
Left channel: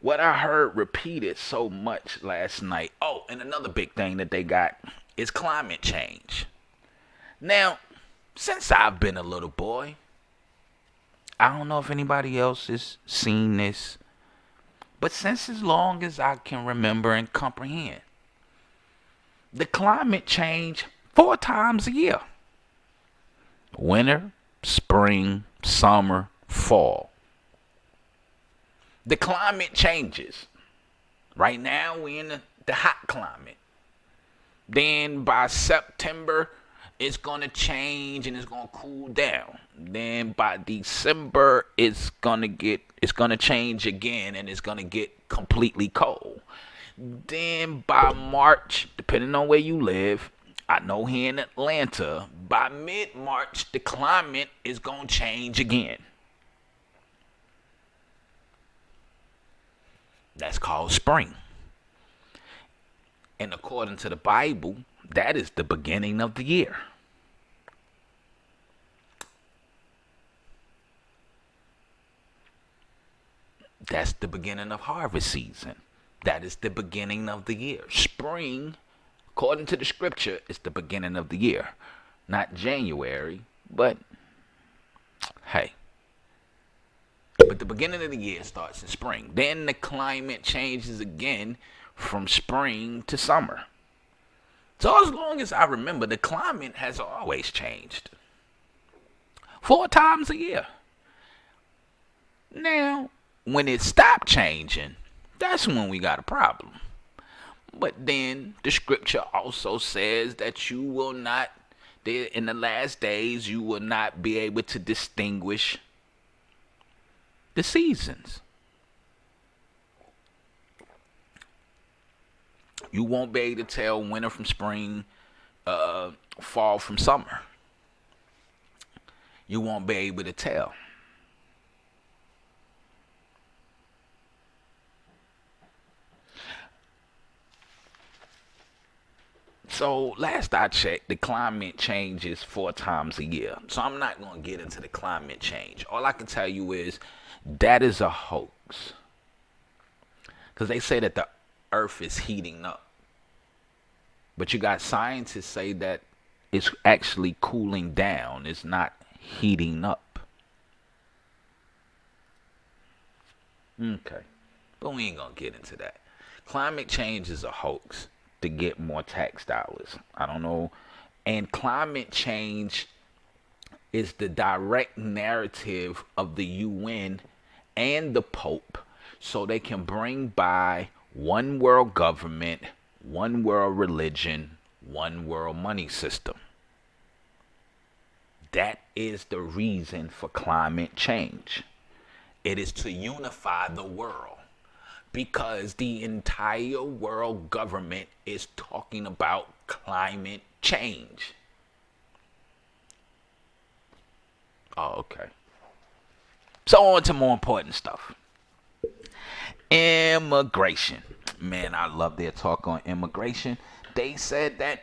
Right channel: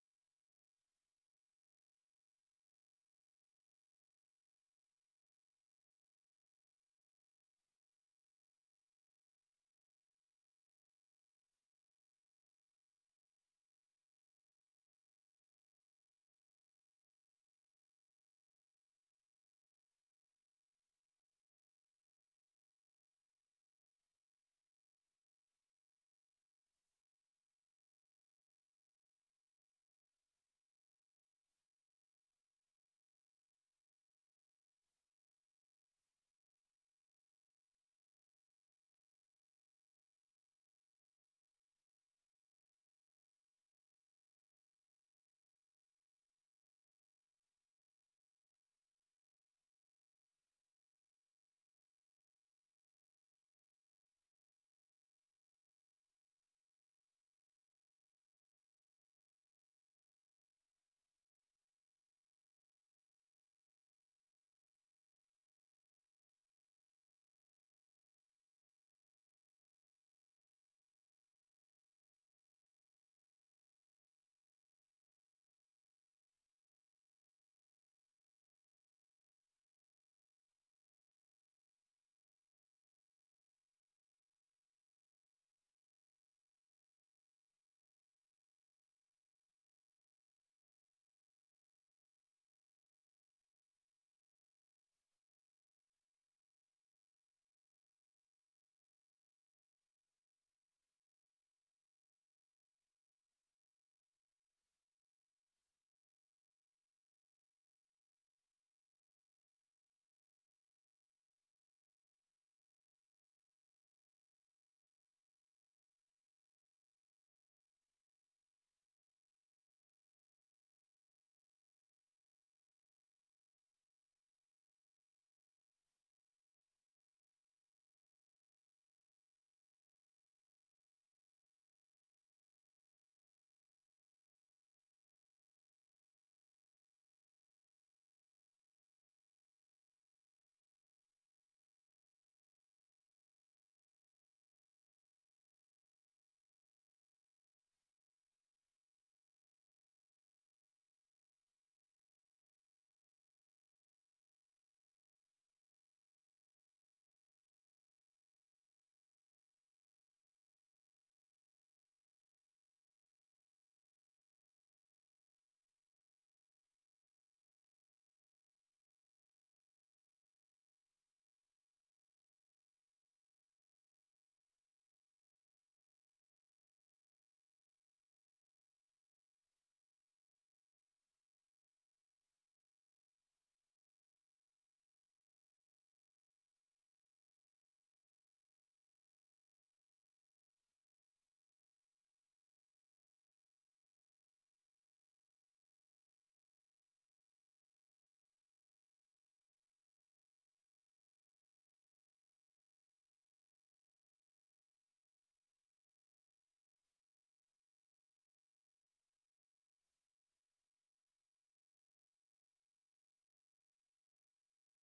What I heard repeated so much last night. Oh, and another big thing that they got is climate change. Now, since I've been a little boy, I don't know if anybody else has seen this, but since as long as I can remember and comprehend, the climate change 4 times a year. Winter, spring, summer, fall. The climate changes. Right now, we're in the hot climate. Then by September, it's going to change and it's going to cool down. Then by December, it's going to change again and it's going to get completely cold. Then by March, depending on where you live, I know here in Atlanta, by mid-March, the climate is going to change again. That's called spring. And according to the Bible, that is the beginning of the year. That's the beginning of harvest season. That is the beginning of the year. Spring, according to the scripture, is the beginning of the year. Not January, but hey. But the beginning of the year starts in spring. Then the climate changes again from spring to summer. So as long as I remember, the climate has always changed. 4 times a year. Now, when it stopped changing, that's when we got a problem. But then the scripture also says that you will not, in the last days, you will not be able to distinguish the seasons. You won't be able to tell winter from spring, fall from summer. You won't be able to tell. So last I checked, the climate changes 4 times a year. So I'm not going to get into the climate change. All I can tell you is that is a hoax. Because they say that the earth is heating up. But you got scientists say that it's actually cooling down. It's not heating up. Okay. But we ain't going to get into that. Climate change is a hoax to get more tax dollars. I don't know. And climate change is the direct narrative of the UN and the Pope so they can bring by one world government, one world religion, one world money system. That is the reason for climate change. It is to unify the world. Because the entire world government is talking about climate change. Oh, okay. So on to more important stuff. Immigration. Man, I love their talk on immigration. They said that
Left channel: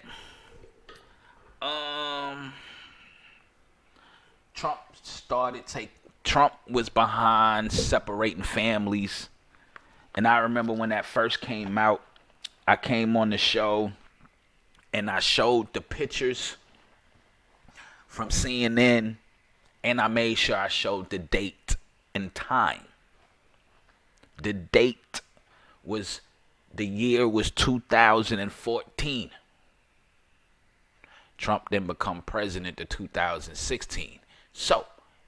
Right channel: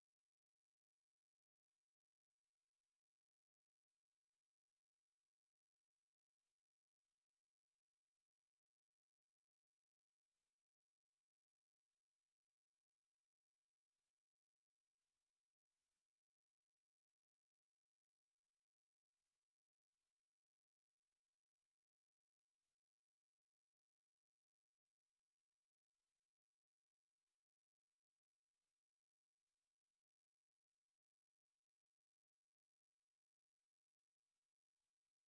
Trump was behind separating families. And I remember when that first came out, I came on the show and I showed the pictures from CNN and I made sure I showed the date and time. The date was, the year was 2014. Trump then become president in 2016. So,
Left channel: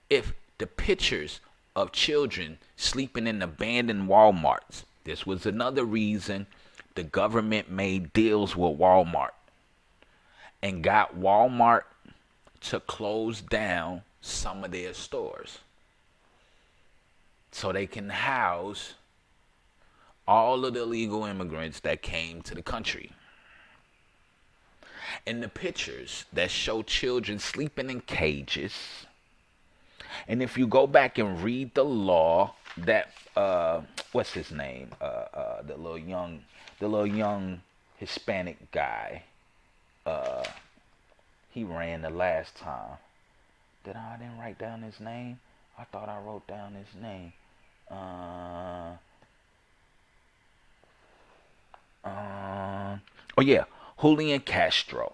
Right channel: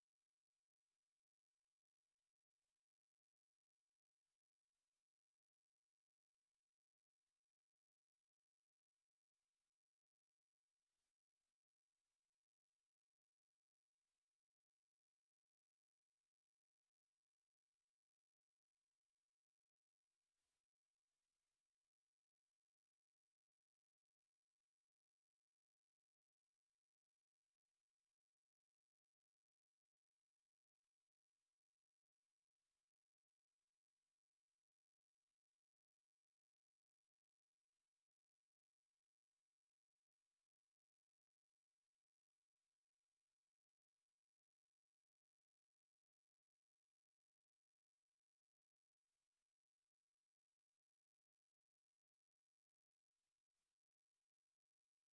if the pictures of children sleeping in abandoned Walmarts. This was another reason the government made deals with Walmart and got Walmart to close down some of their stores so they can house all of the illegal immigrants that came to the country. And the pictures that show children sleeping in cages. And if you go back and read the law that what's his name? The little young Hispanic guy. He ran the last time. I didn't write down his name? I thought I wrote down his name. Oh yeah, Julian Castro.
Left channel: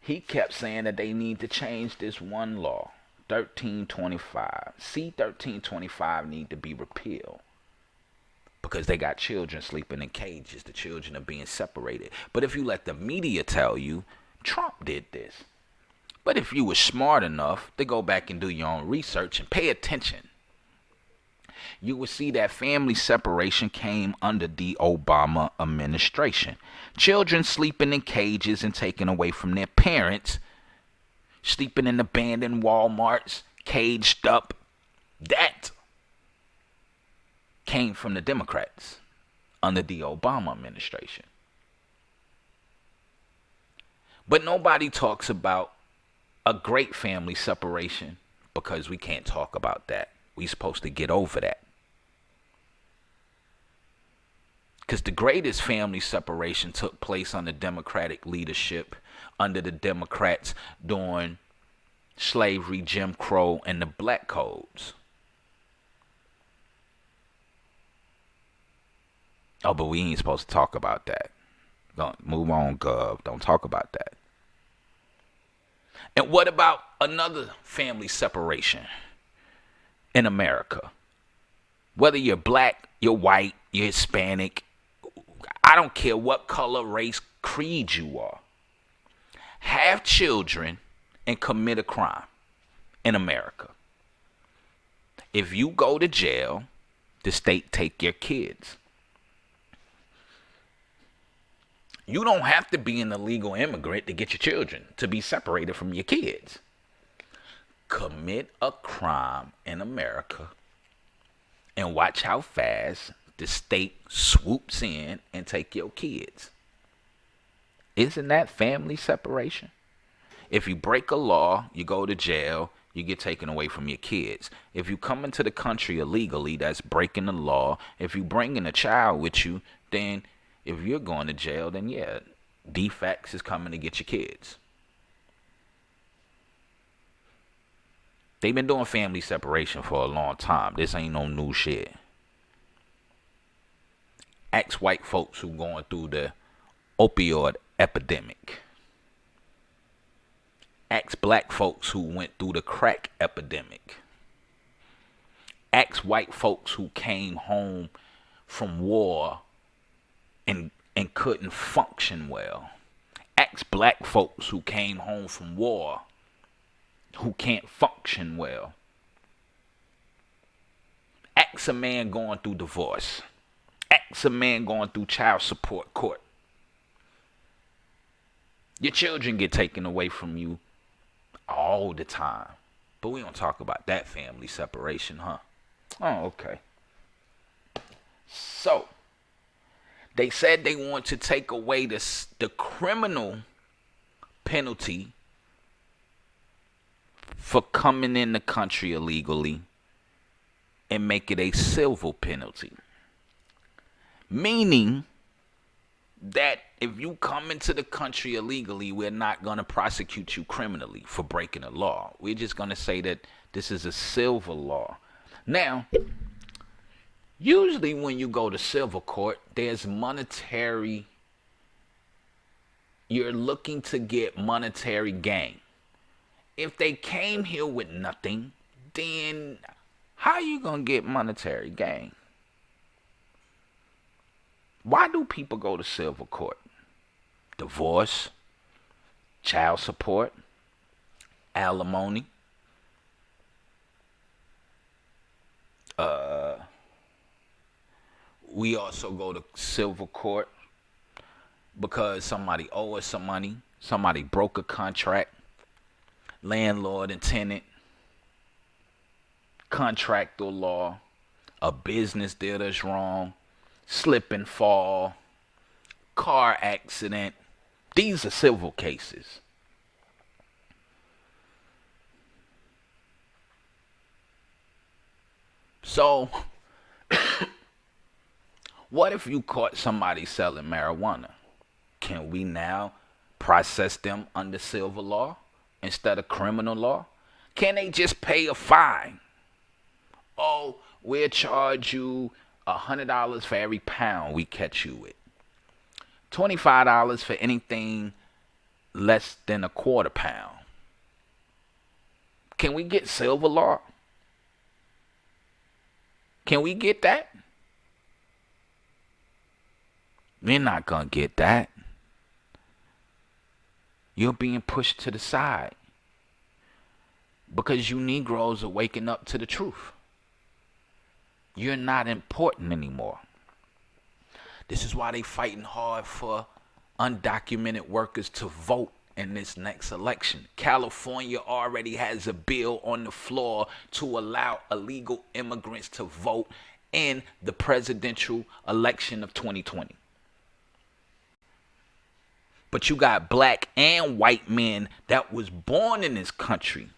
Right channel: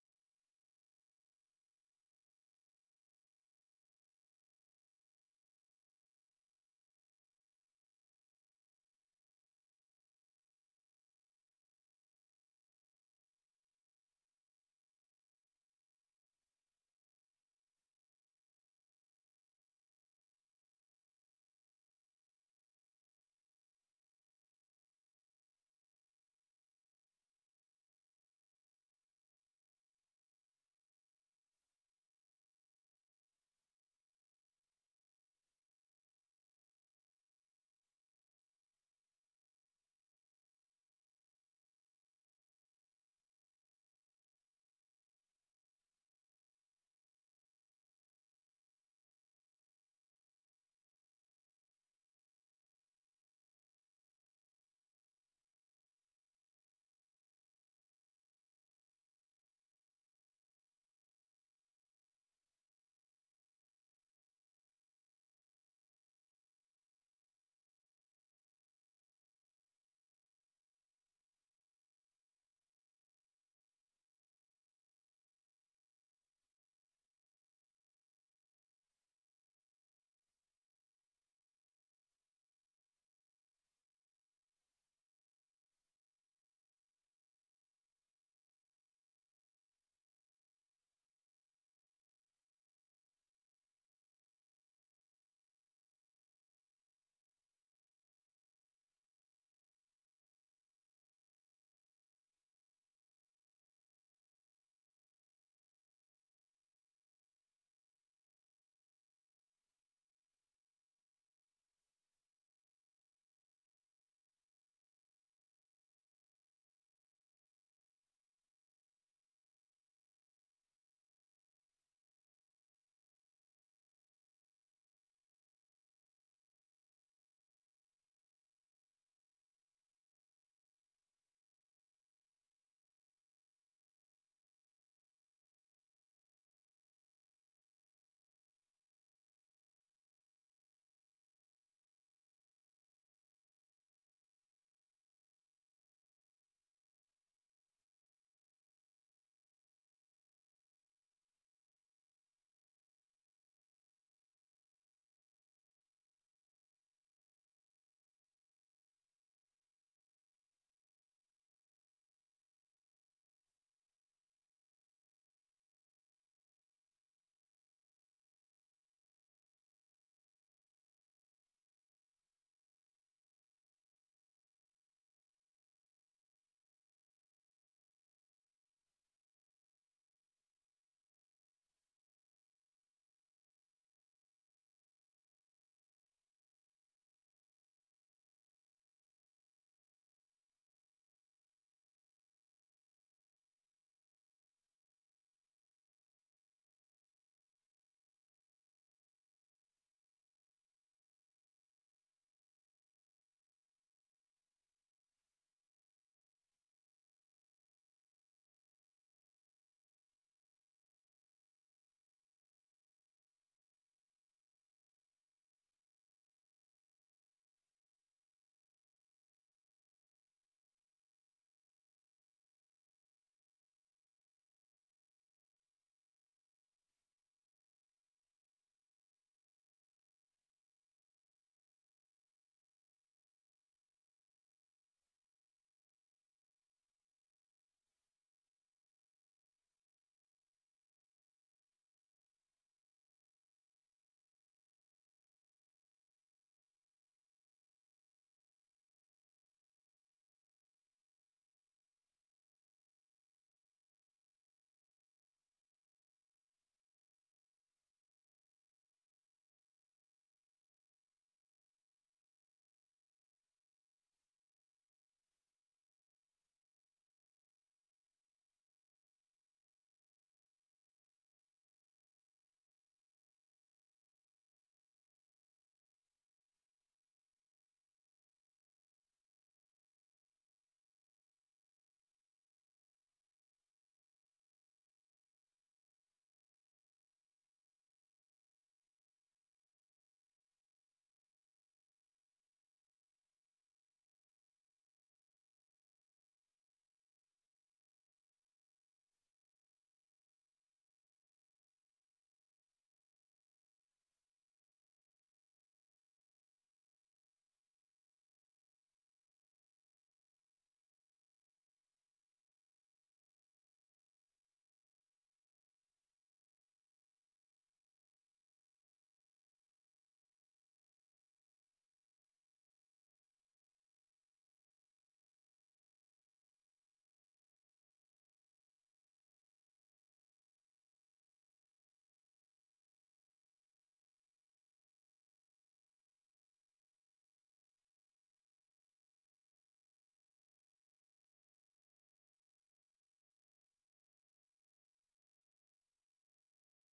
He kept saying that they need to change this one law, 1325. See, 1325 need to be repealed because they got children sleeping in cages. The children are being separated. But if you let the media tell you, Trump did this. But if you were smart enough to go back and do your own research and pay attention, you will see that family separation came under the Obama administration. Children sleeping in cages and taken away from their parents, sleeping in abandoned Walmarts, caged up. That came from the Democrats under the Obama administration. But nobody talks about a great family separation because we can't talk about that. We're supposed to get over that. Because the greatest family separation took place under Democratic leadership, under the Democrats during slavery, Jim Crow, and the Black Codes. Oh, but we ain't supposed to talk about that. Don't move on, Gov. Don't talk about that. And what about another family separation in America? Whether you're black, you're white, you're Hispanic, I don't care what color, race, creed you are. Have children and commit a crime in America. If you go to jail, the state take your kids. You don't have to be an illegal immigrant to get your children to be separated from your kids. Commit a crime in America and watch how fast the state swoops in and take your kids. Isn't that family separation? If you break a law, you go to jail, you get taken away from your kids. If you come into the country illegally, that's breaking the law. If you bring in a child with you, then if you're going to jail, then yeah, defects is coming to get your kids. They've been doing family separation for a long time. This ain't no new shit. Ex-white folks who going through the opioid epidemic. Ex-black folks who went through the crack epidemic. Ex-white folks who came home from war and couldn't function well. Ex-black folks who came home from war who can't function well. Ex a man going through divorce. Ex a man going through child support court. Your children get taken away from you all the time. But we don't talk about that family separation, huh? Oh, okay. So, they said they want to take away the criminal penalty for coming in the country illegally and make it a civil penalty. Meaning that if you come into the country illegally, we're not going to prosecute you criminally for breaking a law. We're just going to say that this is a civil law. Now, usually when you go to civil court, there's monetary, you're looking to get monetary gain. If they came here with nothing, then how are you going to get monetary gain? Why do people go to civil court? Divorce, child support, alimony. We also go to civil court because somebody owes us some money. Somebody broke a contract. Landlord and tenant. Contractual law. A business did us wrong. Slip and fall. Car accident. These are civil cases. So, what if you caught somebody selling marijuana? Can we now process them under civil law instead of criminal law? Can they just pay a fine? Oh, we'll charge you $100 for every pound we catch you with. $25 for anything less than a quarter pound. Can we get civil law? Can we get that? We're not going to get that. You're being pushed to the side because you Negroes are waking up to the truth. You're not important anymore. This is why they fighting hard for undocumented workers to vote in this next election. California already has a bill on the floor to allow illegal immigrants to vote in the presidential election of 2020. But you got black and white men that was born in this country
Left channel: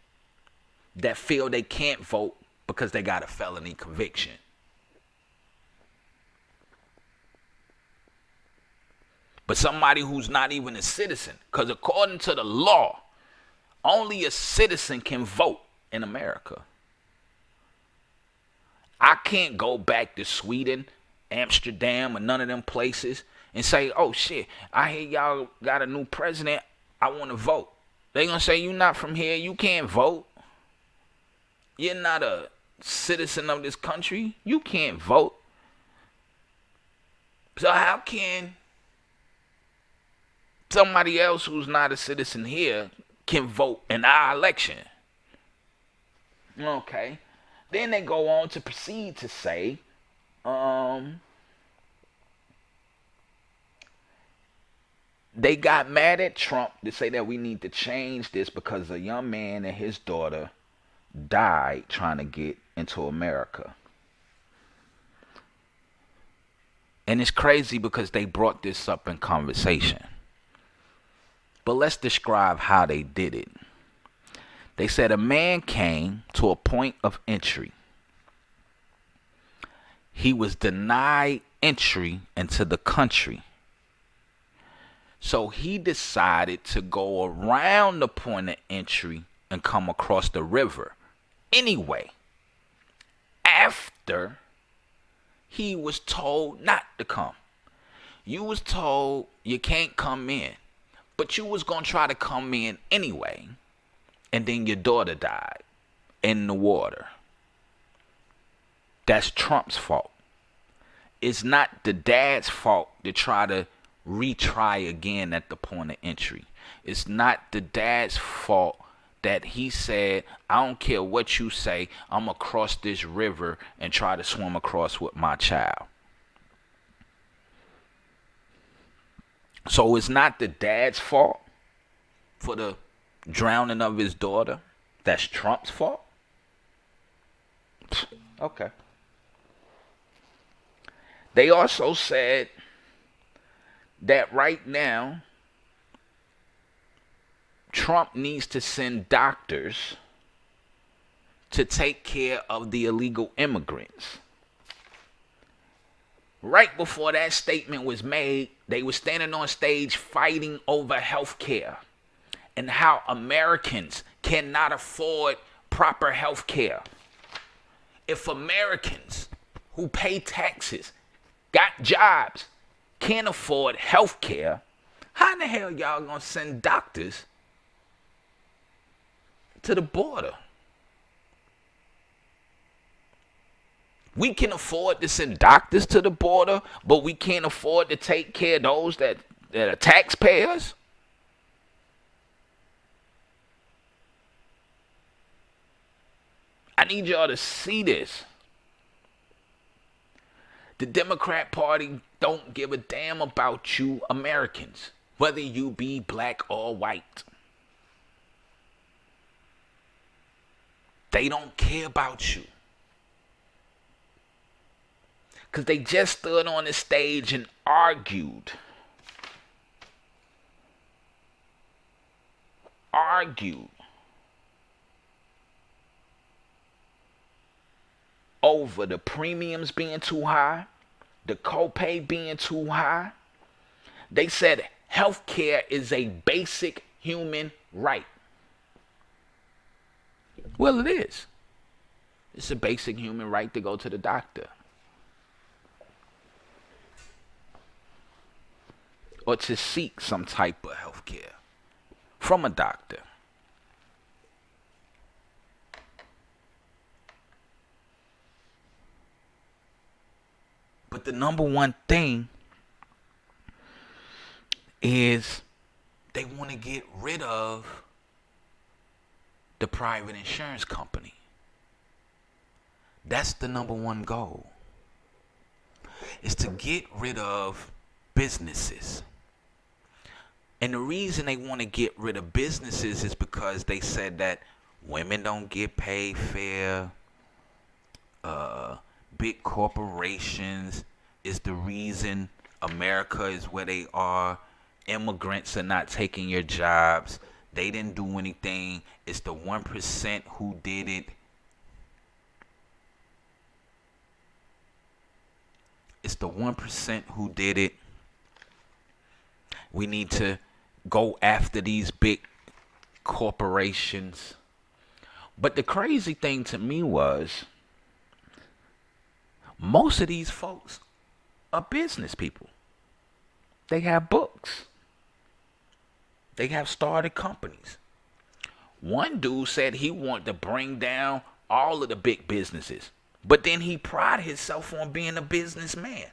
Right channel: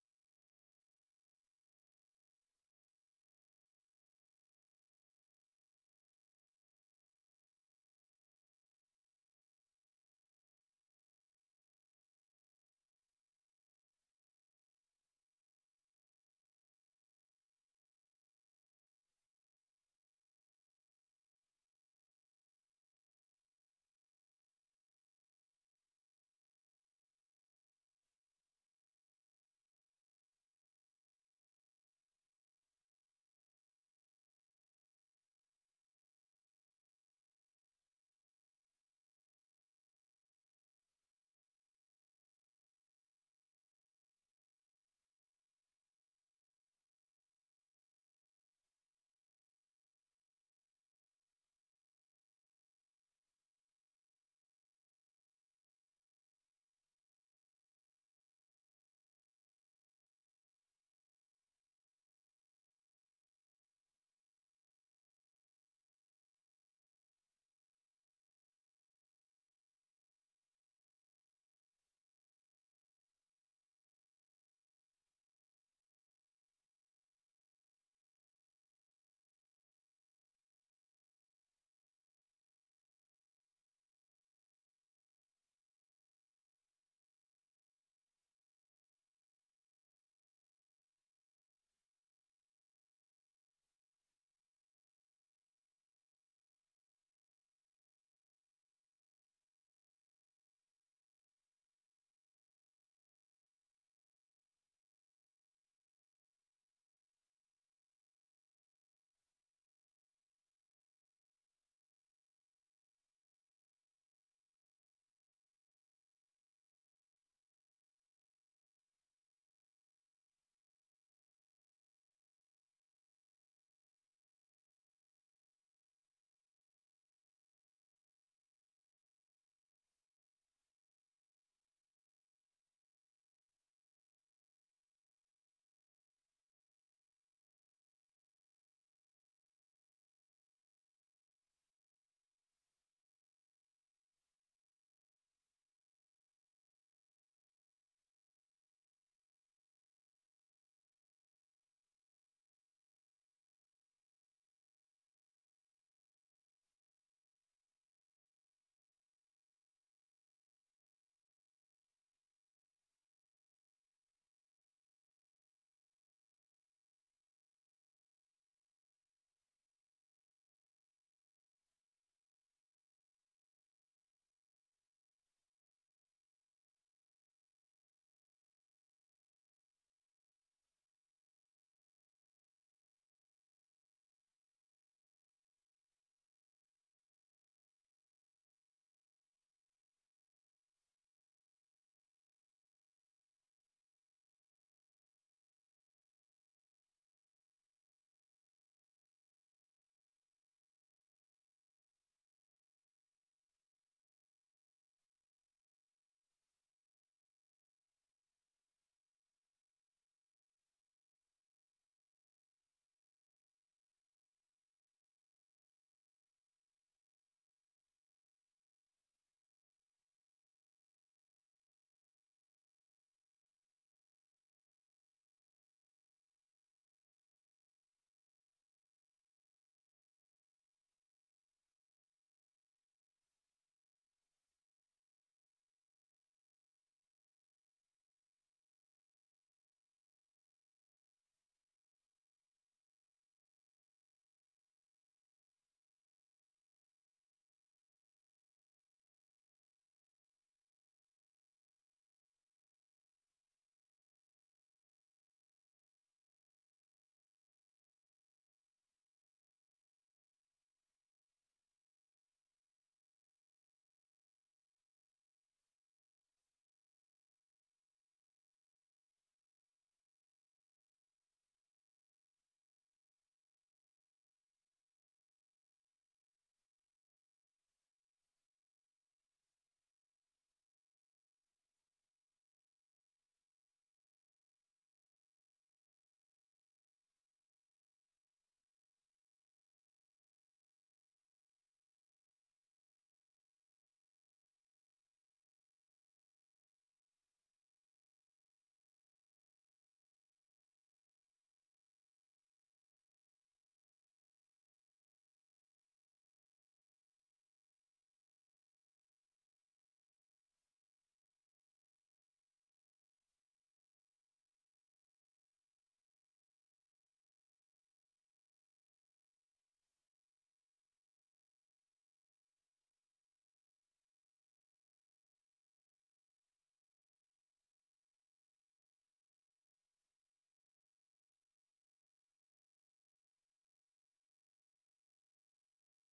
that feel they can't vote because they got a felony conviction. But somebody who's not even a citizen, because according to the law, only a citizen can vote in America. I can't go back to Sweden, Amsterdam, or none of them places and say, oh shit, I hear y'all got a new president, I want to vote. They gonna say, you not from here, you can't vote. You're not a citizen of this country, you can't vote. So how can somebody else who's not a citizen here can vote in our election? Okay. Then they go on to proceed to say, they got mad at Trump to say that we need to change this because a young man and his daughter died trying to get into America. And it's crazy because they brought this up in conversation. But let's describe how they did it. They said a man came to a point of entry. He was denied entry into the country. So he decided to go around the point of entry and come across the river anyway, after he was told not to come. You was told you can't come in, but you was going to try to come in anyway, and then your daughter died in the water. That's Trump's fault. It's not the dad's fault to try to retry again at the point of entry. It's not the dad's fault that he said, I don't care what you say, I'm going to cross this river and try to swim across with my child. So it's not the dad's fault for the drowning of his daughter. That's Trump's fault? Okay. They also said that right now, Trump needs to send doctors to take care of the illegal immigrants. Right before that statement was made, they were standing on stage fighting over health care and how Americans cannot afford proper health care. If Americans who pay taxes, got jobs, can't afford health care, how in the hell y'all gonna send doctors to the border? We can afford to send doctors to the border, but we can't afford to take care of those that are taxpayers? I need y'all to see this. The Democrat Party don't give a damn about you Americans, whether you be black or white. They don't care about you. Because they just stood on the stage and argued over the premiums being too high, the copay being too high. They said health care is a basic human right. Well, it is. It's a basic human right to go to the doctor, or to seek some type of health care from a doctor. But the number one thing is they want to get rid of the private insurance company. That's the number one goal, is to get rid of businesses. And the reason they want to get rid of businesses is because they said that women don't get paid fair. Big corporations is the reason America is where they are. Immigrants are not taking your jobs. They didn't do anything. It's the 1% who did it. It's the 1% who did it. We need to go after these big corporations. But the crazy thing to me was, most of these folks are business people. They have books. They have started companies. One dude said he wanted to bring down all of the big businesses, but then he prided himself on being a businessman.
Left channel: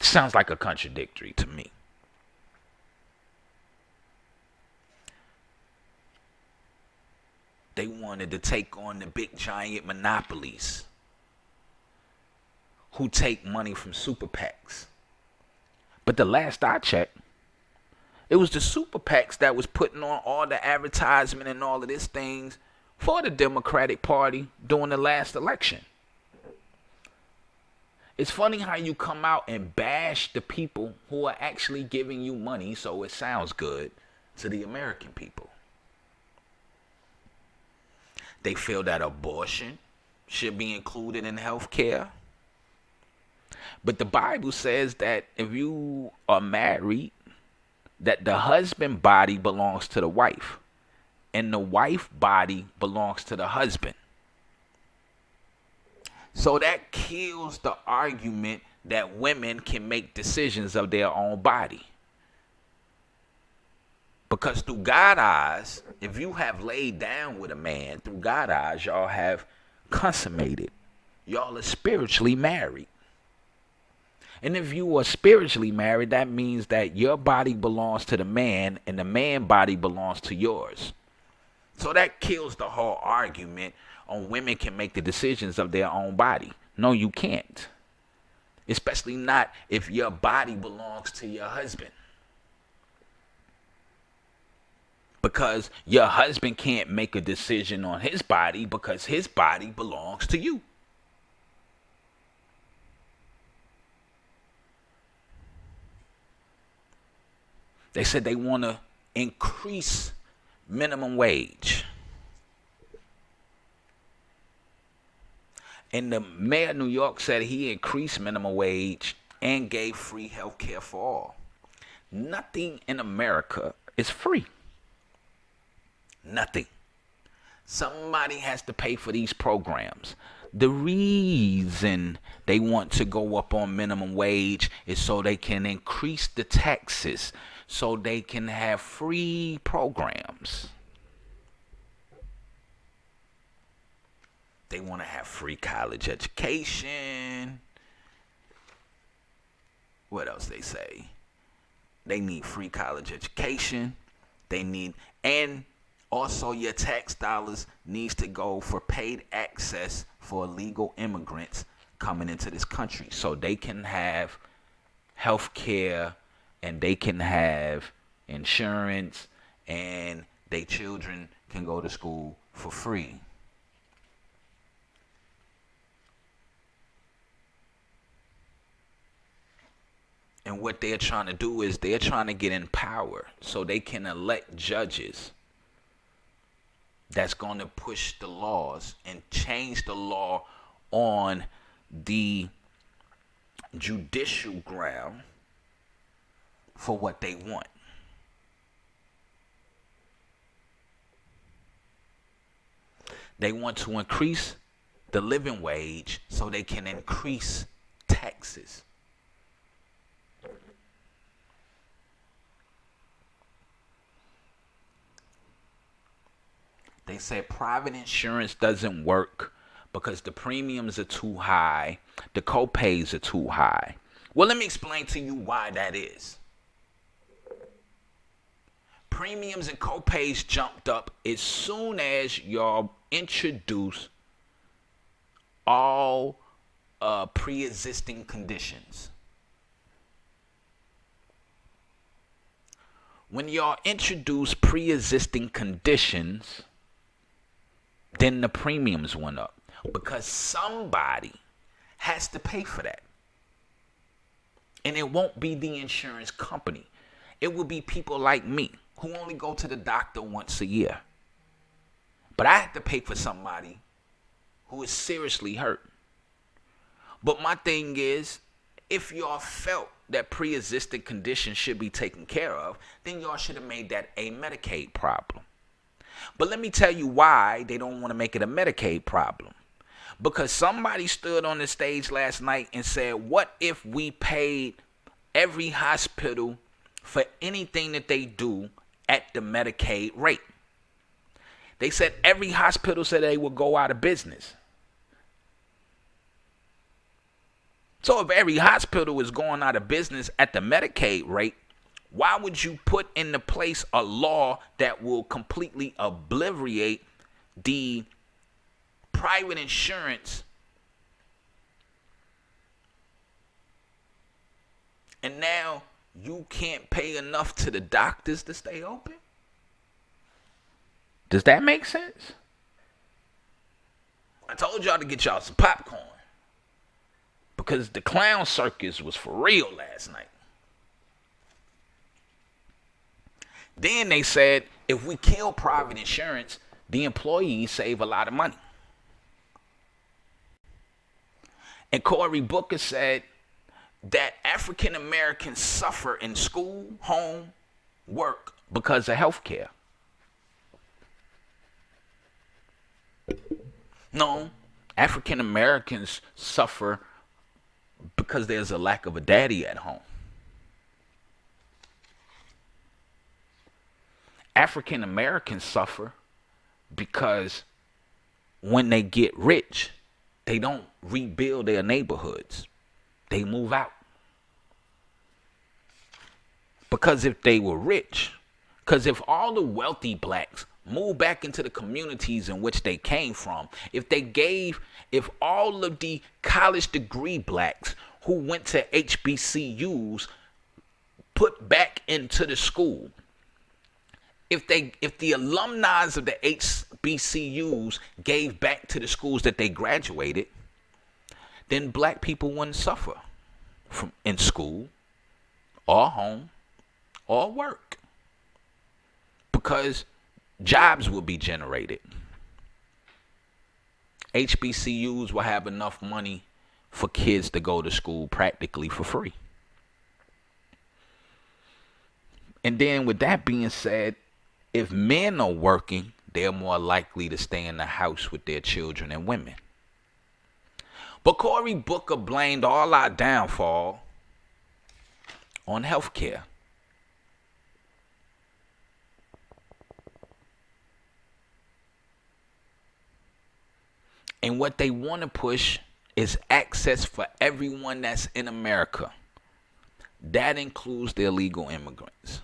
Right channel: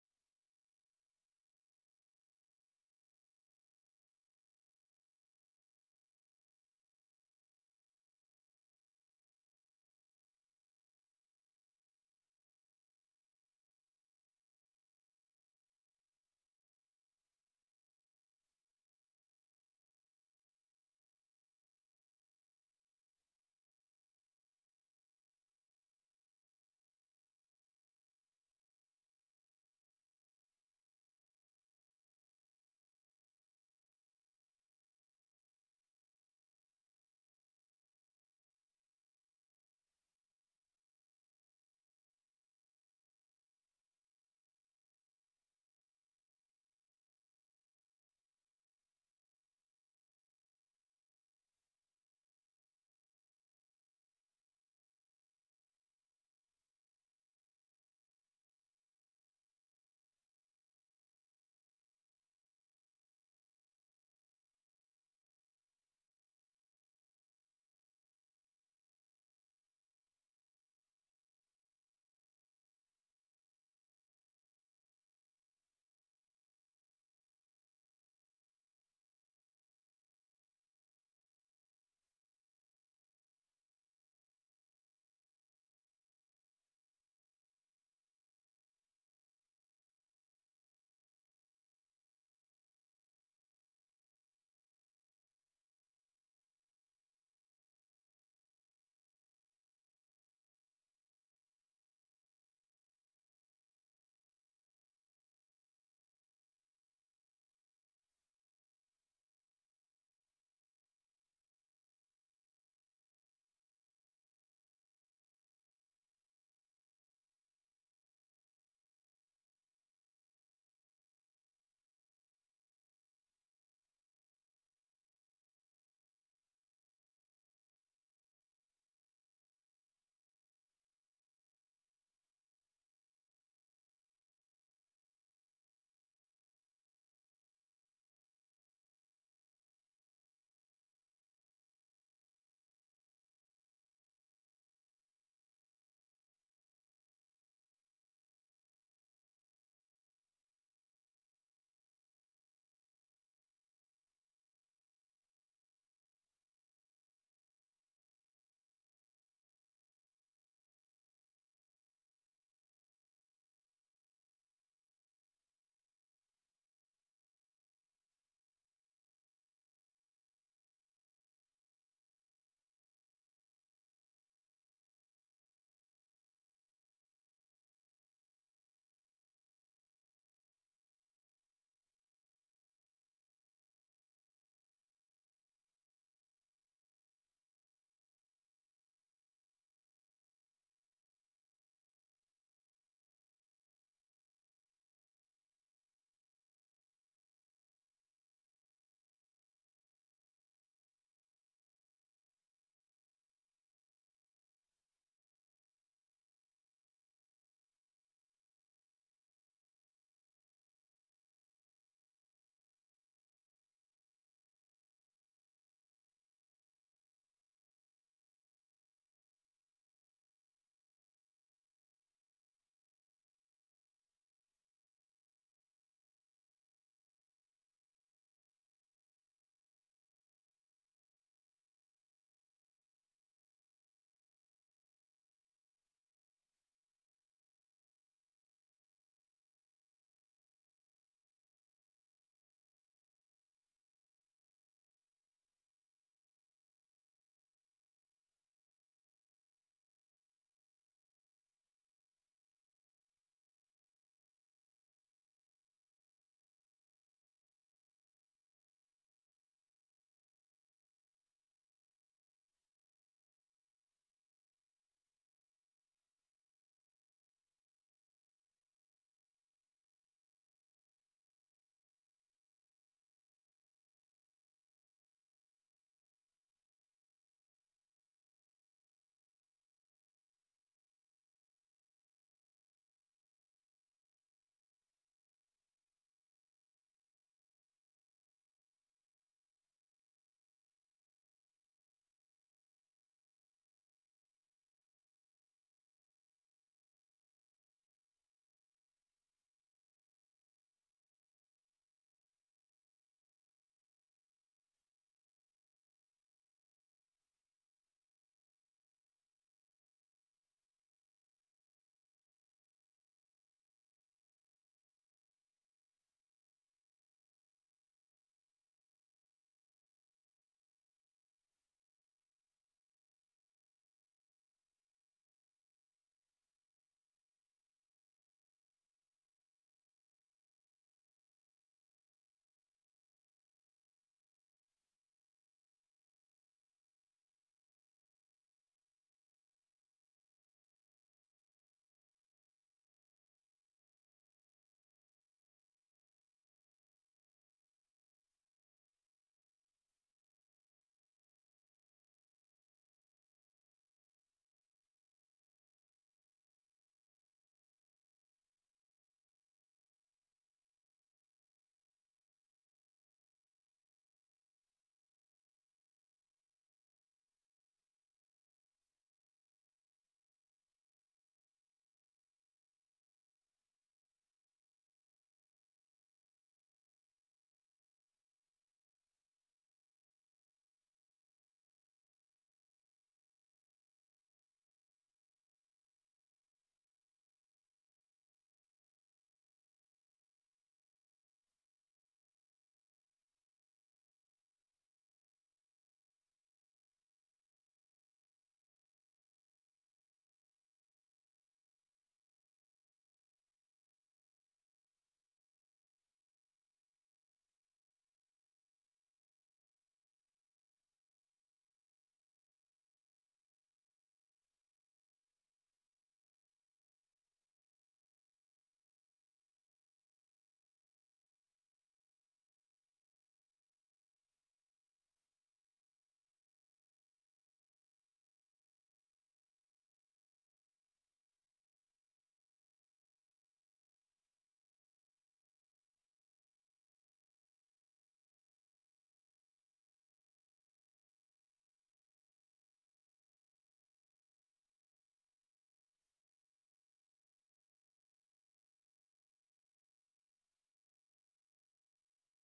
Sounds like a contradictory to me. They wanted to take on the big giant monopolies who take money from super PACs. But the last I checked, it was the super PACs that was putting on all the advertisement and all of these things for the Democratic Party during the last election. It's funny how you come out and bash the people who are actually giving you money so it sounds good to the American people. They feel that abortion should be included in health care. But the Bible says that if you are married, that the husband body belongs to the wife and the wife body belongs to the husband. So that kills the argument that women can make decisions of their own body. Because through God's eyes, if you have laid down with a man, through God's eyes, y'all have consummated. Y'all are spiritually married. And if you are spiritually married, that means that your body belongs to the man and the man body belongs to yours. So that kills the whole argument on women can make the decisions of their own body. No, you can't. Especially not if your body belongs to your husband. Because your husband can't make a decision on his body because his body belongs to you. They said they want to increase minimum wage. And the mayor of New York said he increased minimum wage and gave free health care for all. Nothing in America is free. Nothing. Somebody has to pay for these programs. The reason they want to go up on minimum wage is so they can increase the taxes, so they can have free programs. They want to have free college education. What else they say? They need free college education. They need, and also your tax dollars needs to go for paid access for illegal immigrants coming into this country so they can have health care and they can have insurance and their children can go to school for free. And what they're trying to do is they're trying to get in power so they can elect judges that's going to push the laws and change the law on the judicial ground for what they want. They want to increase the living wage so they can increase taxes. They said private insurance doesn't work because the premiums are too high, the co-pays are too high. Well, let me explain to you why that is. Premiums and co-pays jumped up as soon as y'all introduced all pre-existing conditions. When y'all introduce pre-existing conditions, then the premiums went up because somebody has to pay for that. And it won't be the insurance company. It will be people like me who only go to the doctor once a year. But I have to pay for somebody who is seriously hurt. But my thing is, if y'all felt that pre-existing conditions should be taken care of, then y'all should have made that a Medicaid problem. But let me tell you why they don't want to make it a Medicaid problem. Because somebody stood on the stage last night and said, what if we paid every hospital for anything that they do at the Medicaid rate? They said every hospital said they would go out of business. So if every hospital is going out of business at the Medicaid rate, why would you put into place a law that will completely obliterate the private insurance and now you can't pay enough to the doctors to stay open? Does that make sense? I told y'all to get y'all some popcorn because the clown circus was for real last night. Then they said, if we kill private insurance, the employees save a lot of money. And Cory Booker said that African Americans suffer in school, home, work because of health care. No, African Americans suffer because there's a lack of a daddy at home. African Americans suffer because when they get rich, they don't rebuild their neighborhoods. They move out. Because if they were rich, because if all the wealthy blacks moved back into the communities in which they came from, if all of the college degree blacks who went to HBCUs put back into the school, if the alumni of the HBCUs gave back to the schools that they graduated, then black people wouldn't suffer from in school or home or work, because jobs will be generated. HBCUs will have enough money for kids to go to school practically for free. And then with that being said, if men are working, they're more likely to stay in the house with their children and women. But Cory Booker blamed all our downfall on health care. And what they want to push is access for everyone that's in America. That includes the illegal immigrants.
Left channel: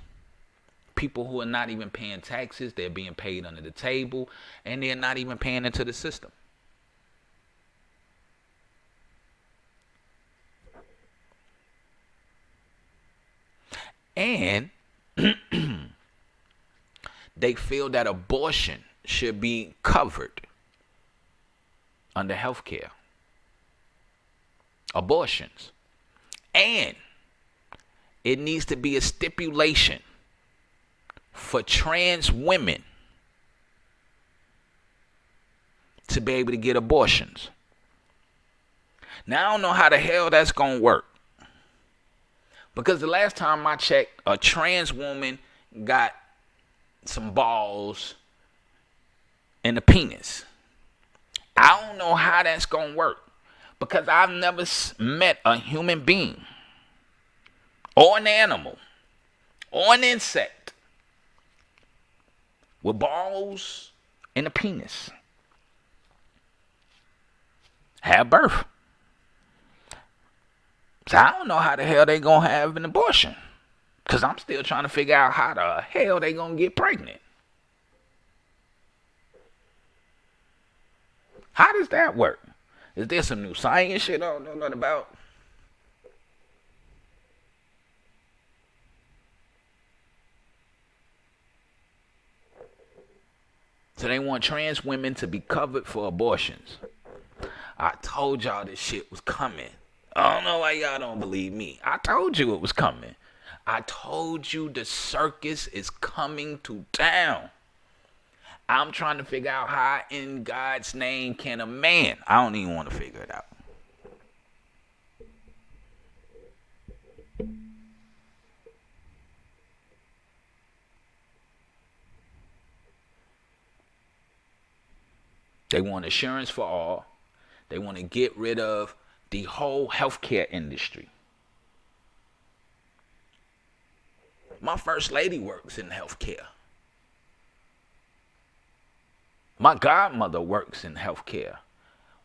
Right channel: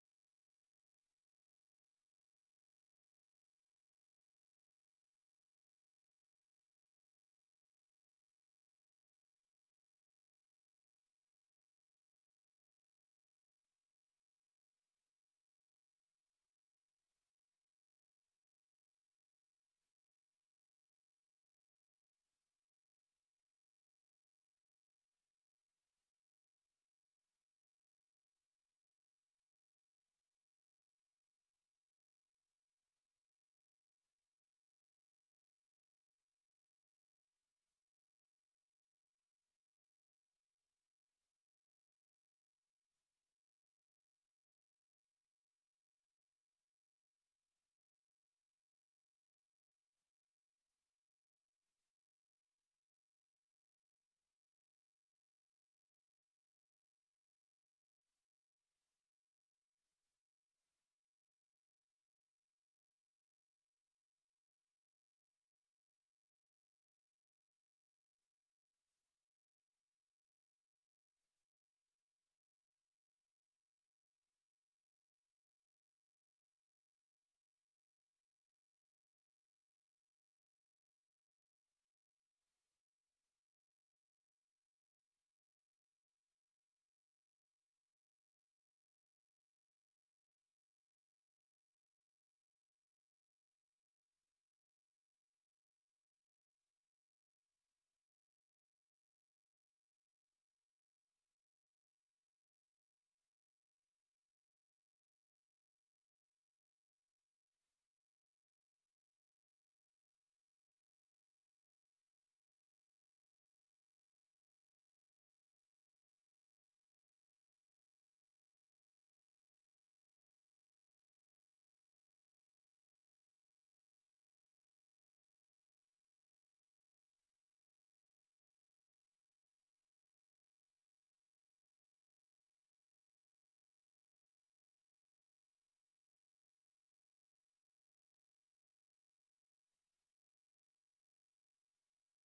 People who are not even paying taxes, they're being paid under the table, and they're not even paying into the system. And they feel that abortion should be covered under health care. Abortions. And it needs to be a stipulation for trans women to be able to get abortions. Now, I don't know how the hell that's going to work. Because the last time I checked, a trans woman got some balls and a penis. I don't know how that's going to work, because I've never met a human being or an animal or an insect with balls and a penis have birth. So I don't know how the hell they going to have an abortion, because I'm still trying to figure out how the hell they going to get pregnant. How does that work? Is there some new science shit I don't know nothing about? So they want trans women to be covered for abortions. I told y'all this shit was coming. I don't know why y'all don't believe me. I told you it was coming. I told you the circus is coming to town. I'm trying to figure out how in God's name can a man. I don't even want to figure it out. They want insurance for all. They want to get rid of the whole healthcare industry. My first lady works in healthcare. My godmother works in healthcare.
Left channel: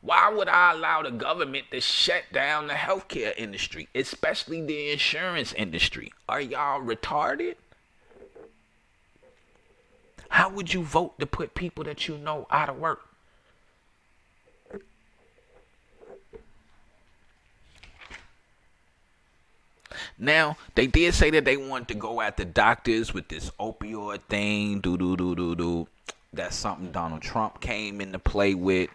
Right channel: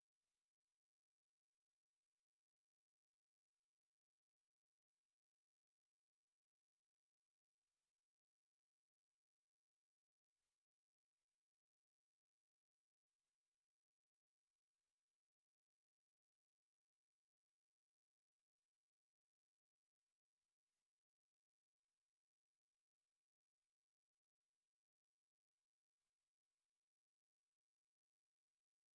Why would I allow the government to shut down the healthcare industry, especially the insurance industry? Are y'all retarded? How would you vote to put people that you know out of work? Now, they did say that they wanted to go at the doctors with this opioid thing. That's something Donald Trump came into play with.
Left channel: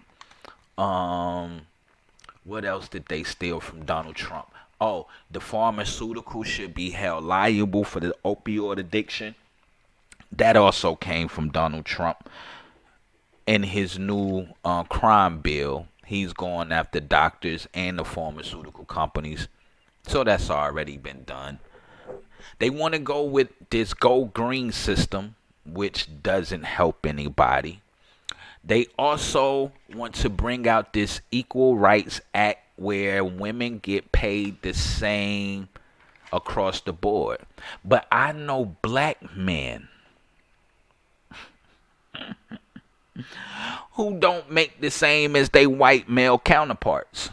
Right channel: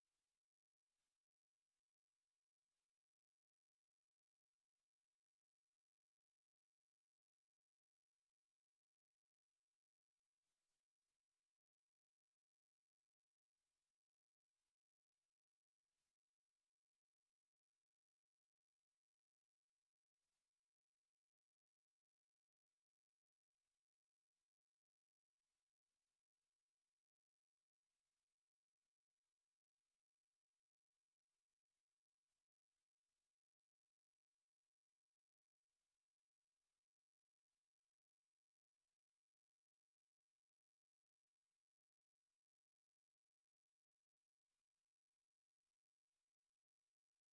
What else did they steal from Donald Trump? Oh, the pharmaceutical should be held liable for the opioid addiction. That also came from Donald Trump. In his new crime bill, he's going after doctors and the pharmaceutical companies. So that's already been done. They want to go with this gold green system, which doesn't help anybody. They also want to bring out this Equal Rights Act where women get paid the same across the board. But I know black men who don't make the same as they white male counterparts.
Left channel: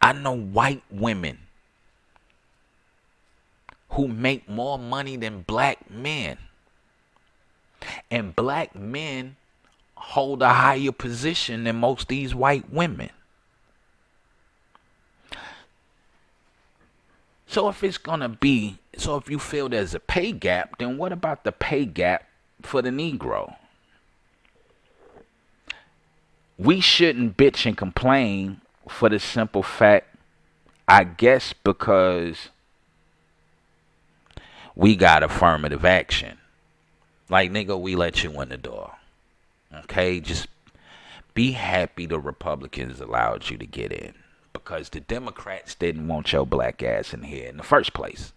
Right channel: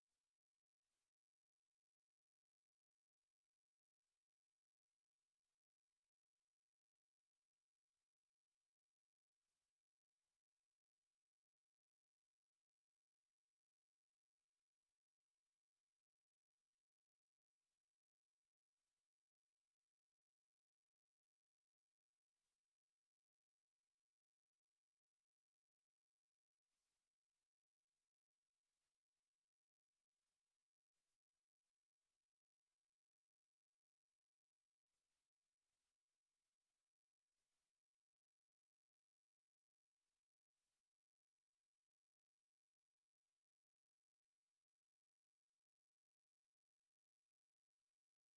I know white women who make more money than black men. And black men hold a higher position than most of these white women. So if you feel there's a pay gap, then what about the pay gap for the Negro? We shouldn't bitch and complain for the simple fact, I guess, because we got affirmative action. Like, nigga, we let you in the door. Okay? Just be happy the Republicans allowed you to get in. Because the Democrats didn't want your black ass in here in the first place.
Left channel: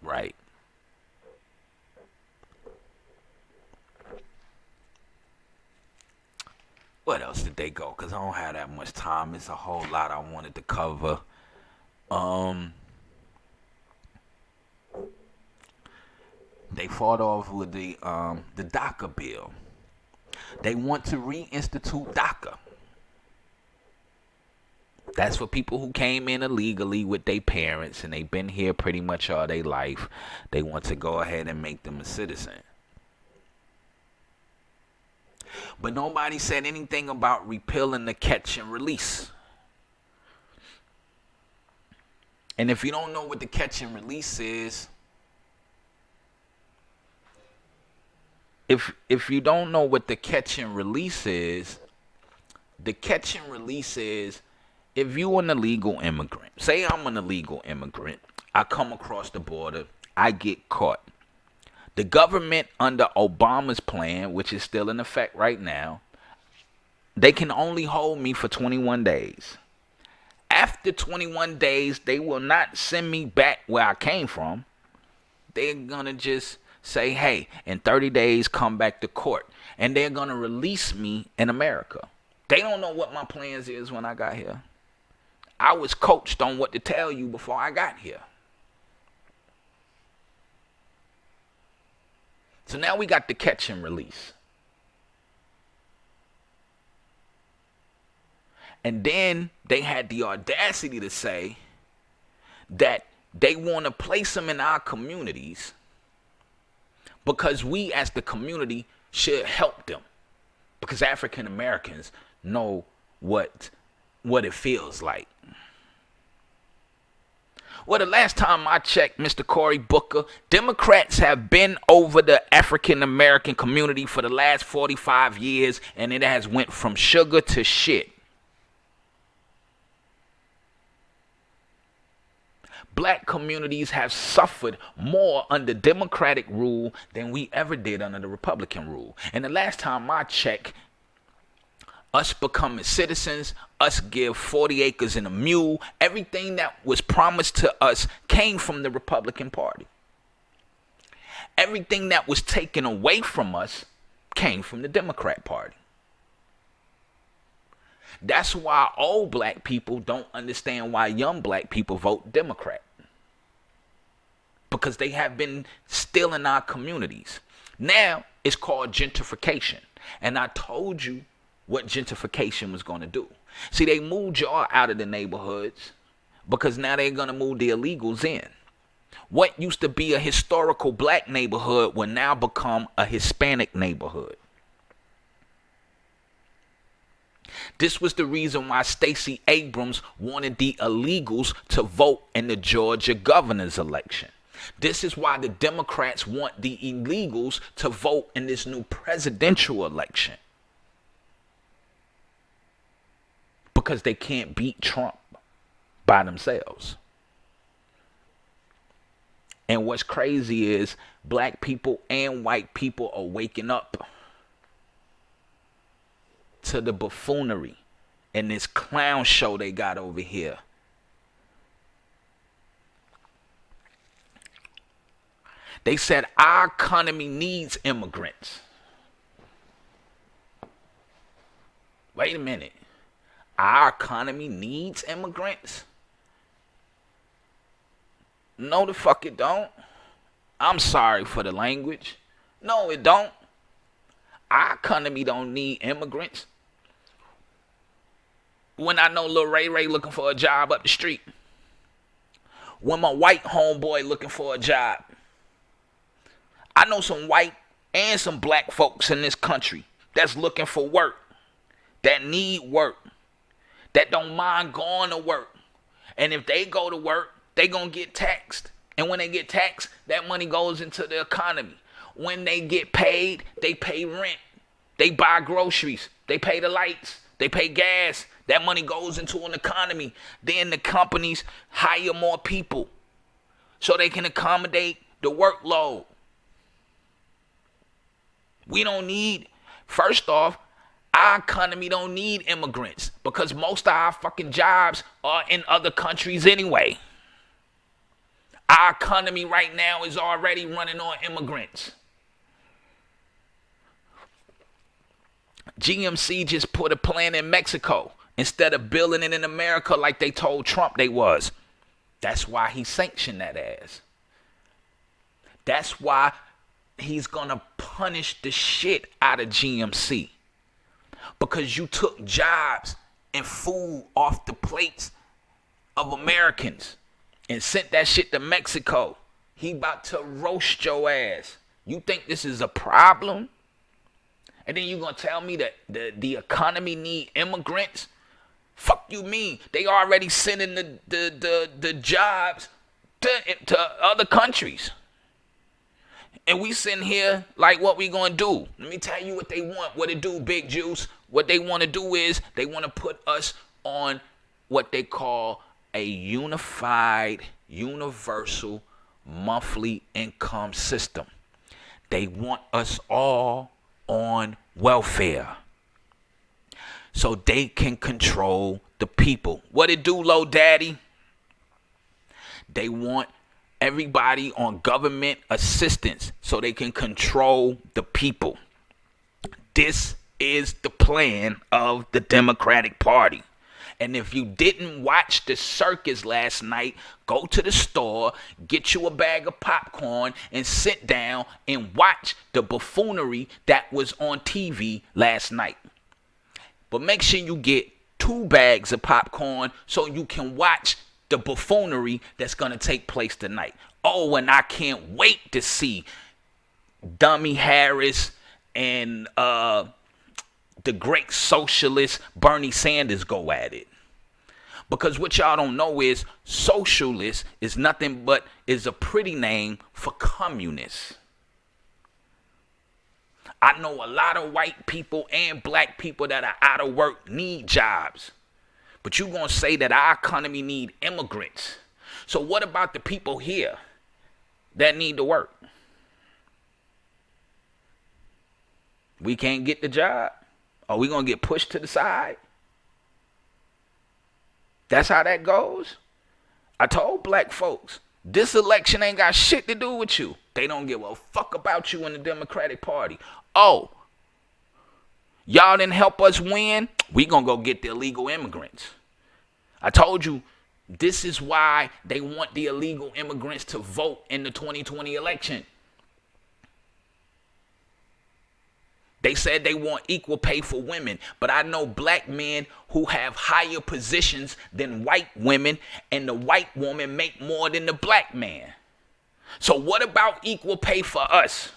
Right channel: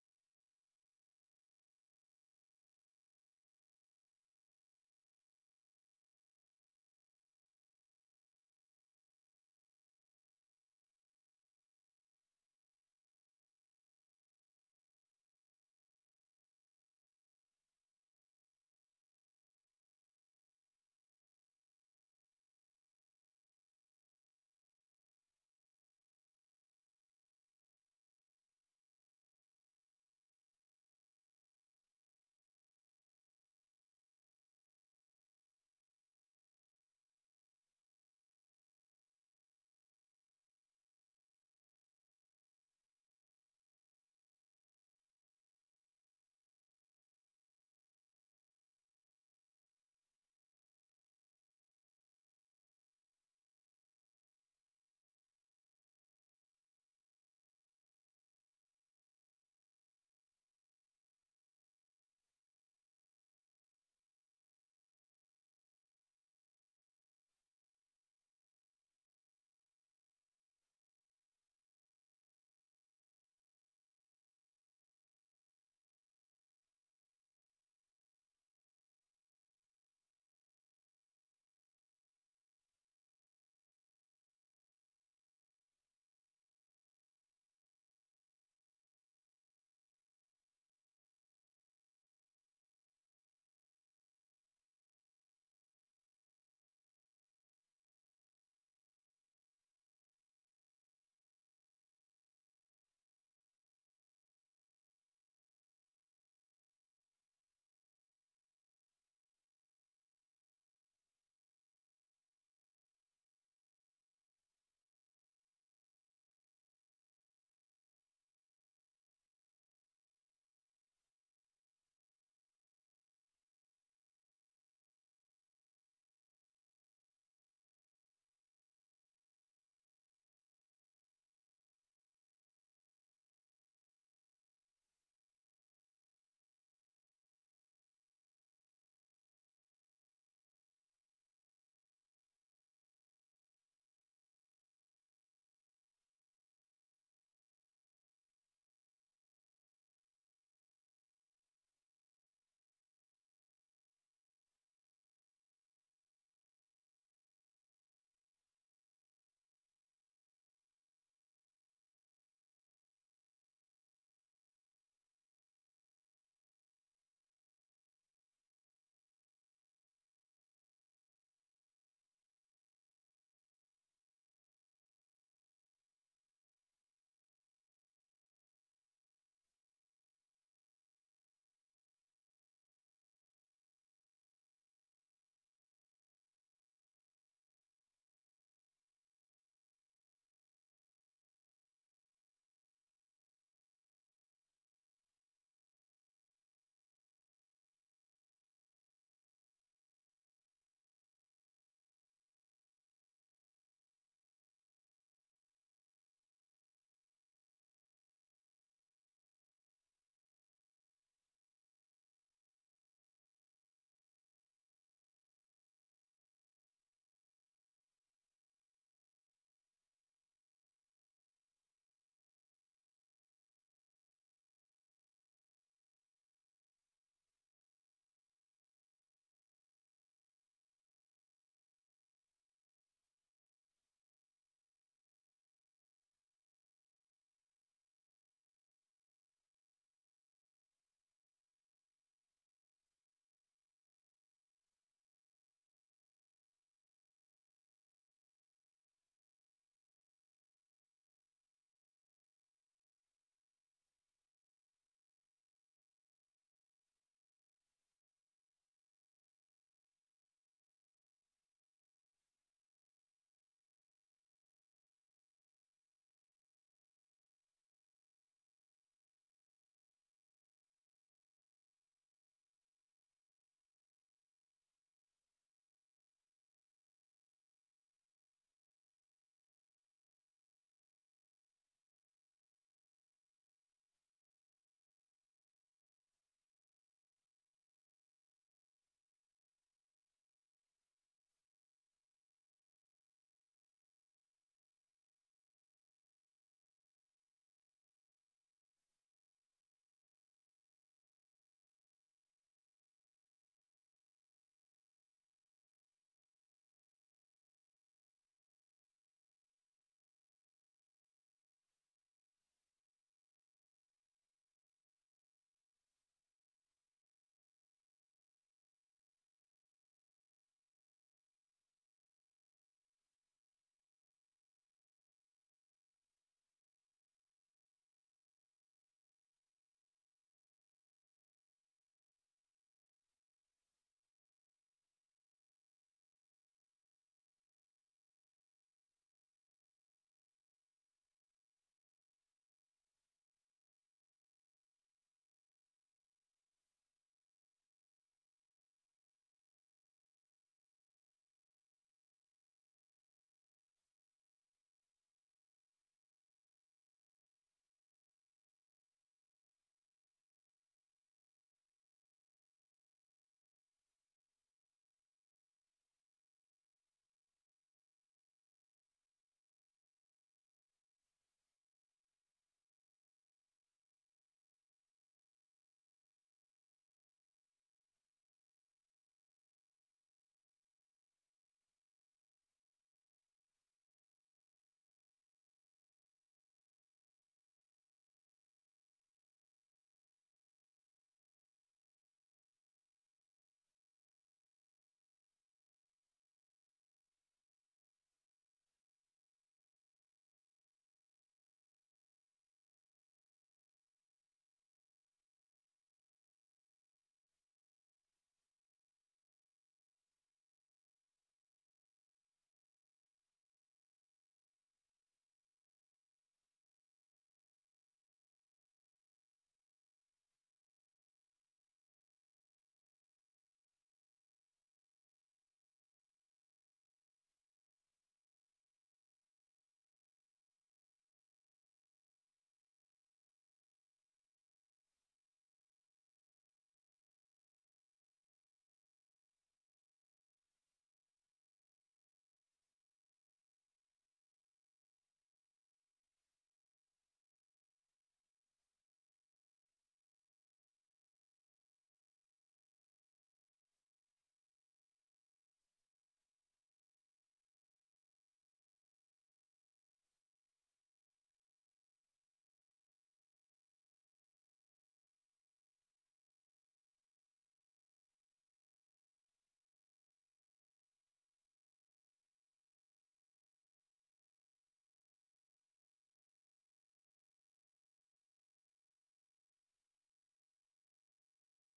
Right. What else did they go? Because I don't have that much time. It's a whole lot I wanted to cover. They fought off with the DACA bill. They want to reinstitute DACA. That's for people who came in illegally with their parents and they've been here pretty much all their life. They want to go ahead and make them a citizen. But nobody said anything about repealing the catch and release. And if you don't know what the catch and release is, if you don't know what the catch and release is, the catch and release is if you're an illegal immigrant. Say I'm an illegal immigrant. I come across the border. I get caught. The government under Obama's plan, which is still in effect right now, they can only hold me for 21 days. After 21 days, they will not send me back where I came from. They're going to just say, hey, in 30 days, come back to court. And they're going to release me in America. They don't know what my plans is when I got here. I was coached on what to tell you before I got here. So now we got the catch and release. And then they had the audacity to say that they want to place them in our communities because we as the community should help them. Because African Americans know what it feels like. Well, the last time I checked, Mr. Cory Booker, Democrats have been over the African American community for the last 45 years, and it has went from sugar to shit. Black communities have suffered more under Democratic rule than we ever did under the Republican rule. And the last time I checked, us becoming citizens, us give 40 acres and a mule, everything that was promised to us came from the Republican Party. Everything that was taken away from us came from the Democrat Party. That's why old black people don't understand why young black people vote Democrat. Because they have been stealing our communities. Now it's called gentrification. And I told you what gentrification was going to do. See, they moved y'all out of the neighborhoods because now they're going to move the illegals in. What used to be a historical black neighborhood will now become a Hispanic neighborhood. This was the reason why Stacey Abrams wanted the illegals to vote in the Georgia governor's election. This is why the Democrats want the illegals to vote in this new presidential election. because they can't beat Trump by themselves. And what's crazy is black people and white people are waking up to the buffoonery and this clown show they got over here. They said our economy needs immigrants. Wait a minute. Our economy needs immigrants? No, the fuck it don't. I'm sorry for the language. No, it don't. Our economy don't need immigrants. When I know Lil Ray Ray looking for a job up the street. When my white homeboy looking for a job. I know some white and some black folks in this country that's looking for work. That need work. That don't mind going to work. And if they go to work, they gonna get taxed. And when they get taxed, that money goes into the economy. When they get paid, they pay rent. They buy groceries. They pay the lights. They pay gas. That money goes into an economy. Then the companies hire more people so they can accommodate the workload. We don't need, first off, our economy don't need immigrants because most of our fucking jobs are in other countries anyway. Our economy right now is already running on immigrants. GMC just put a plant in Mexico instead of building it in America like they told Trump they was. That's why he sanctioned that ass. That's why he's gonna punish the shit out of GMC. Because you took jobs and food off the plates of Americans and sent that shit to Mexico. He about to roast your ass. You think this is a problem? And then you gonna tell me that the economy need immigrants? Fuck you mean? They already sending the jobs to other countries. And we sitting here like what we gonna do? Let me tell you what they want. What it do, Big Juice? What they want to do is they want to put us on what they call a unified, universal monthly income system. They want us all on welfare so they can control the people. What it do, Low Daddy? They want everybody on government assistance so they can control the people. This is the plan of the Democratic Party. And if you didn't watch the circus last night, go to the store, get you a bag of popcorn, and sit down and watch the buffoonery that was on TV last night. But make sure you get 2 bags of popcorn so you can watch the buffoonery that's going to take place tonight. Oh, and I can't wait to see Dummy Harris and the great socialist Bernie Sanders go at it. Because what y'all don't know is socialist is nothing but is a pretty name for communists. I know a lot of white people and black people that are out of work need jobs. But you gonna say that our economy need immigrants. So what about the people here that need to work? We can't get the job? Are we gonna get pushed to the side? That's how that goes. I told black folks, this election ain't got shit to do with you. They don't give a fuck about you in the Democratic Party. Oh, y'all didn't help us win? We gonna go get the illegal immigrants. I told you, this is why they want the illegal immigrants to vote in the 2020 election. They said they want equal pay for women, but I know black men who have higher positions than white women, and the white woman make more than the black man. So what about equal pay for us?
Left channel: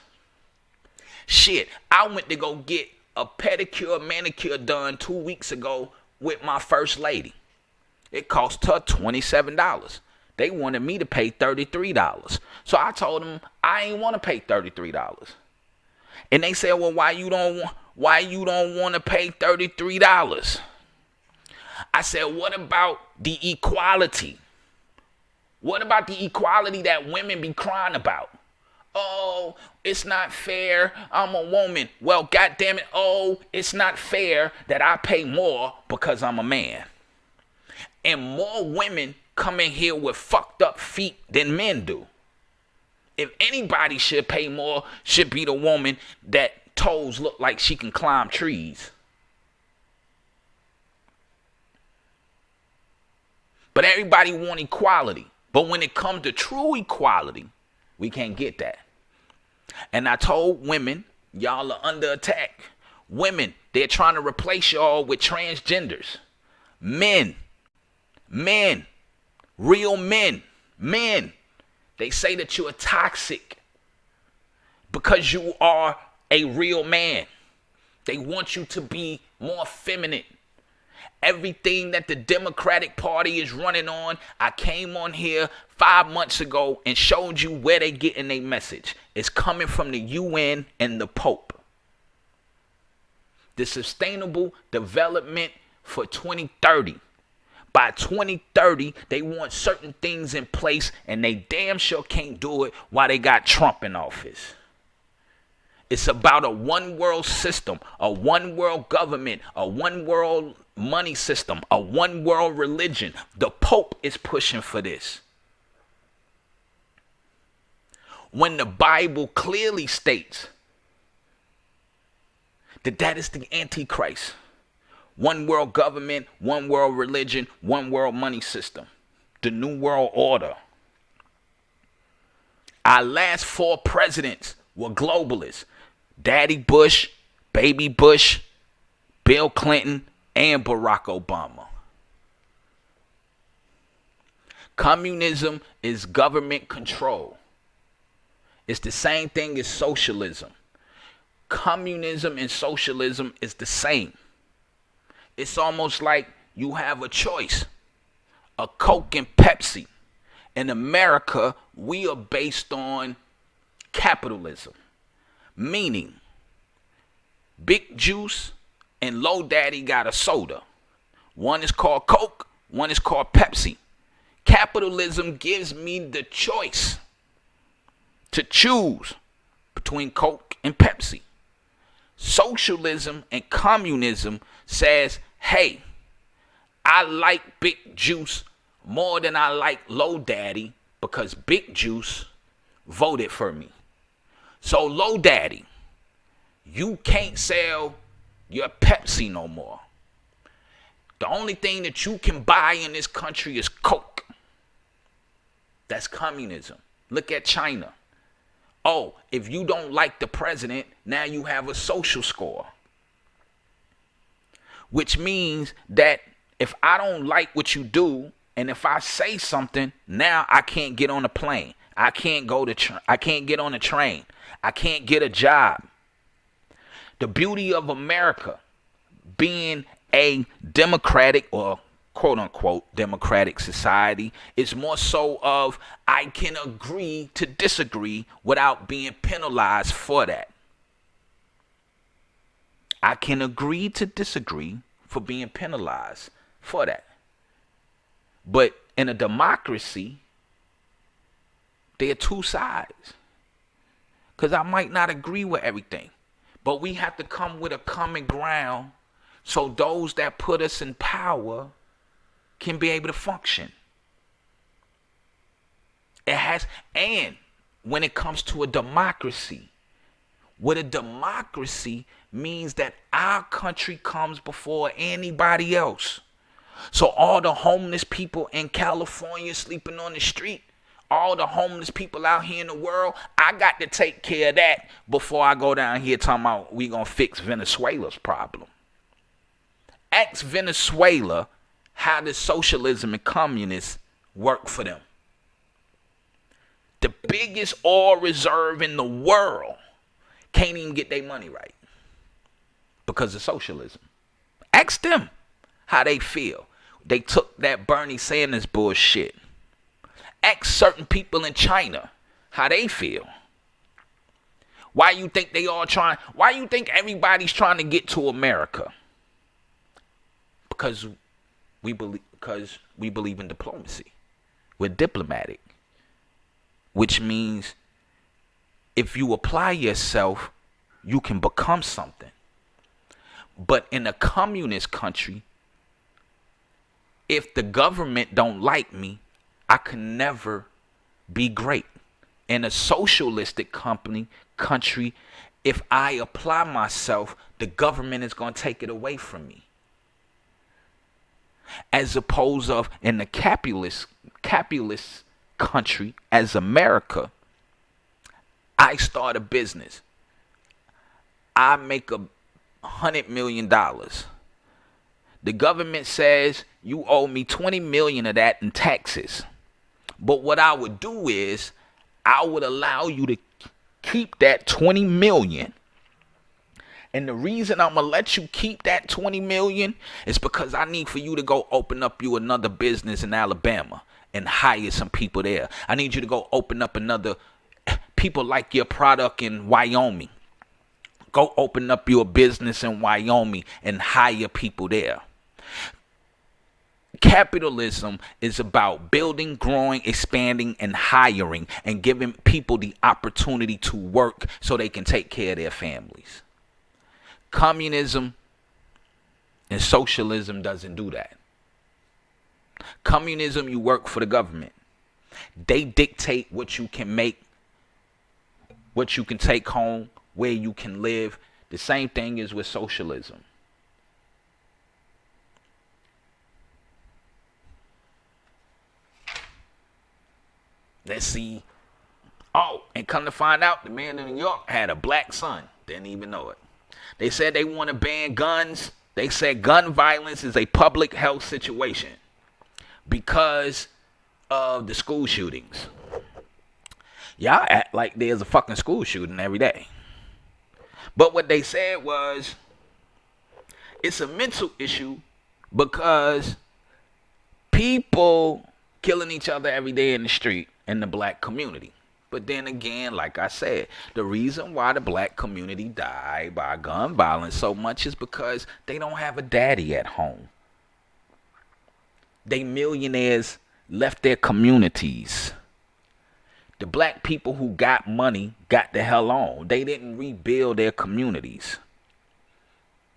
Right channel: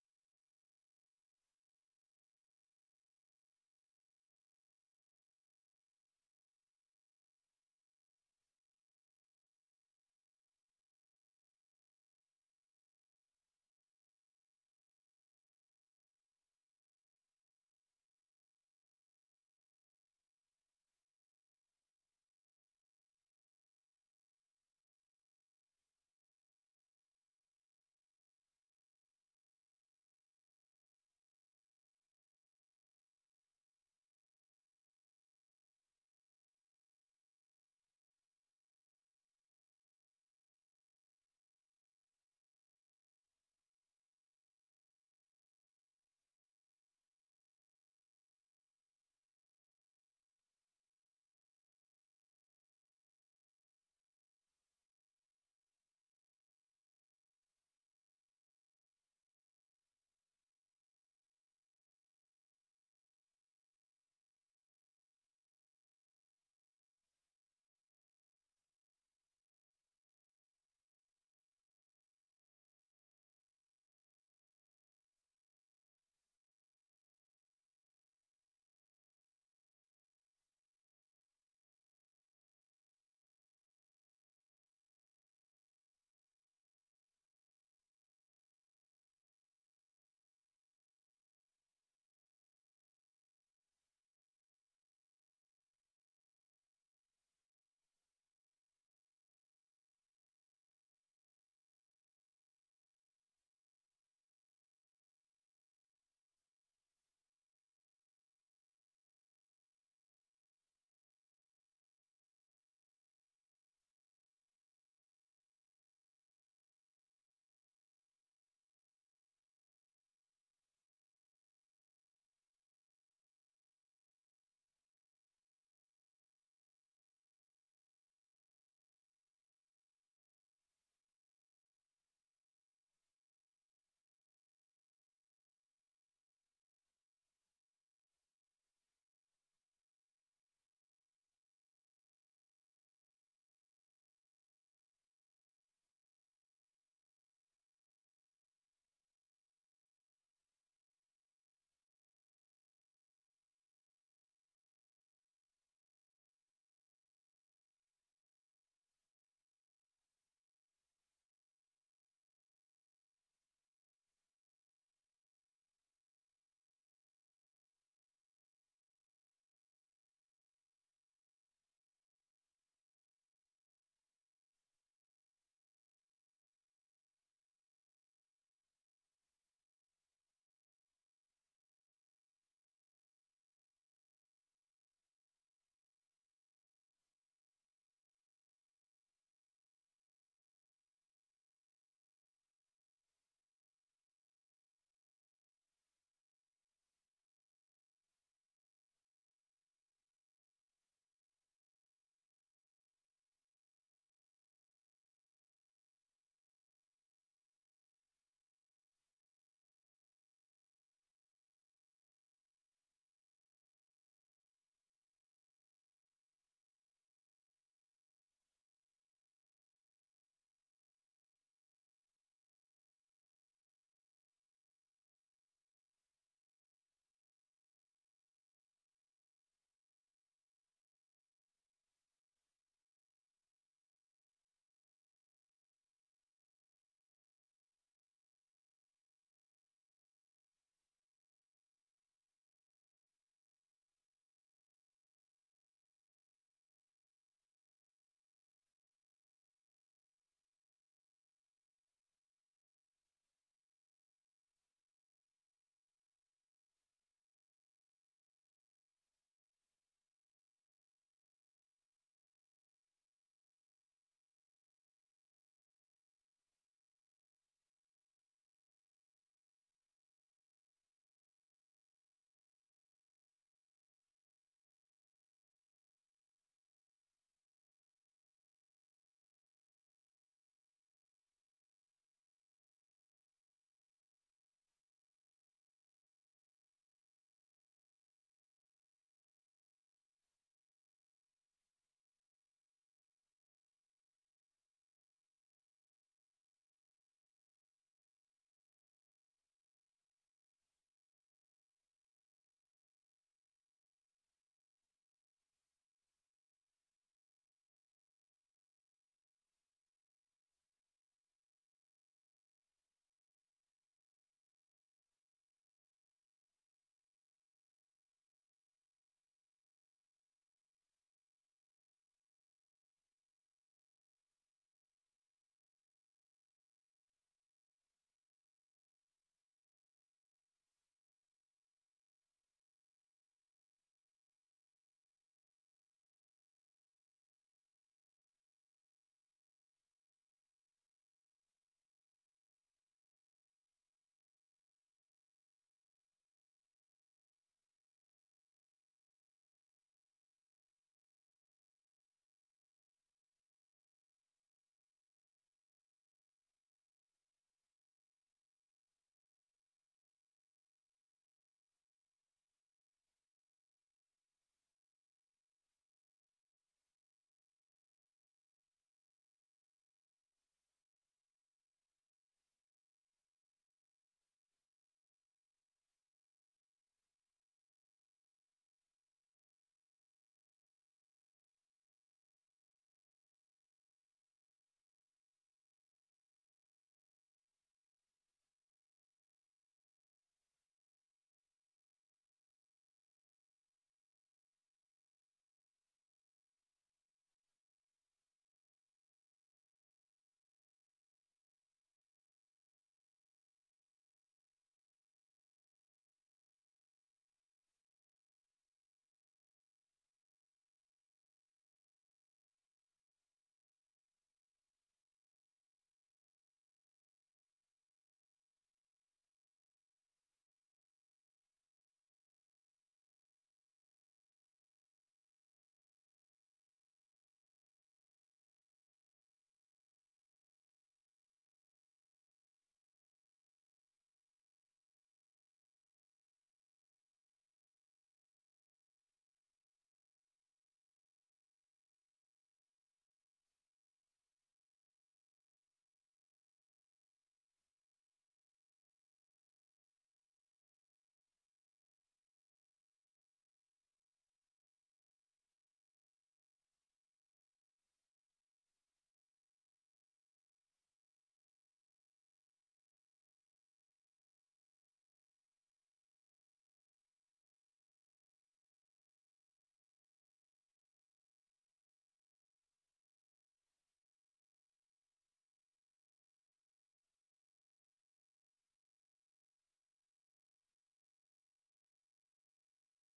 Shit, I went to go get a pedicure, manicure done 2 weeks ago with my first lady. It cost her $27. They wanted me to pay $33. So I told them I ain't want to pay $33. And they said, well, why you don't want to pay $33? I said, what about the equality? What about the equality that women be crying about? Oh, it's not fair. I'm a woman. Well, goddamn it. Oh, it's not fair that I pay more because I'm a man. And more women come in here with fucked up feet than men do. If anybody should pay more, should be the woman that toes look like she can climb trees. But everybody want equality. But when it comes to true equality, we can't get that. And I told women, y'all are under attack. Women, they're trying to replace y'all with transgenders. Men, real men, they say that you are toxic because you are a real man. They want you to be more feminine. Everything that the Democratic Party is running on, I came on here 5 months ago and showed you where they getting their message. It's coming from the UN and the Pope. The Sustainable Development for 2030. By 2030, they want certain things in place, and they damn sure can't do it while they got Trump in office. It's about a one world system, a one world government, a one world money system, a one world religion. The Pope is pushing for this. When the Bible clearly states that is the Antichrist. One world government, one world religion, one world money system. The New World Order. Our last 4 presidents were globalists. Daddy Bush, Baby Bush, Bill Clinton, and Barack Obama. Communism is government control. It's the same thing as socialism. Communism and socialism is the same. It's almost like you have a choice, a Coke and Pepsi. In America, we are based on capitalism, meaning Big Juice and Low Daddy got a soda. One is called Coke, one is called Pepsi. Capitalism gives me the choice to choose between Coke and Pepsi. Socialism and communism says, hey, I like Big Juice more than I like Low Daddy because Big Juice voted for me. So Low Daddy, you can't sell your Pepsi no more. The only thing that you can buy in this country is Coke. That's communism. Look at China. Oh, if you don't like the president, now you have a social score. Which means that if I don't like what you do, and if I say something, now I can't get on a plane. I can't I can't get on a train. I can't get a job. The beauty of America being a democratic or quote unquote democratic society is more so of I can agree to disagree without being penalized for that. I can agree to disagree for being penalized for that. But in a democracy, there are two sides. Because I might not agree with everything. But we have to come with a common ground so those that put us in power can be able to function. And when it comes to a democracy, what a democracy means that our country comes before anybody else. So all the homeless people in California sleeping on the street, all the homeless people out here in the world, I got to take care of that before I go down here talking about we gonna fix Venezuela's problem. Ask Venezuela how does socialism and communists work for them. The biggest oil reserve in the world can't even get their money right because of socialism. Ask them how they feel. They took that Bernie Sanders bullshit. Ask certain people in China how they feel. Why you think why you think everybody's trying to get to America? Because we believe in diplomacy. We're diplomatic, which means if you apply yourself, you can become something. But in a communist country, if the government don't like me, I can never be great. In a socialistic country, if I apply myself, the government is going to take it away from me. As opposed of in the capitalist country as America, I start a business. I make $100 million. The government says you owe me $20 million of that in taxes. But what I would do is I would allow you to keep that $20 million. And the reason I'm going to let you keep that $20 million is because I need for you to go open up you another business in Alabama and hire some people there. I need you to go open up another people like your product in Wyoming. Go open up your business in Wyoming and hire people there. Capitalism is about building, growing, expanding, and hiring and giving people the opportunity to work so they can take care of their families. Communism and socialism doesn't do that. Communism, you work for the government. They dictate what you can make, what you can take home, where you can live. The same thing is with socialism. Let's see. Oh, and come to find out, the man in New York had a black son. Didn't even know it. They said they want to ban guns. They said gun violence is a public health situation because of the school shootings. Y'all act like there's a fucking school shooting every day. But what they said was it's a mental issue because people killing each other every day in the street in the black community. But then again, like I said, the reason why the black community died by gun violence so much is because they don't have a daddy at home. They millionaires left their communities. The black people who got money got the hell on. They didn't rebuild their communities.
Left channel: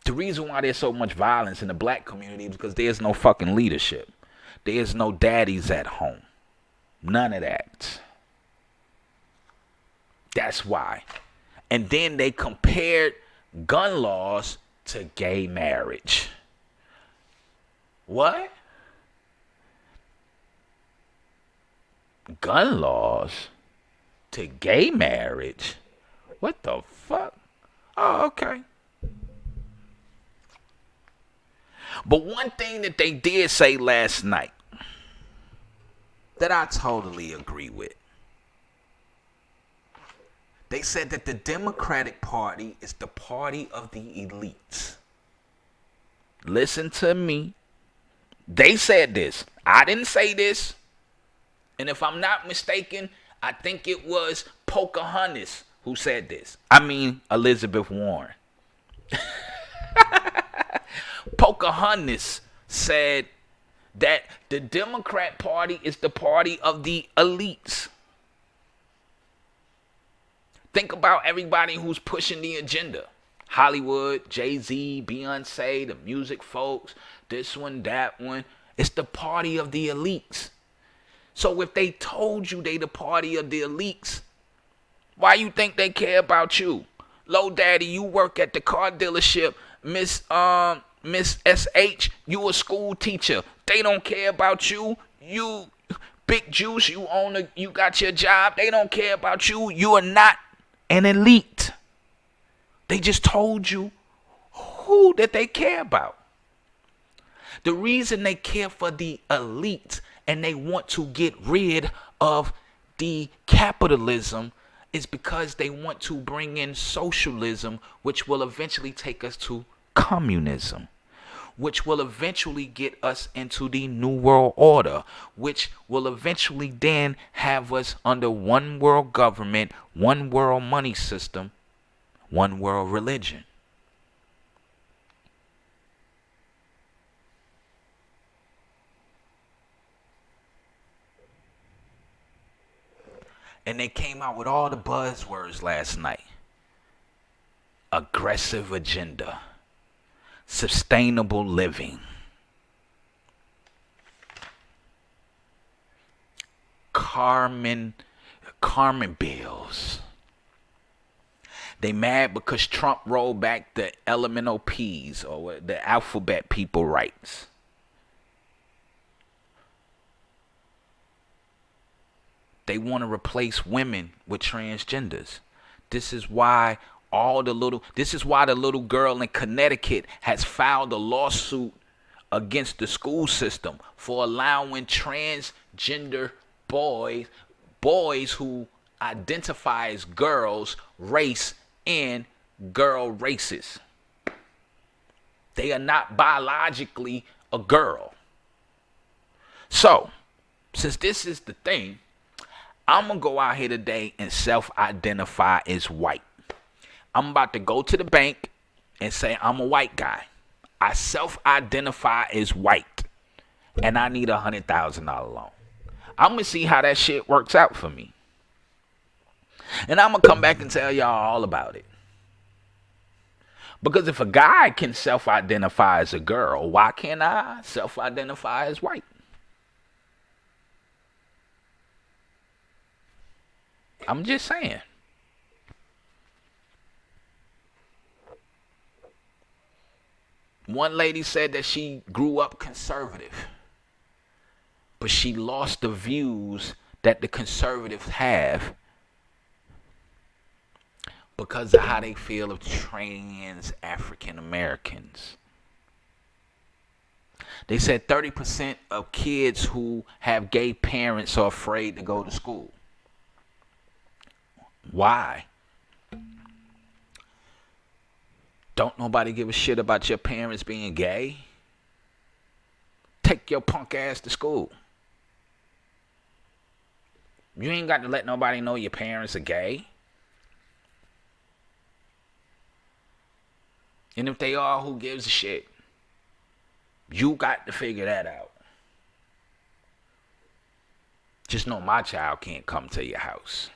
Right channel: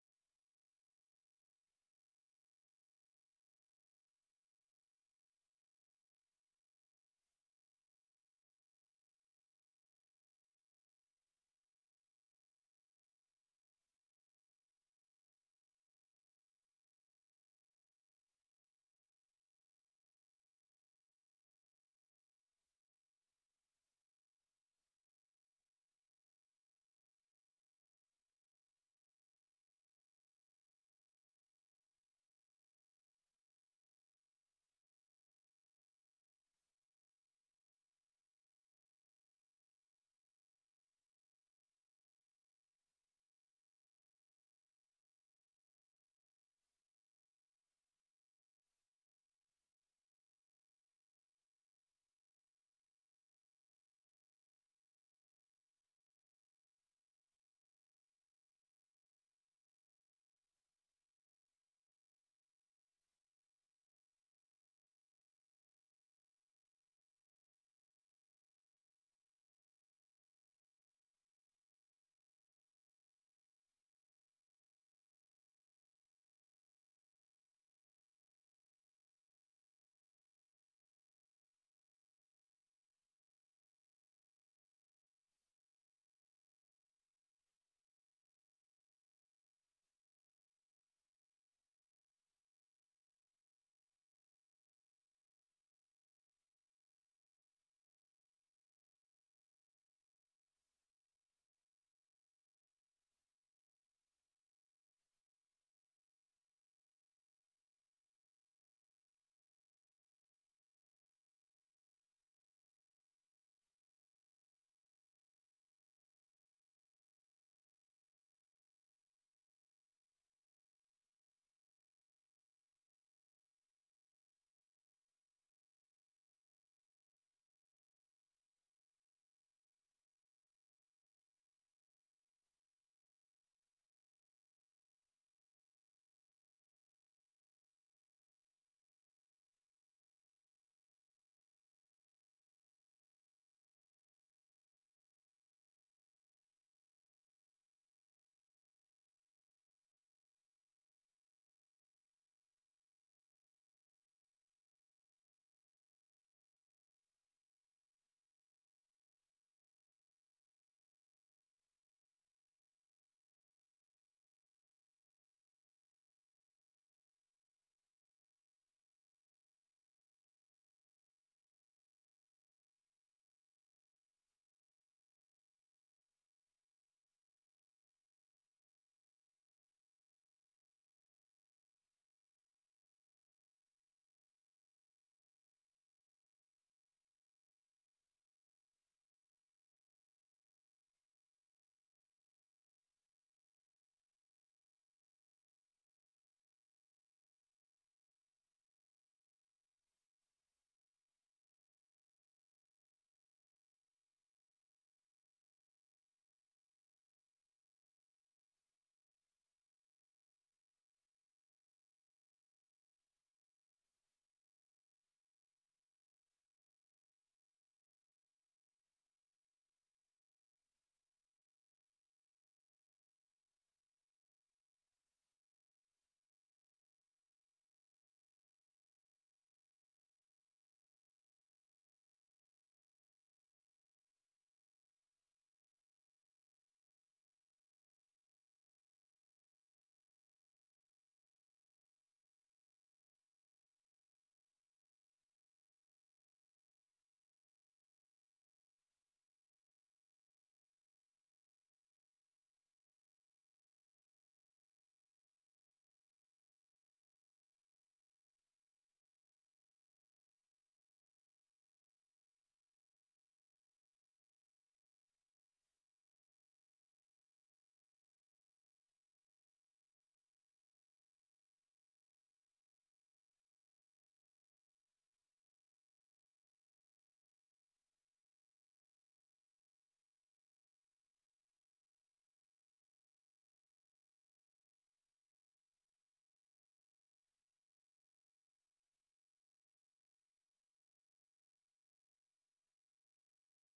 The reason why there's so much violence in the black community is because there's no fucking leadership. There's no daddies at home. None of that. That's why. And then they compared gun laws to gay marriage. What? Gun laws to gay marriage? What the fuck? Oh, okay. But one thing that they did say last night that I totally agree with. They said that the Democratic Party is the party of the elites. Listen to me. They said this. I didn't say this. And if I'm not mistaken, I think it was Pocahontas who said this. I mean, Elizabeth Warren. Pocahontas said that the Democrat Party is the party of the elites. Think about everybody who's pushing the agenda. Hollywood, Jay-Z, Beyonce, the music folks, this one, that one. It's the party of the elites. So if they told you they the party of the elites, why you think they care about you? Low Daddy, you work at the car dealership. Miss SH, you a school teacher. They don't care about you. You Big Juice, you got your job. They don't care about you. You are not an elite. They just told you who that they care about. The reason they care for the elite and they want to get rid of the capitalism is because they want to bring in socialism, which will eventually take us to communism, which will eventually get us into the New World Order, which will eventually then have us under one world government, one world money system, one world religion. And they came out with all the buzzwords last night. Aggressive agenda. Sustainable living. Carmen bills. They mad because Trump rolled back the elemental P's, or the alphabet people rights. They want to replace women with transgenders. This is why the little girl in Connecticut has filed a lawsuit against the school system for allowing transgender boys who identify as girls, race, and girl races. They are not biologically a girl. So, since this is the thing, I'm going to go out here today and self-identify as white. I'm about to go to the bank and say I'm a white guy. I self-identify as white. And I need a $100,000 loan. I'm going to see how that shit works out for me. And I'm going to come back and tell y'all all about it. Because if a guy can self-identify as a girl, why can't I self-identify as white? I'm just saying. One lady said that she grew up conservative, but she lost the views that the conservatives have because of how they feel of trans African Americans. They said 30% of kids who have gay parents are afraid to go to school. Why? Don't nobody give a shit about your parents being gay? Take your punk ass to school. You ain't got to let nobody know your parents are gay. And if they are, who gives a shit? You got to figure that out. Just know my child can't come to your house.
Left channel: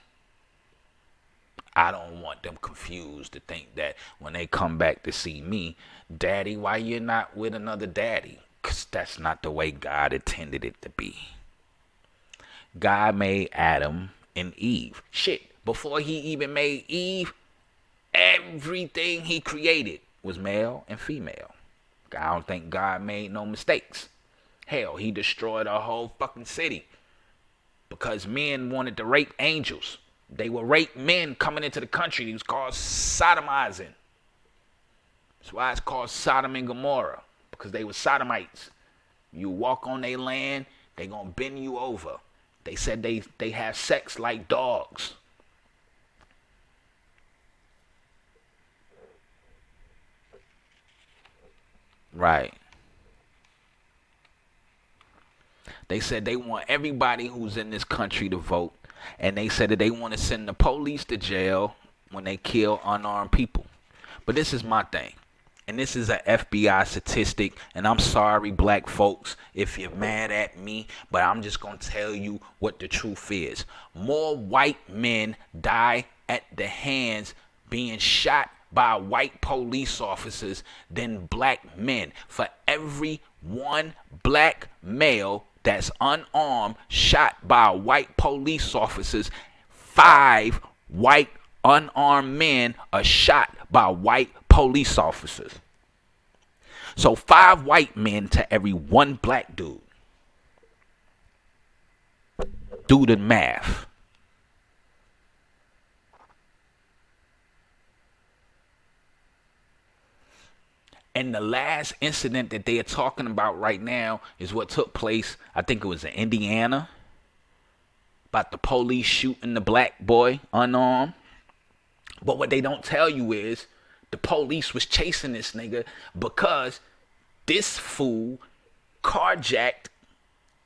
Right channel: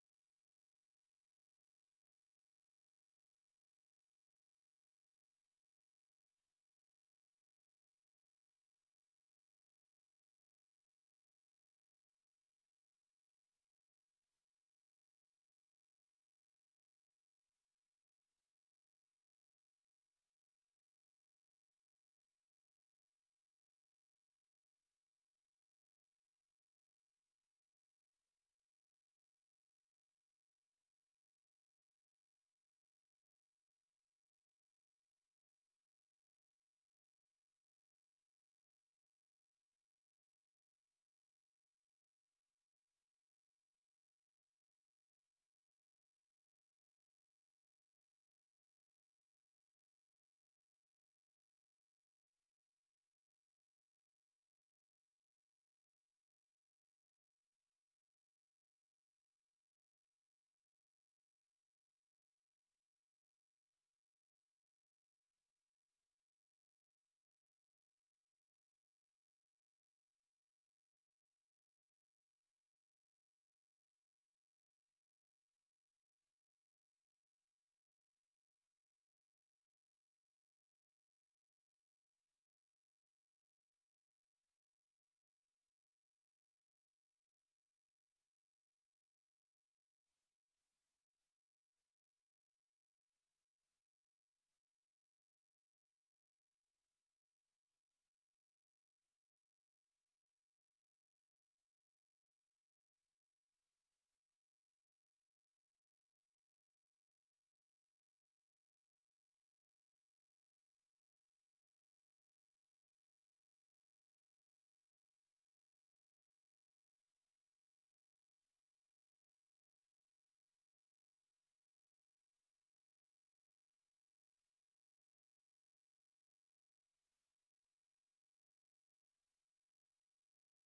I don't want them confused to think that when they come back to see me, Daddy, why you're not with another daddy? Because that's not the way God intended it to be. God made Adam and Eve. Shit, before he even made Eve, everything he created was male and female. I don't think God made no mistakes. Hell, he destroyed a whole fucking city because men wanted to rape angels. They would rape men coming into the country. It was called sodomizing. That's why it's called Sodom and Gomorrah, because they were sodomites. You walk on their land, they gonna bend you over. They said they have sex like dogs. Right. They said they want everybody who's in this country to vote. And they said that they want to send the police to jail when they kill unarmed people. But this is my thing. And this is an FBI statistic. And I'm sorry, black folks, if you're mad at me. But I'm just going to tell you what the truth is. More white men die at the hands being shot by white police officers than black men. For every one black male that's unarmed, shot by white police officers, 5 white unarmed men are shot by white police officers. So 5 white men to every 1 black dude. Do the math. And the last incident that they are talking about right now is what took place, I think it was in Indiana, about the police shooting the black boy unarmed. But what they don't tell you is the police was chasing this nigga because this fool carjacked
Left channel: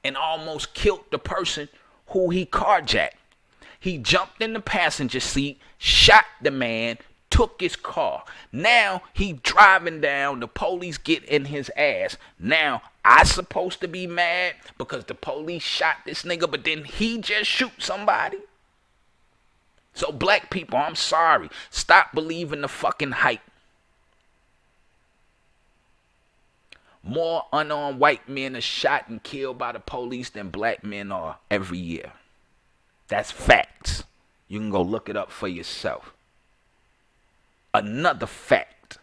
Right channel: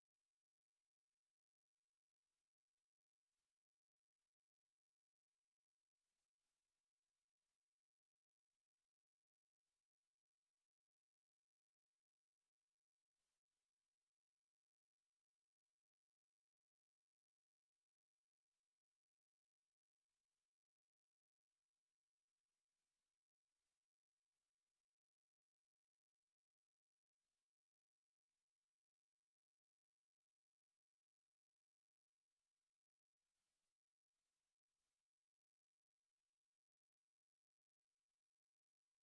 and almost killed the person who he carjacked. He jumped in the passenger seat, shot the man, took his car. Now he driving down, the police get in his ass. Now I supposed to be mad because the police shot this nigga, but then he just shoot somebody? So black people, I'm sorry. Stop believing the fucking hype. More unarmed white men are shot and killed by the police than black men are every year. That's facts. You can go look it up for yourself. Another fact.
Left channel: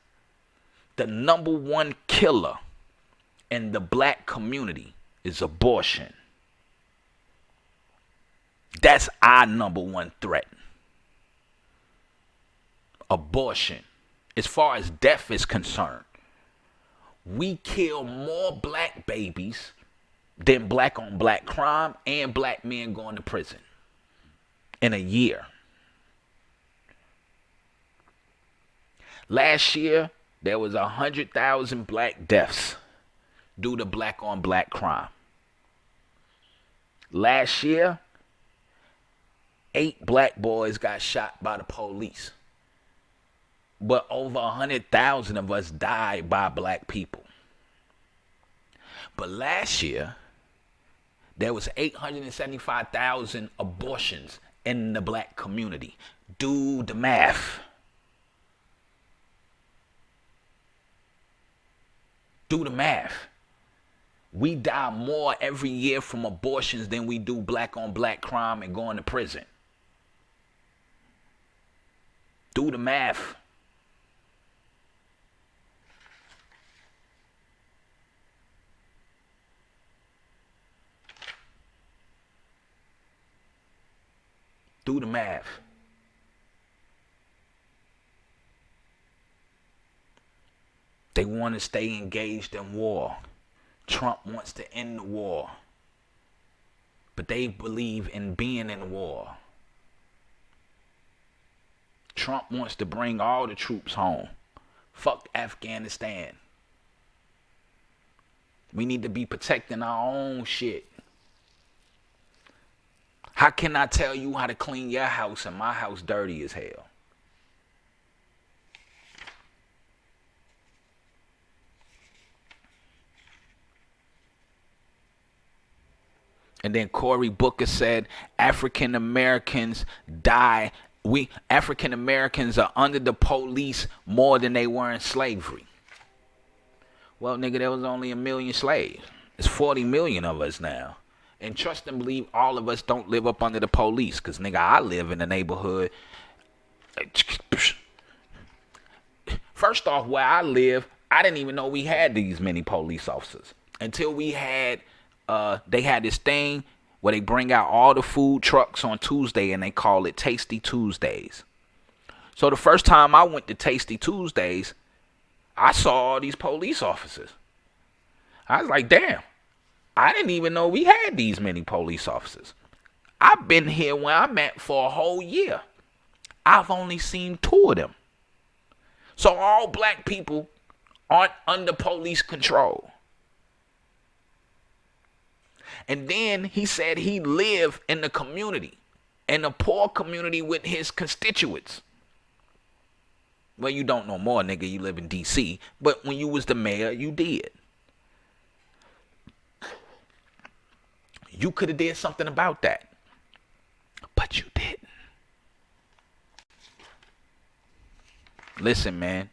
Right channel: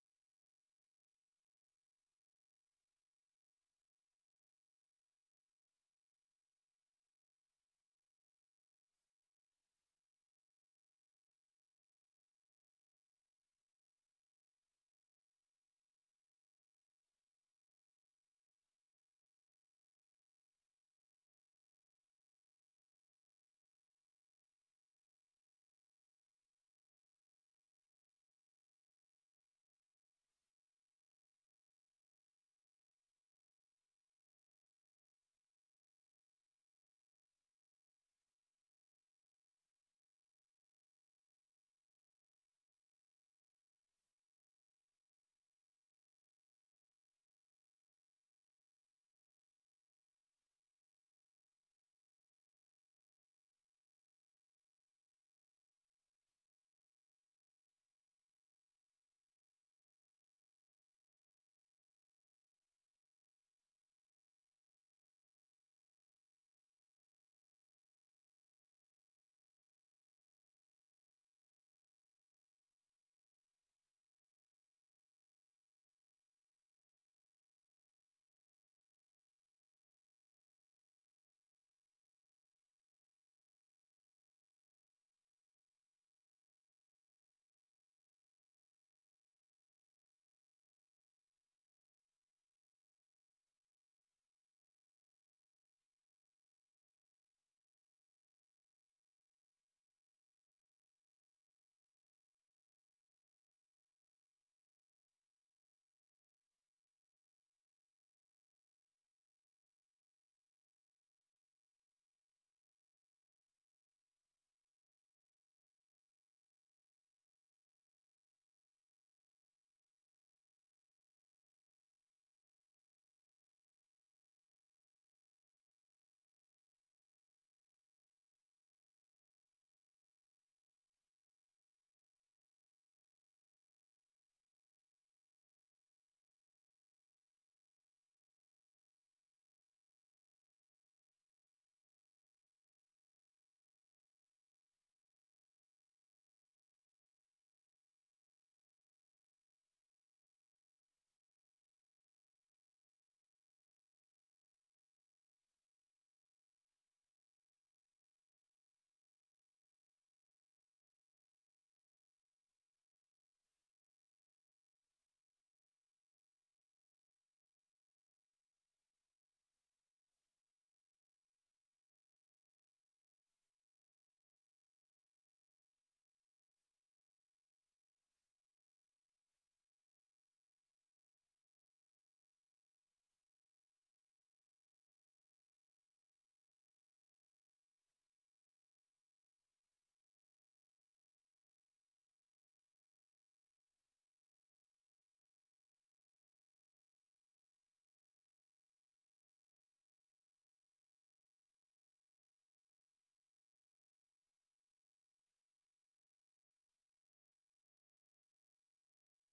The number one killer in the black community is abortion. That's our number one threat. Abortion. As far as death is concerned, we kill more black babies than black on black crime and black men going to prison in a year. Last year, there was 100,000 black deaths due to black on black crime. Last year, 8 black boys got shot by the police. But over 100,000 of us died by black people. But last year, there was 875,000 abortions in the black community. Do the math. Do the math. We die more every year from abortions than we do black on black crime and going to prison. Do the math. Do the math. They want to stay engaged in war. Trump wants to end the war. But they believe in being in war. Trump wants to bring all the troops home. Fuck Afghanistan. We need to be protecting our own shit. How can I tell you how to clean your house and my house dirty as hell? And then Cory Booker said African Americans die. African Americans are under the police more than they were in slavery. Well, nigga, there was only 1 million slaves. There's 40 million of us now. And trust and believe all of us don't live up under the police. Because, nigga, I live in a neighborhood. First off, where I live, I didn't even know we had these many police officers. Until we had, they had this thing where they bring out all the food trucks on Tuesday and they call it Tasty Tuesdays. So the first time I went to Tasty Tuesdays, I saw all these police officers. I was like, damn. I didn't even know we had these many police officers. I've been here where I'm at for a whole year. I've only seen 2 of them. So all black people aren't under police control. And then he said he lived in the community, in a poor community with his constituents. Well, you don't know more, nigga. You live in D.C. But when you was the mayor, you did. You could have did something about that. But you didn't. Listen, man.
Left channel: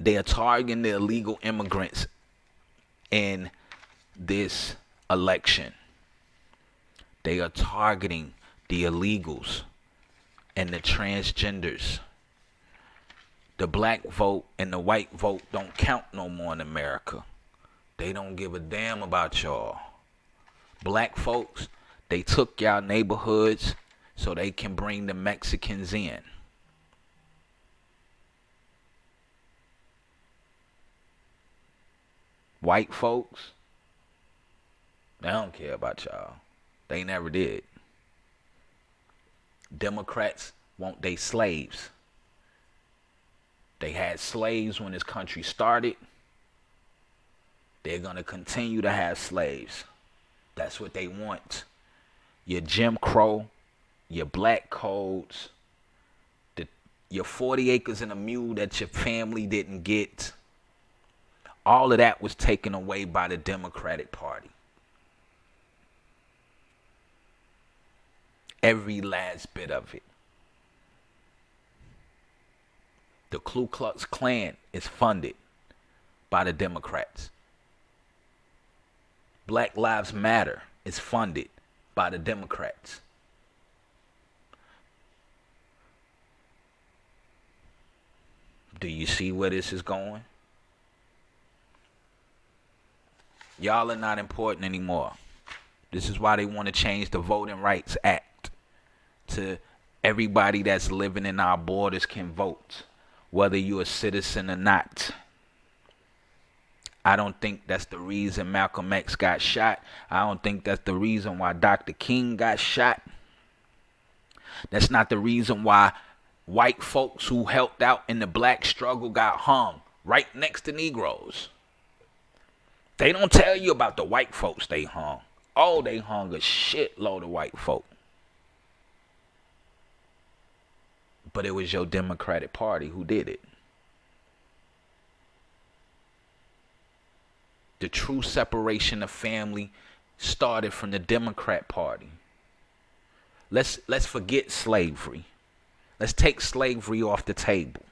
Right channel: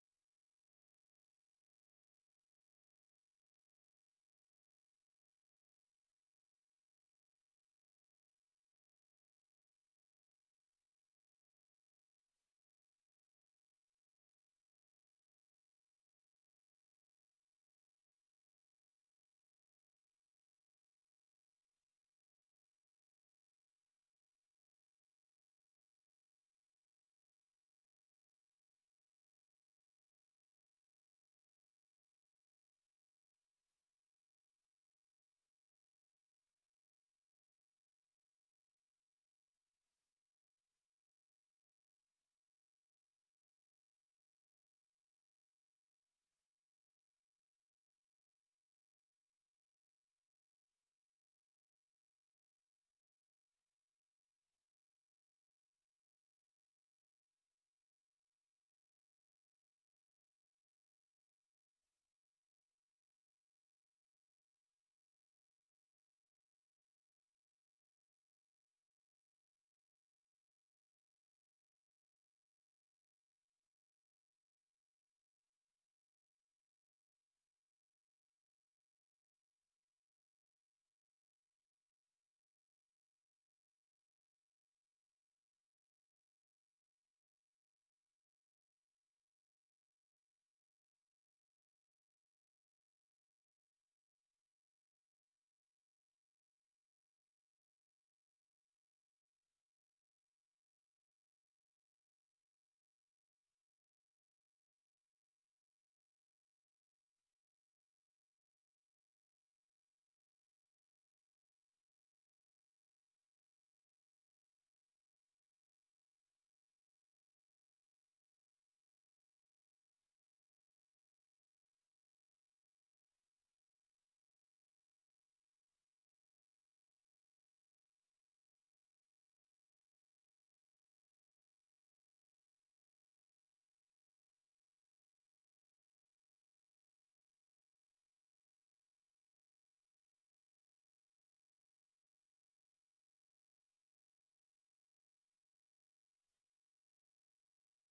They are targeting the illegal immigrants in this election. They are targeting the illegals and the transgenders. The black vote and the white vote don't count no more in America. They don't give a damn about y'all. Black folks, they took y'all neighborhoods so they can bring the Mexicans in. White folks, they don't care about y'all. They never did. Democrats want they slaves. They had slaves when this country started. They're going to continue to have slaves. That's what they want. Your Jim Crow, your black codes, your 40 acres and a mule that your family didn't get. All of that was taken away by the Democratic Party. Every last bit of it. The Ku Klux Klan is funded by the Democrats. Black Lives Matter is funded by the Democrats. Do you see where this is going? Y'all are not important anymore. This is why they want to change the Voting Rights Act to everybody that's living in our borders can vote, whether you're a citizen or not. I don't think that's the reason Malcolm X got shot. I don't think that's the reason why Dr. King got shot. That's not the reason why white folks who helped out in the black struggle got hung right next to Negroes. They don't tell you about the white folks they hung. Oh, they hung a shitload of white folk. But it was your Democratic Party who did it. The true separation of family started from the Democrat Party. Let's forget slavery. Let's take slavery off the table.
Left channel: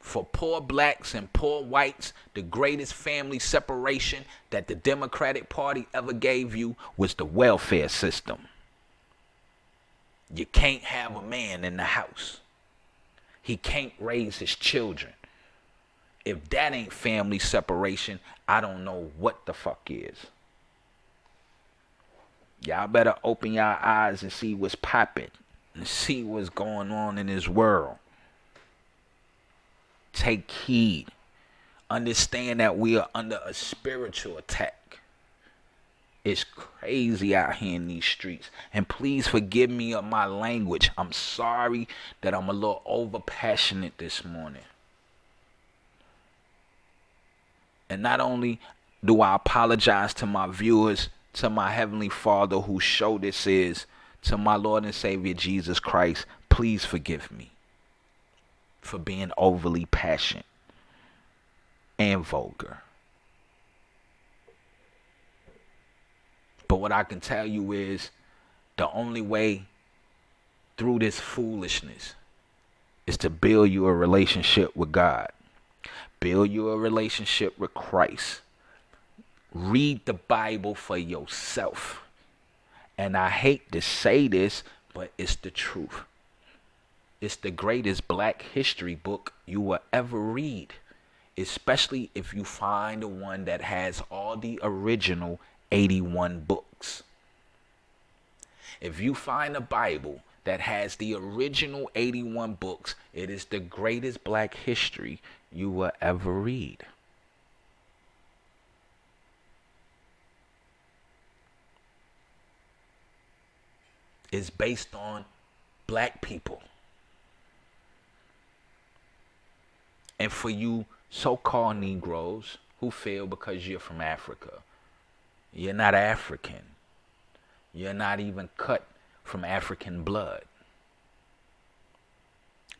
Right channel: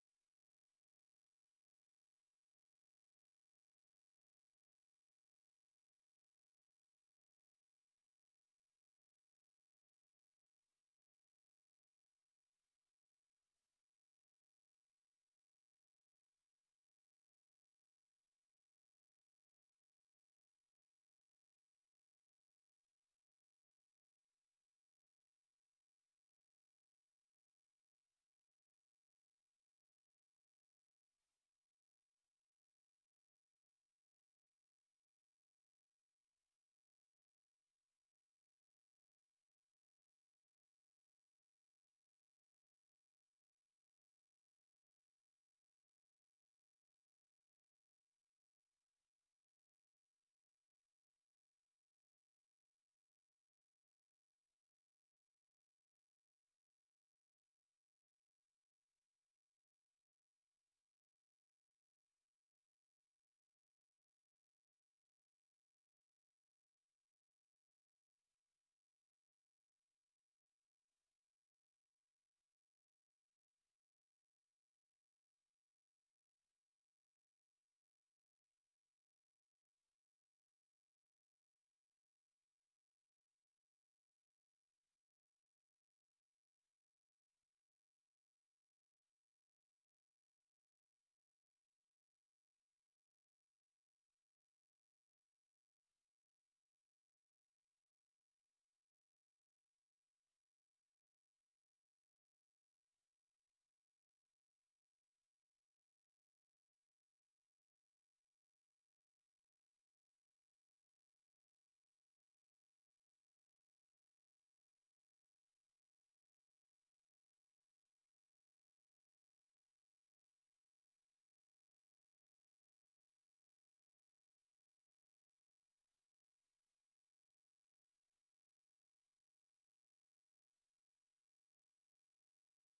For poor blacks and poor whites, the greatest family separation that the Democratic Party ever gave you was the welfare system. You can't have a man in the house. He can't raise his children. If that ain't family separation, I don't know what the fuck is. Y'all better open your eyes and see what's popping and see what's going on in this world. Take heed. Understand that we are under a spiritual attack. It's crazy out here in these streets. And please forgive me of my language. I'm sorry that I'm a little over passionate this morning. And not only do I apologize to my viewers, to my Heavenly Father whose show this is, to my Lord and Savior Jesus Christ, please forgive me for being overly passionate and vulgar. But what I can tell you is the only way through this foolishness is to build you a relationship with God. Build you a relationship with Christ. Read the Bible for yourself. And I hate to say this, but it's the truth. It's the greatest black history book you will ever read. Especially if you find the one that has all the original 81 books. If you find a Bible that has the original 81 books, it is the greatest black history you will ever read. It's based on black people. And for you so-called Negroes who feel because you're from Africa, you're not African. You're not even cut from African blood.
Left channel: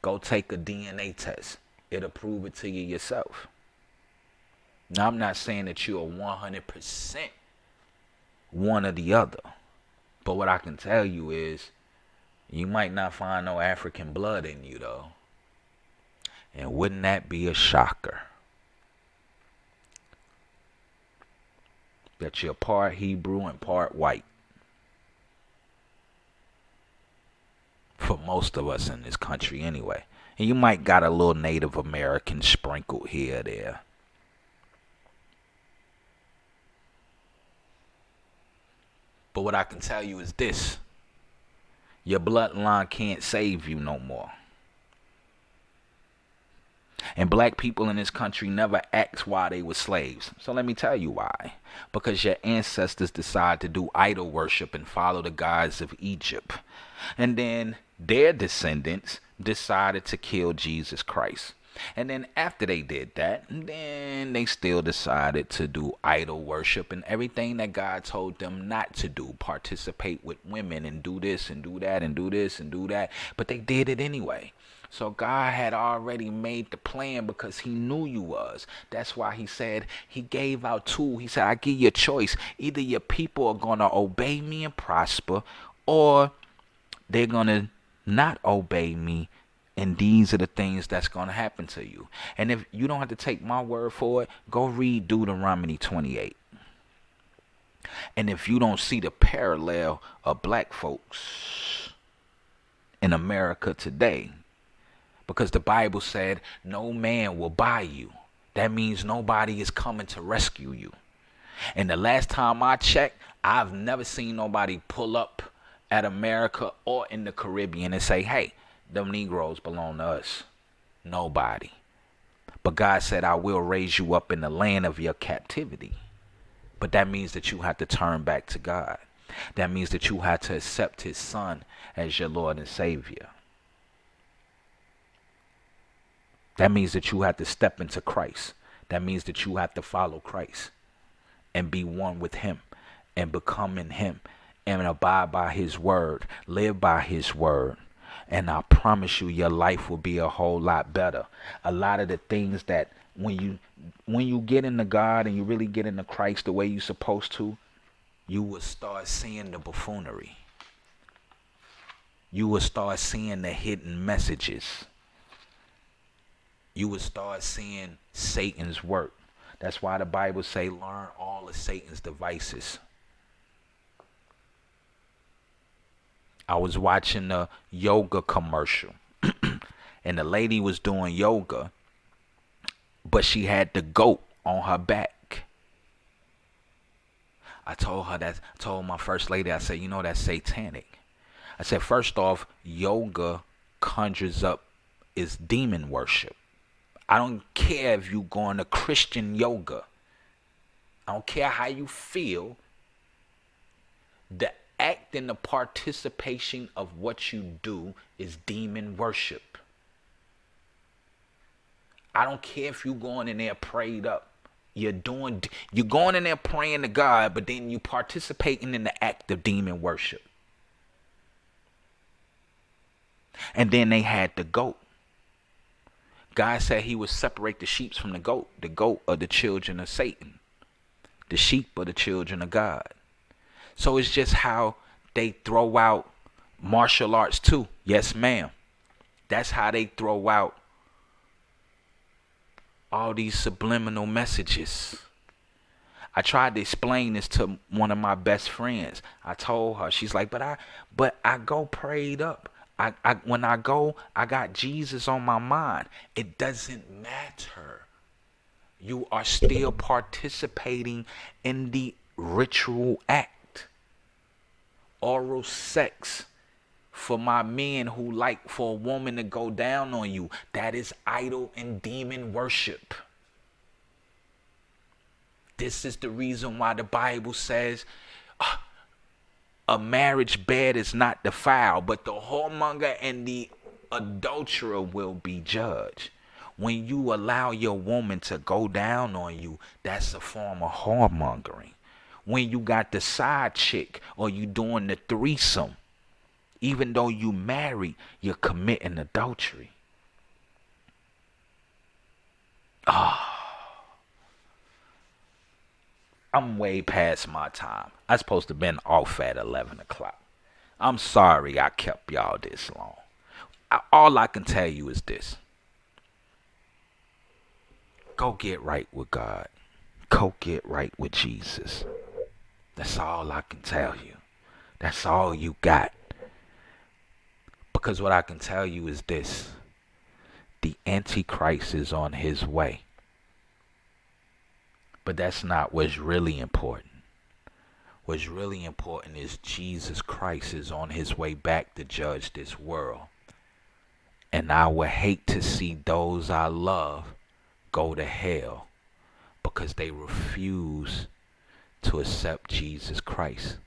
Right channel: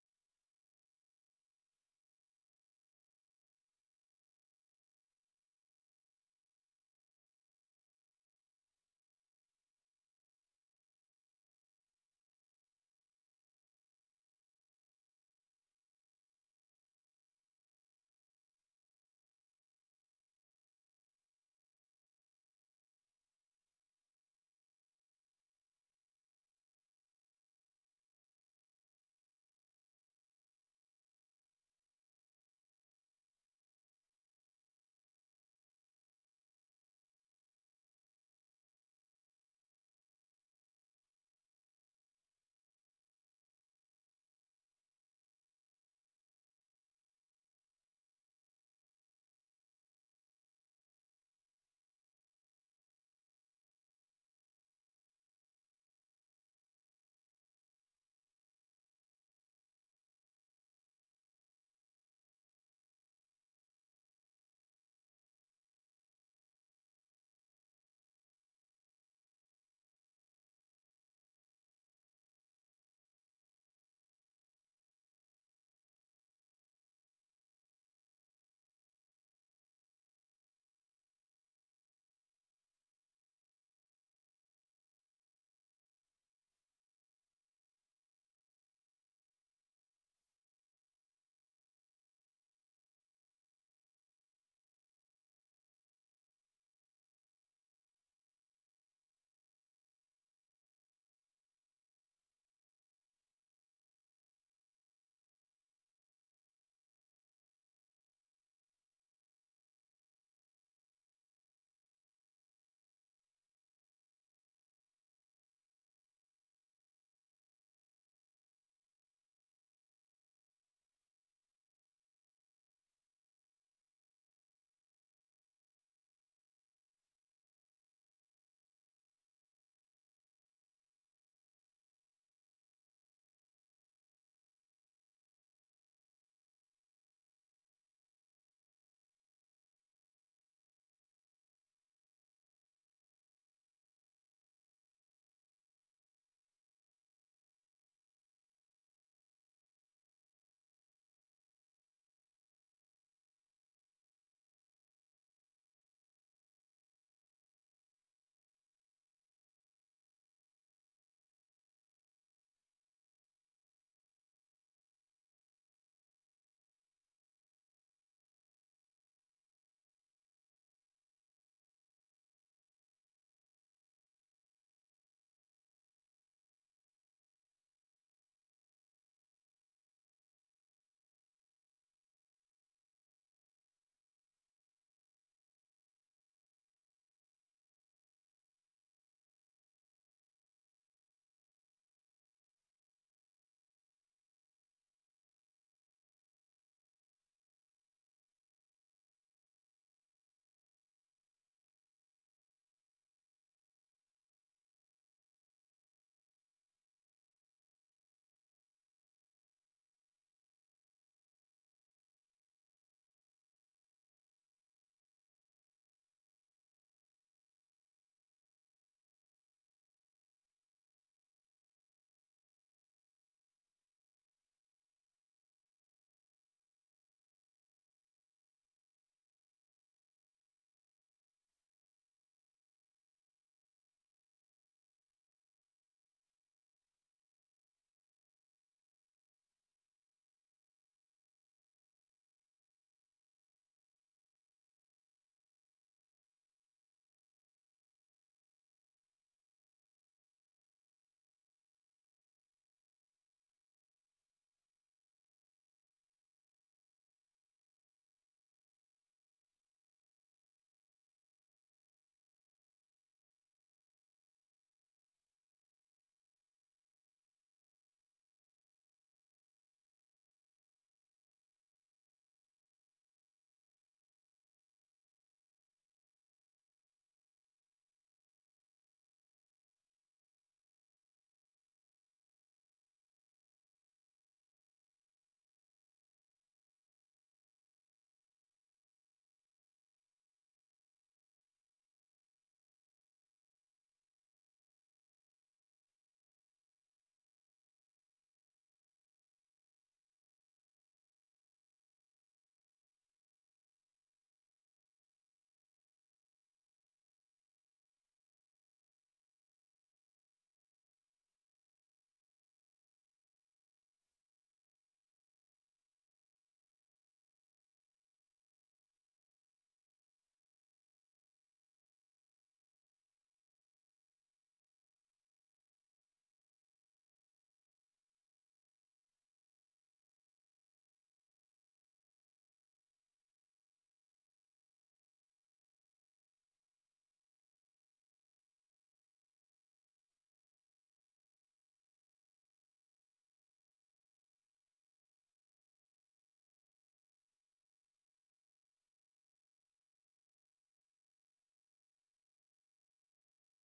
Go take a DNA test. It'll prove it to you yourself. Now, I'm not saying that you're 100% one or the other. But what I can tell you is you might not find no African blood in you, though. And wouldn't that be a shocker? That you're part Hebrew and part white. For most of us in this country anyway. And you might got a little Native American sprinkled here or there. But what I can tell you is this. Your bloodline can't save you no more. And black people in this country never asked why they were slaves. So let me tell you why. Because your ancestors decided to do idol worship and follow the gods of Egypt. And then their descendants decided to kill Jesus Christ. And then after they did that, then they still decided to do idol worship and everything that God told them not to do. Participate with women and do this and do that and do this and do that. But they did it anyway. So God had already made the plan because he knew you was. That's why he said he gave out two. He said, I give you a choice. Either your people are going to obey me and prosper, or they're going to not obey me. And these are the things that's going to happen to you. And if you don't have to take my word for it, go read Deuteronomy 28. And if you don't see the parallel of black folks in America today, because the Bible said no man will buy you. That means nobody is coming to rescue you. And the last time I checked, I've never seen nobody pull up at America or in the Caribbean and say, hey, them Negroes belong to us. Nobody. But God said, I will raise you up in the land of your captivity. But that means that you have to turn back to God. That means that you have to accept his son as your Lord and Savior. That means that you have to step into Christ. That means that you have to follow Christ and be one with him and become in him and abide by his word, live by his word. And I promise you, your life will be a whole lot better. A lot of the things that when you get into God and you really get into Christ the way you're supposed to, you will start seeing the buffoonery. You will start seeing the hidden messages. You will start seeing Satan's work. That's why the Bible say, learn all of Satan's devices. I was watching a yoga commercial and the lady was doing yoga, but she had the goat on her back. I told my first lady, I said, you know, that's satanic. I said, first off, yoga conjures up is demon worship. I don't care if you going to Christian yoga. I don't care how you feel. The act and the participation of what you do is demon worship. I don't care if you going in there prayed up. You're going in there praying to God, but then you participating in the act of demon worship. And then they had the goat. God said he would separate the sheep from the goat. The goat are the children of Satan. The sheep are the children of God. So it's just how they throw out martial arts too. Yes, ma'am. That's how they throw out all these subliminal messages. I tried to explain this to one of my best friends. I told her, she's like, but I go prayed up. When I go, I got Jesus on my mind. It doesn't matter. You are still participating in the ritual act. Oral sex for my men who like for a woman to go down on you. That is idol and demon worship. This is the reason why the Bible says, a marriage bed is not defiled, but the whoremonger and the adulterer will be judged. When you allow your woman to go down on you, that's a form of whoremongering. When you got the side chick or you doing the threesome, even though you married, you're committing adultery. I'm way past my time. I'm supposed to have been off at 11 o'clock. I'm sorry I kept y'all this long. All I can tell you is this. Go get right with God. Go get right with Jesus. That's all I can tell you. That's all you got. Because what I can tell you is this. The Antichrist is on his way. But that's not what's really important. What's really important is Jesus Christ is on his way back to judge this world. And I would hate to see those I love go to hell because they refuse to accept Jesus Christ.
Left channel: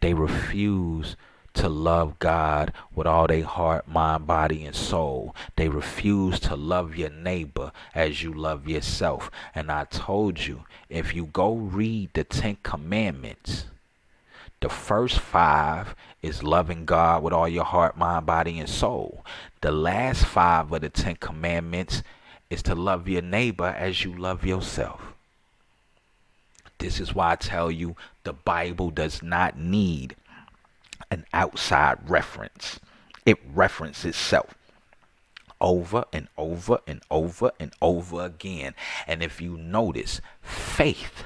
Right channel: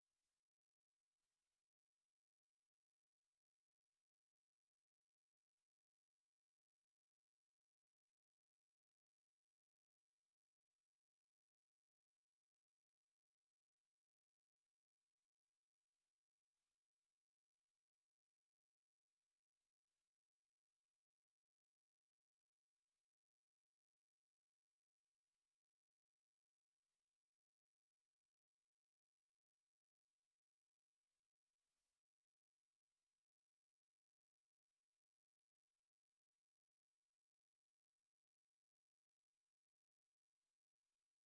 They refuse to love God with all their heart, mind, body, and soul. They refuse to love your neighbor as you love yourself. And I told you, if you go read the 10 Commandments, The first 5 is loving God with all your heart, mind, body, and soul. The last 5 of the 10 commandments is to love your neighbor as you love yourself. This is why I tell you the Bible does not need an outside reference. It references itself over and over and over and over again. And if you notice, faith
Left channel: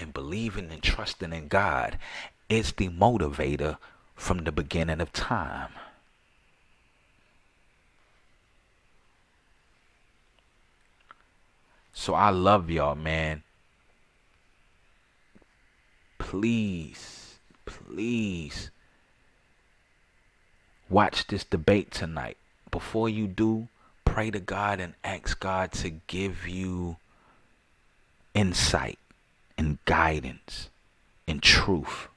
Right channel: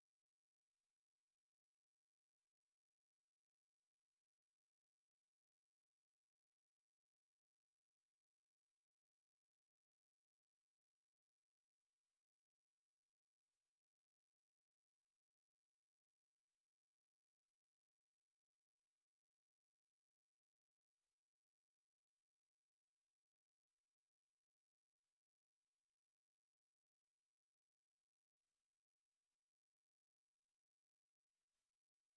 and believing and trusting in God is the motivator from the beginning of time. So I love y'all, man. Please, please watch this debate tonight. Before you do, pray to God and ask God to give you insight and guidance and truth.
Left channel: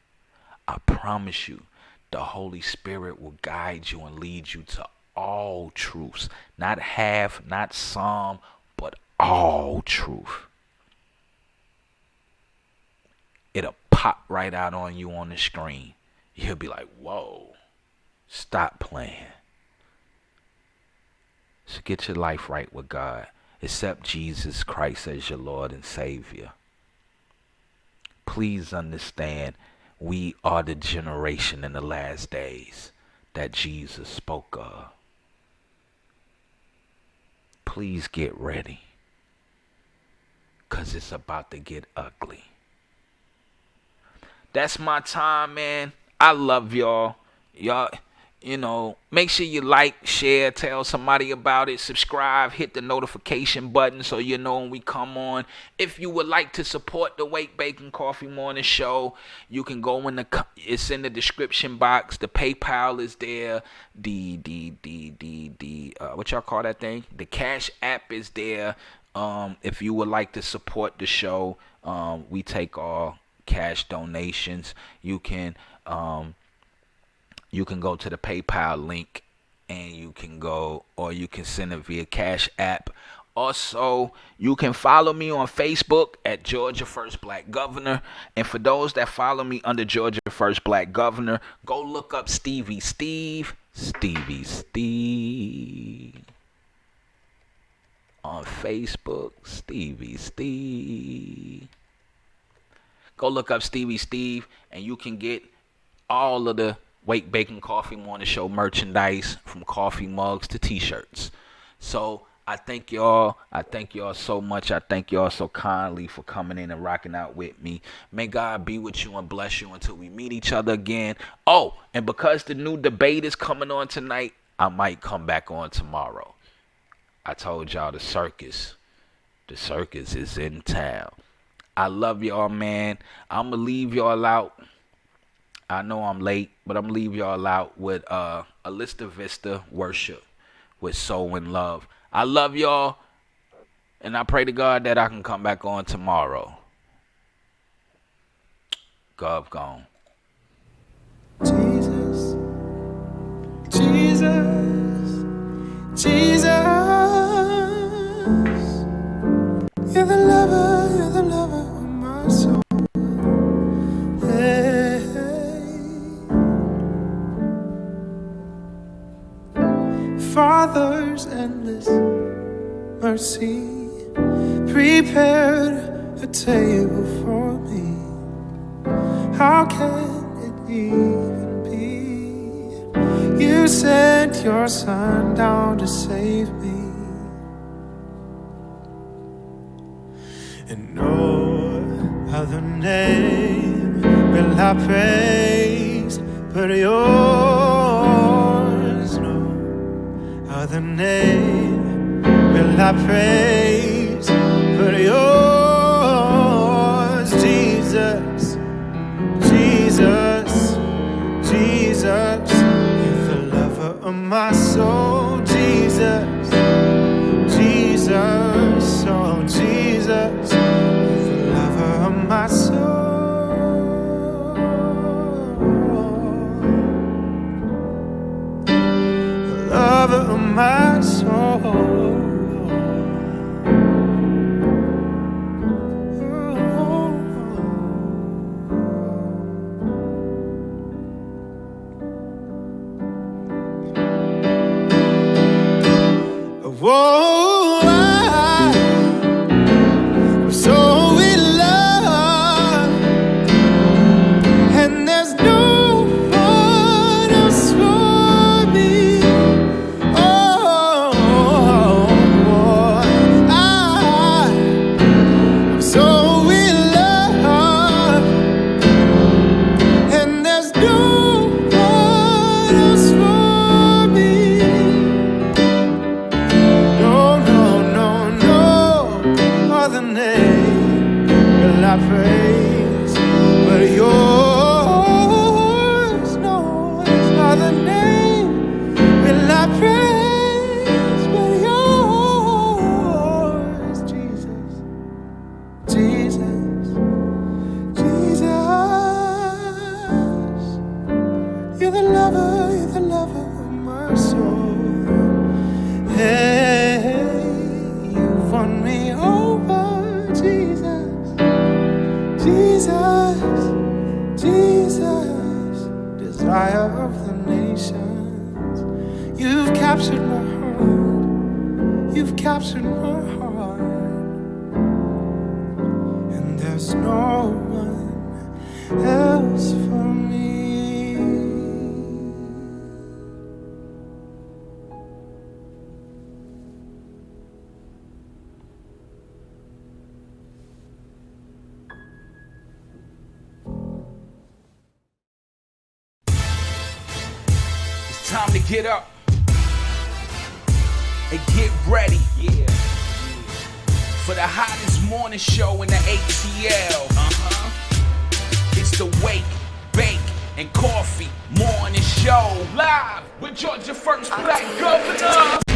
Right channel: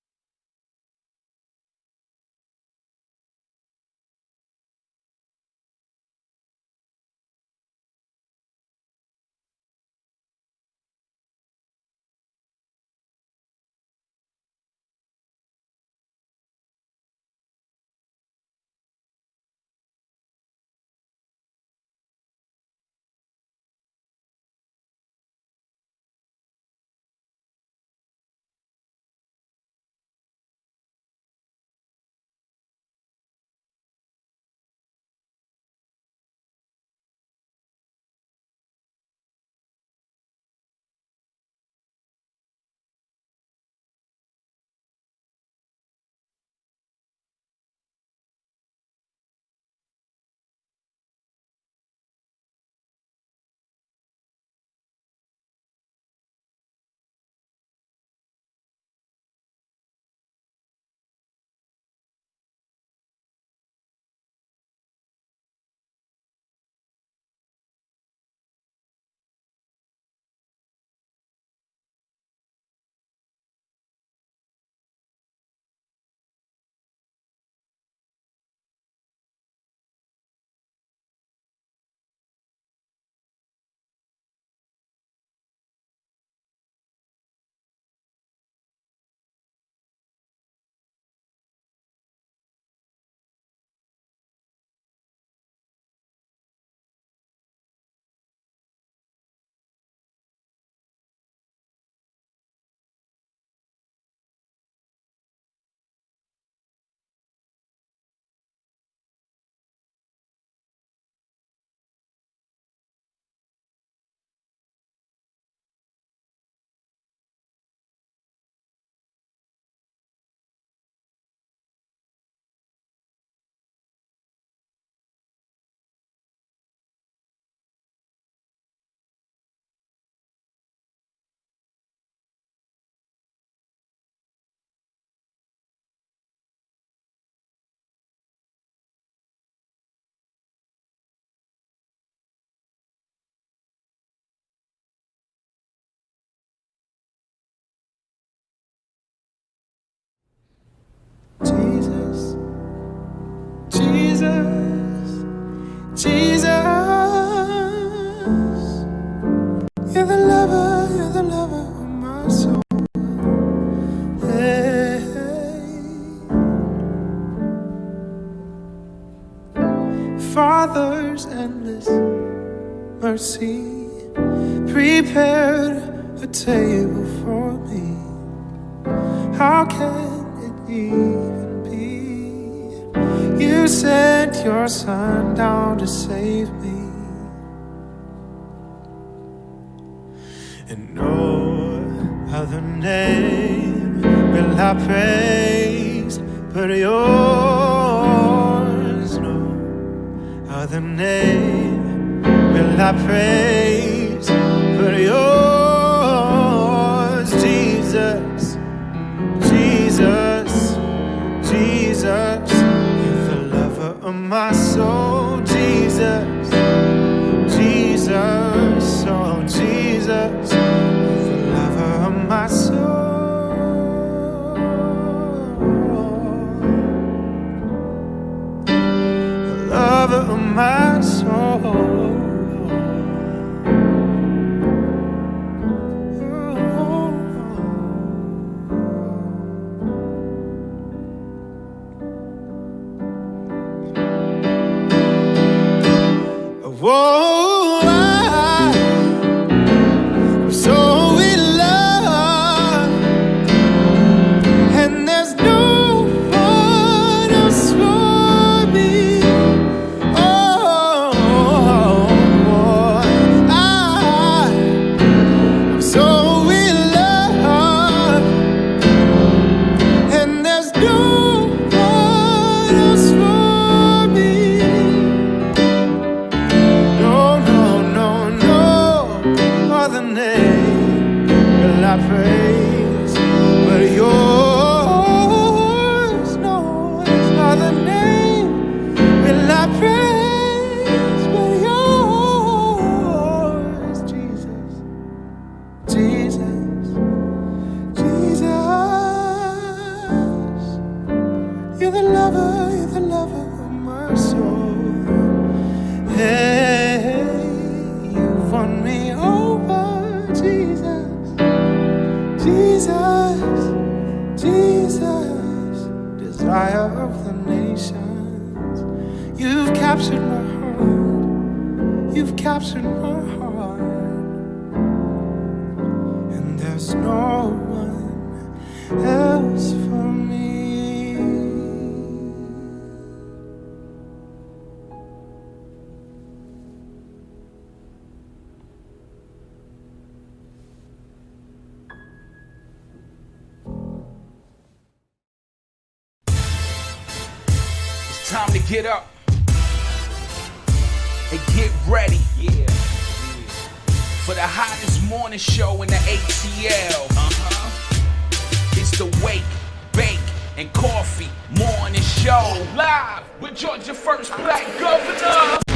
I promise you, the Holy Spirit will guide you and lead you to all truths. Not half, not some, but all truth. It'll pop right out on you on the screen. You'll be like, whoa, stop playing. So get your life right with God. Accept Jesus Christ as your Lord and Savior. Please understand, we are the generation in the last days that Jesus spoke of. Please get ready, because it's about to get ugly. That's my time, man. I love y'all. Y'all, make sure you like, share, tell somebody about it, subscribe, hit the notification button so you know when we come on. If you would like to support the Wake, Bake, and Coffee Morning Show, you can go it's in the description box. The PayPal is there. The what y'all call that thing? The Cash App is there. If you would like to support the show, we take all cash donations. You can go to the PayPal link and you can go, or you can send it via Cash App. Also, you can follow me on Facebook at Georgia First Black Governor. And for those that follow me under Georgia First Black Governor, go look up Stevie Steve on Facebook. Stevie Steve. Go look up Stevie Steve and you can get all of the Wake, Bake, and Coffee Morning Show merchandise, from coffee mugs to t-shirts. So I thank y'all. I thank y'all so much. I thank y'all so kindly for coming in and rocking out with me. May God be with you and bless you until we meet each other again. Oh, and because the new debate is coming on tonight, I might come back on tomorrow. I told y'all the circus is in town. I love y'all, man. I'm going to leave y'all out. I know I'm late, but I'm going to leave y'all out with Alista Vista Worship with Soul and Love. I love y'all, and I pray to God that I can come back on tomorrow. Gov gone. Jesus, Jesus, Jesus, you're the lover of my soul. Hey, Father's endless mercy prepared a table for me. How can it even be? You sent your son down to save me. And no other name will I praise but yours. No other name will I praise but yours. Jesus, Jesus, Jesus, you're the lover of my soul. Jesus, Jesus, oh Jesus, you're the lover of my soul. The lover of my soul. praise but yours. No other name will I praise but yours. Jesus, Jesus, Jesus. You're the lover of my soul. Hey, you've won me over, Jesus, Jesus, Jesus, desire of the nations. You've captured my heart, you've captured my heart, and there's no one else for me. Time to get up and get ready. Yeah. For the hottest morning show in the ATL. It's the Wake, Bake, and Coffee Morning Show. Live with Georgia First Black Governor.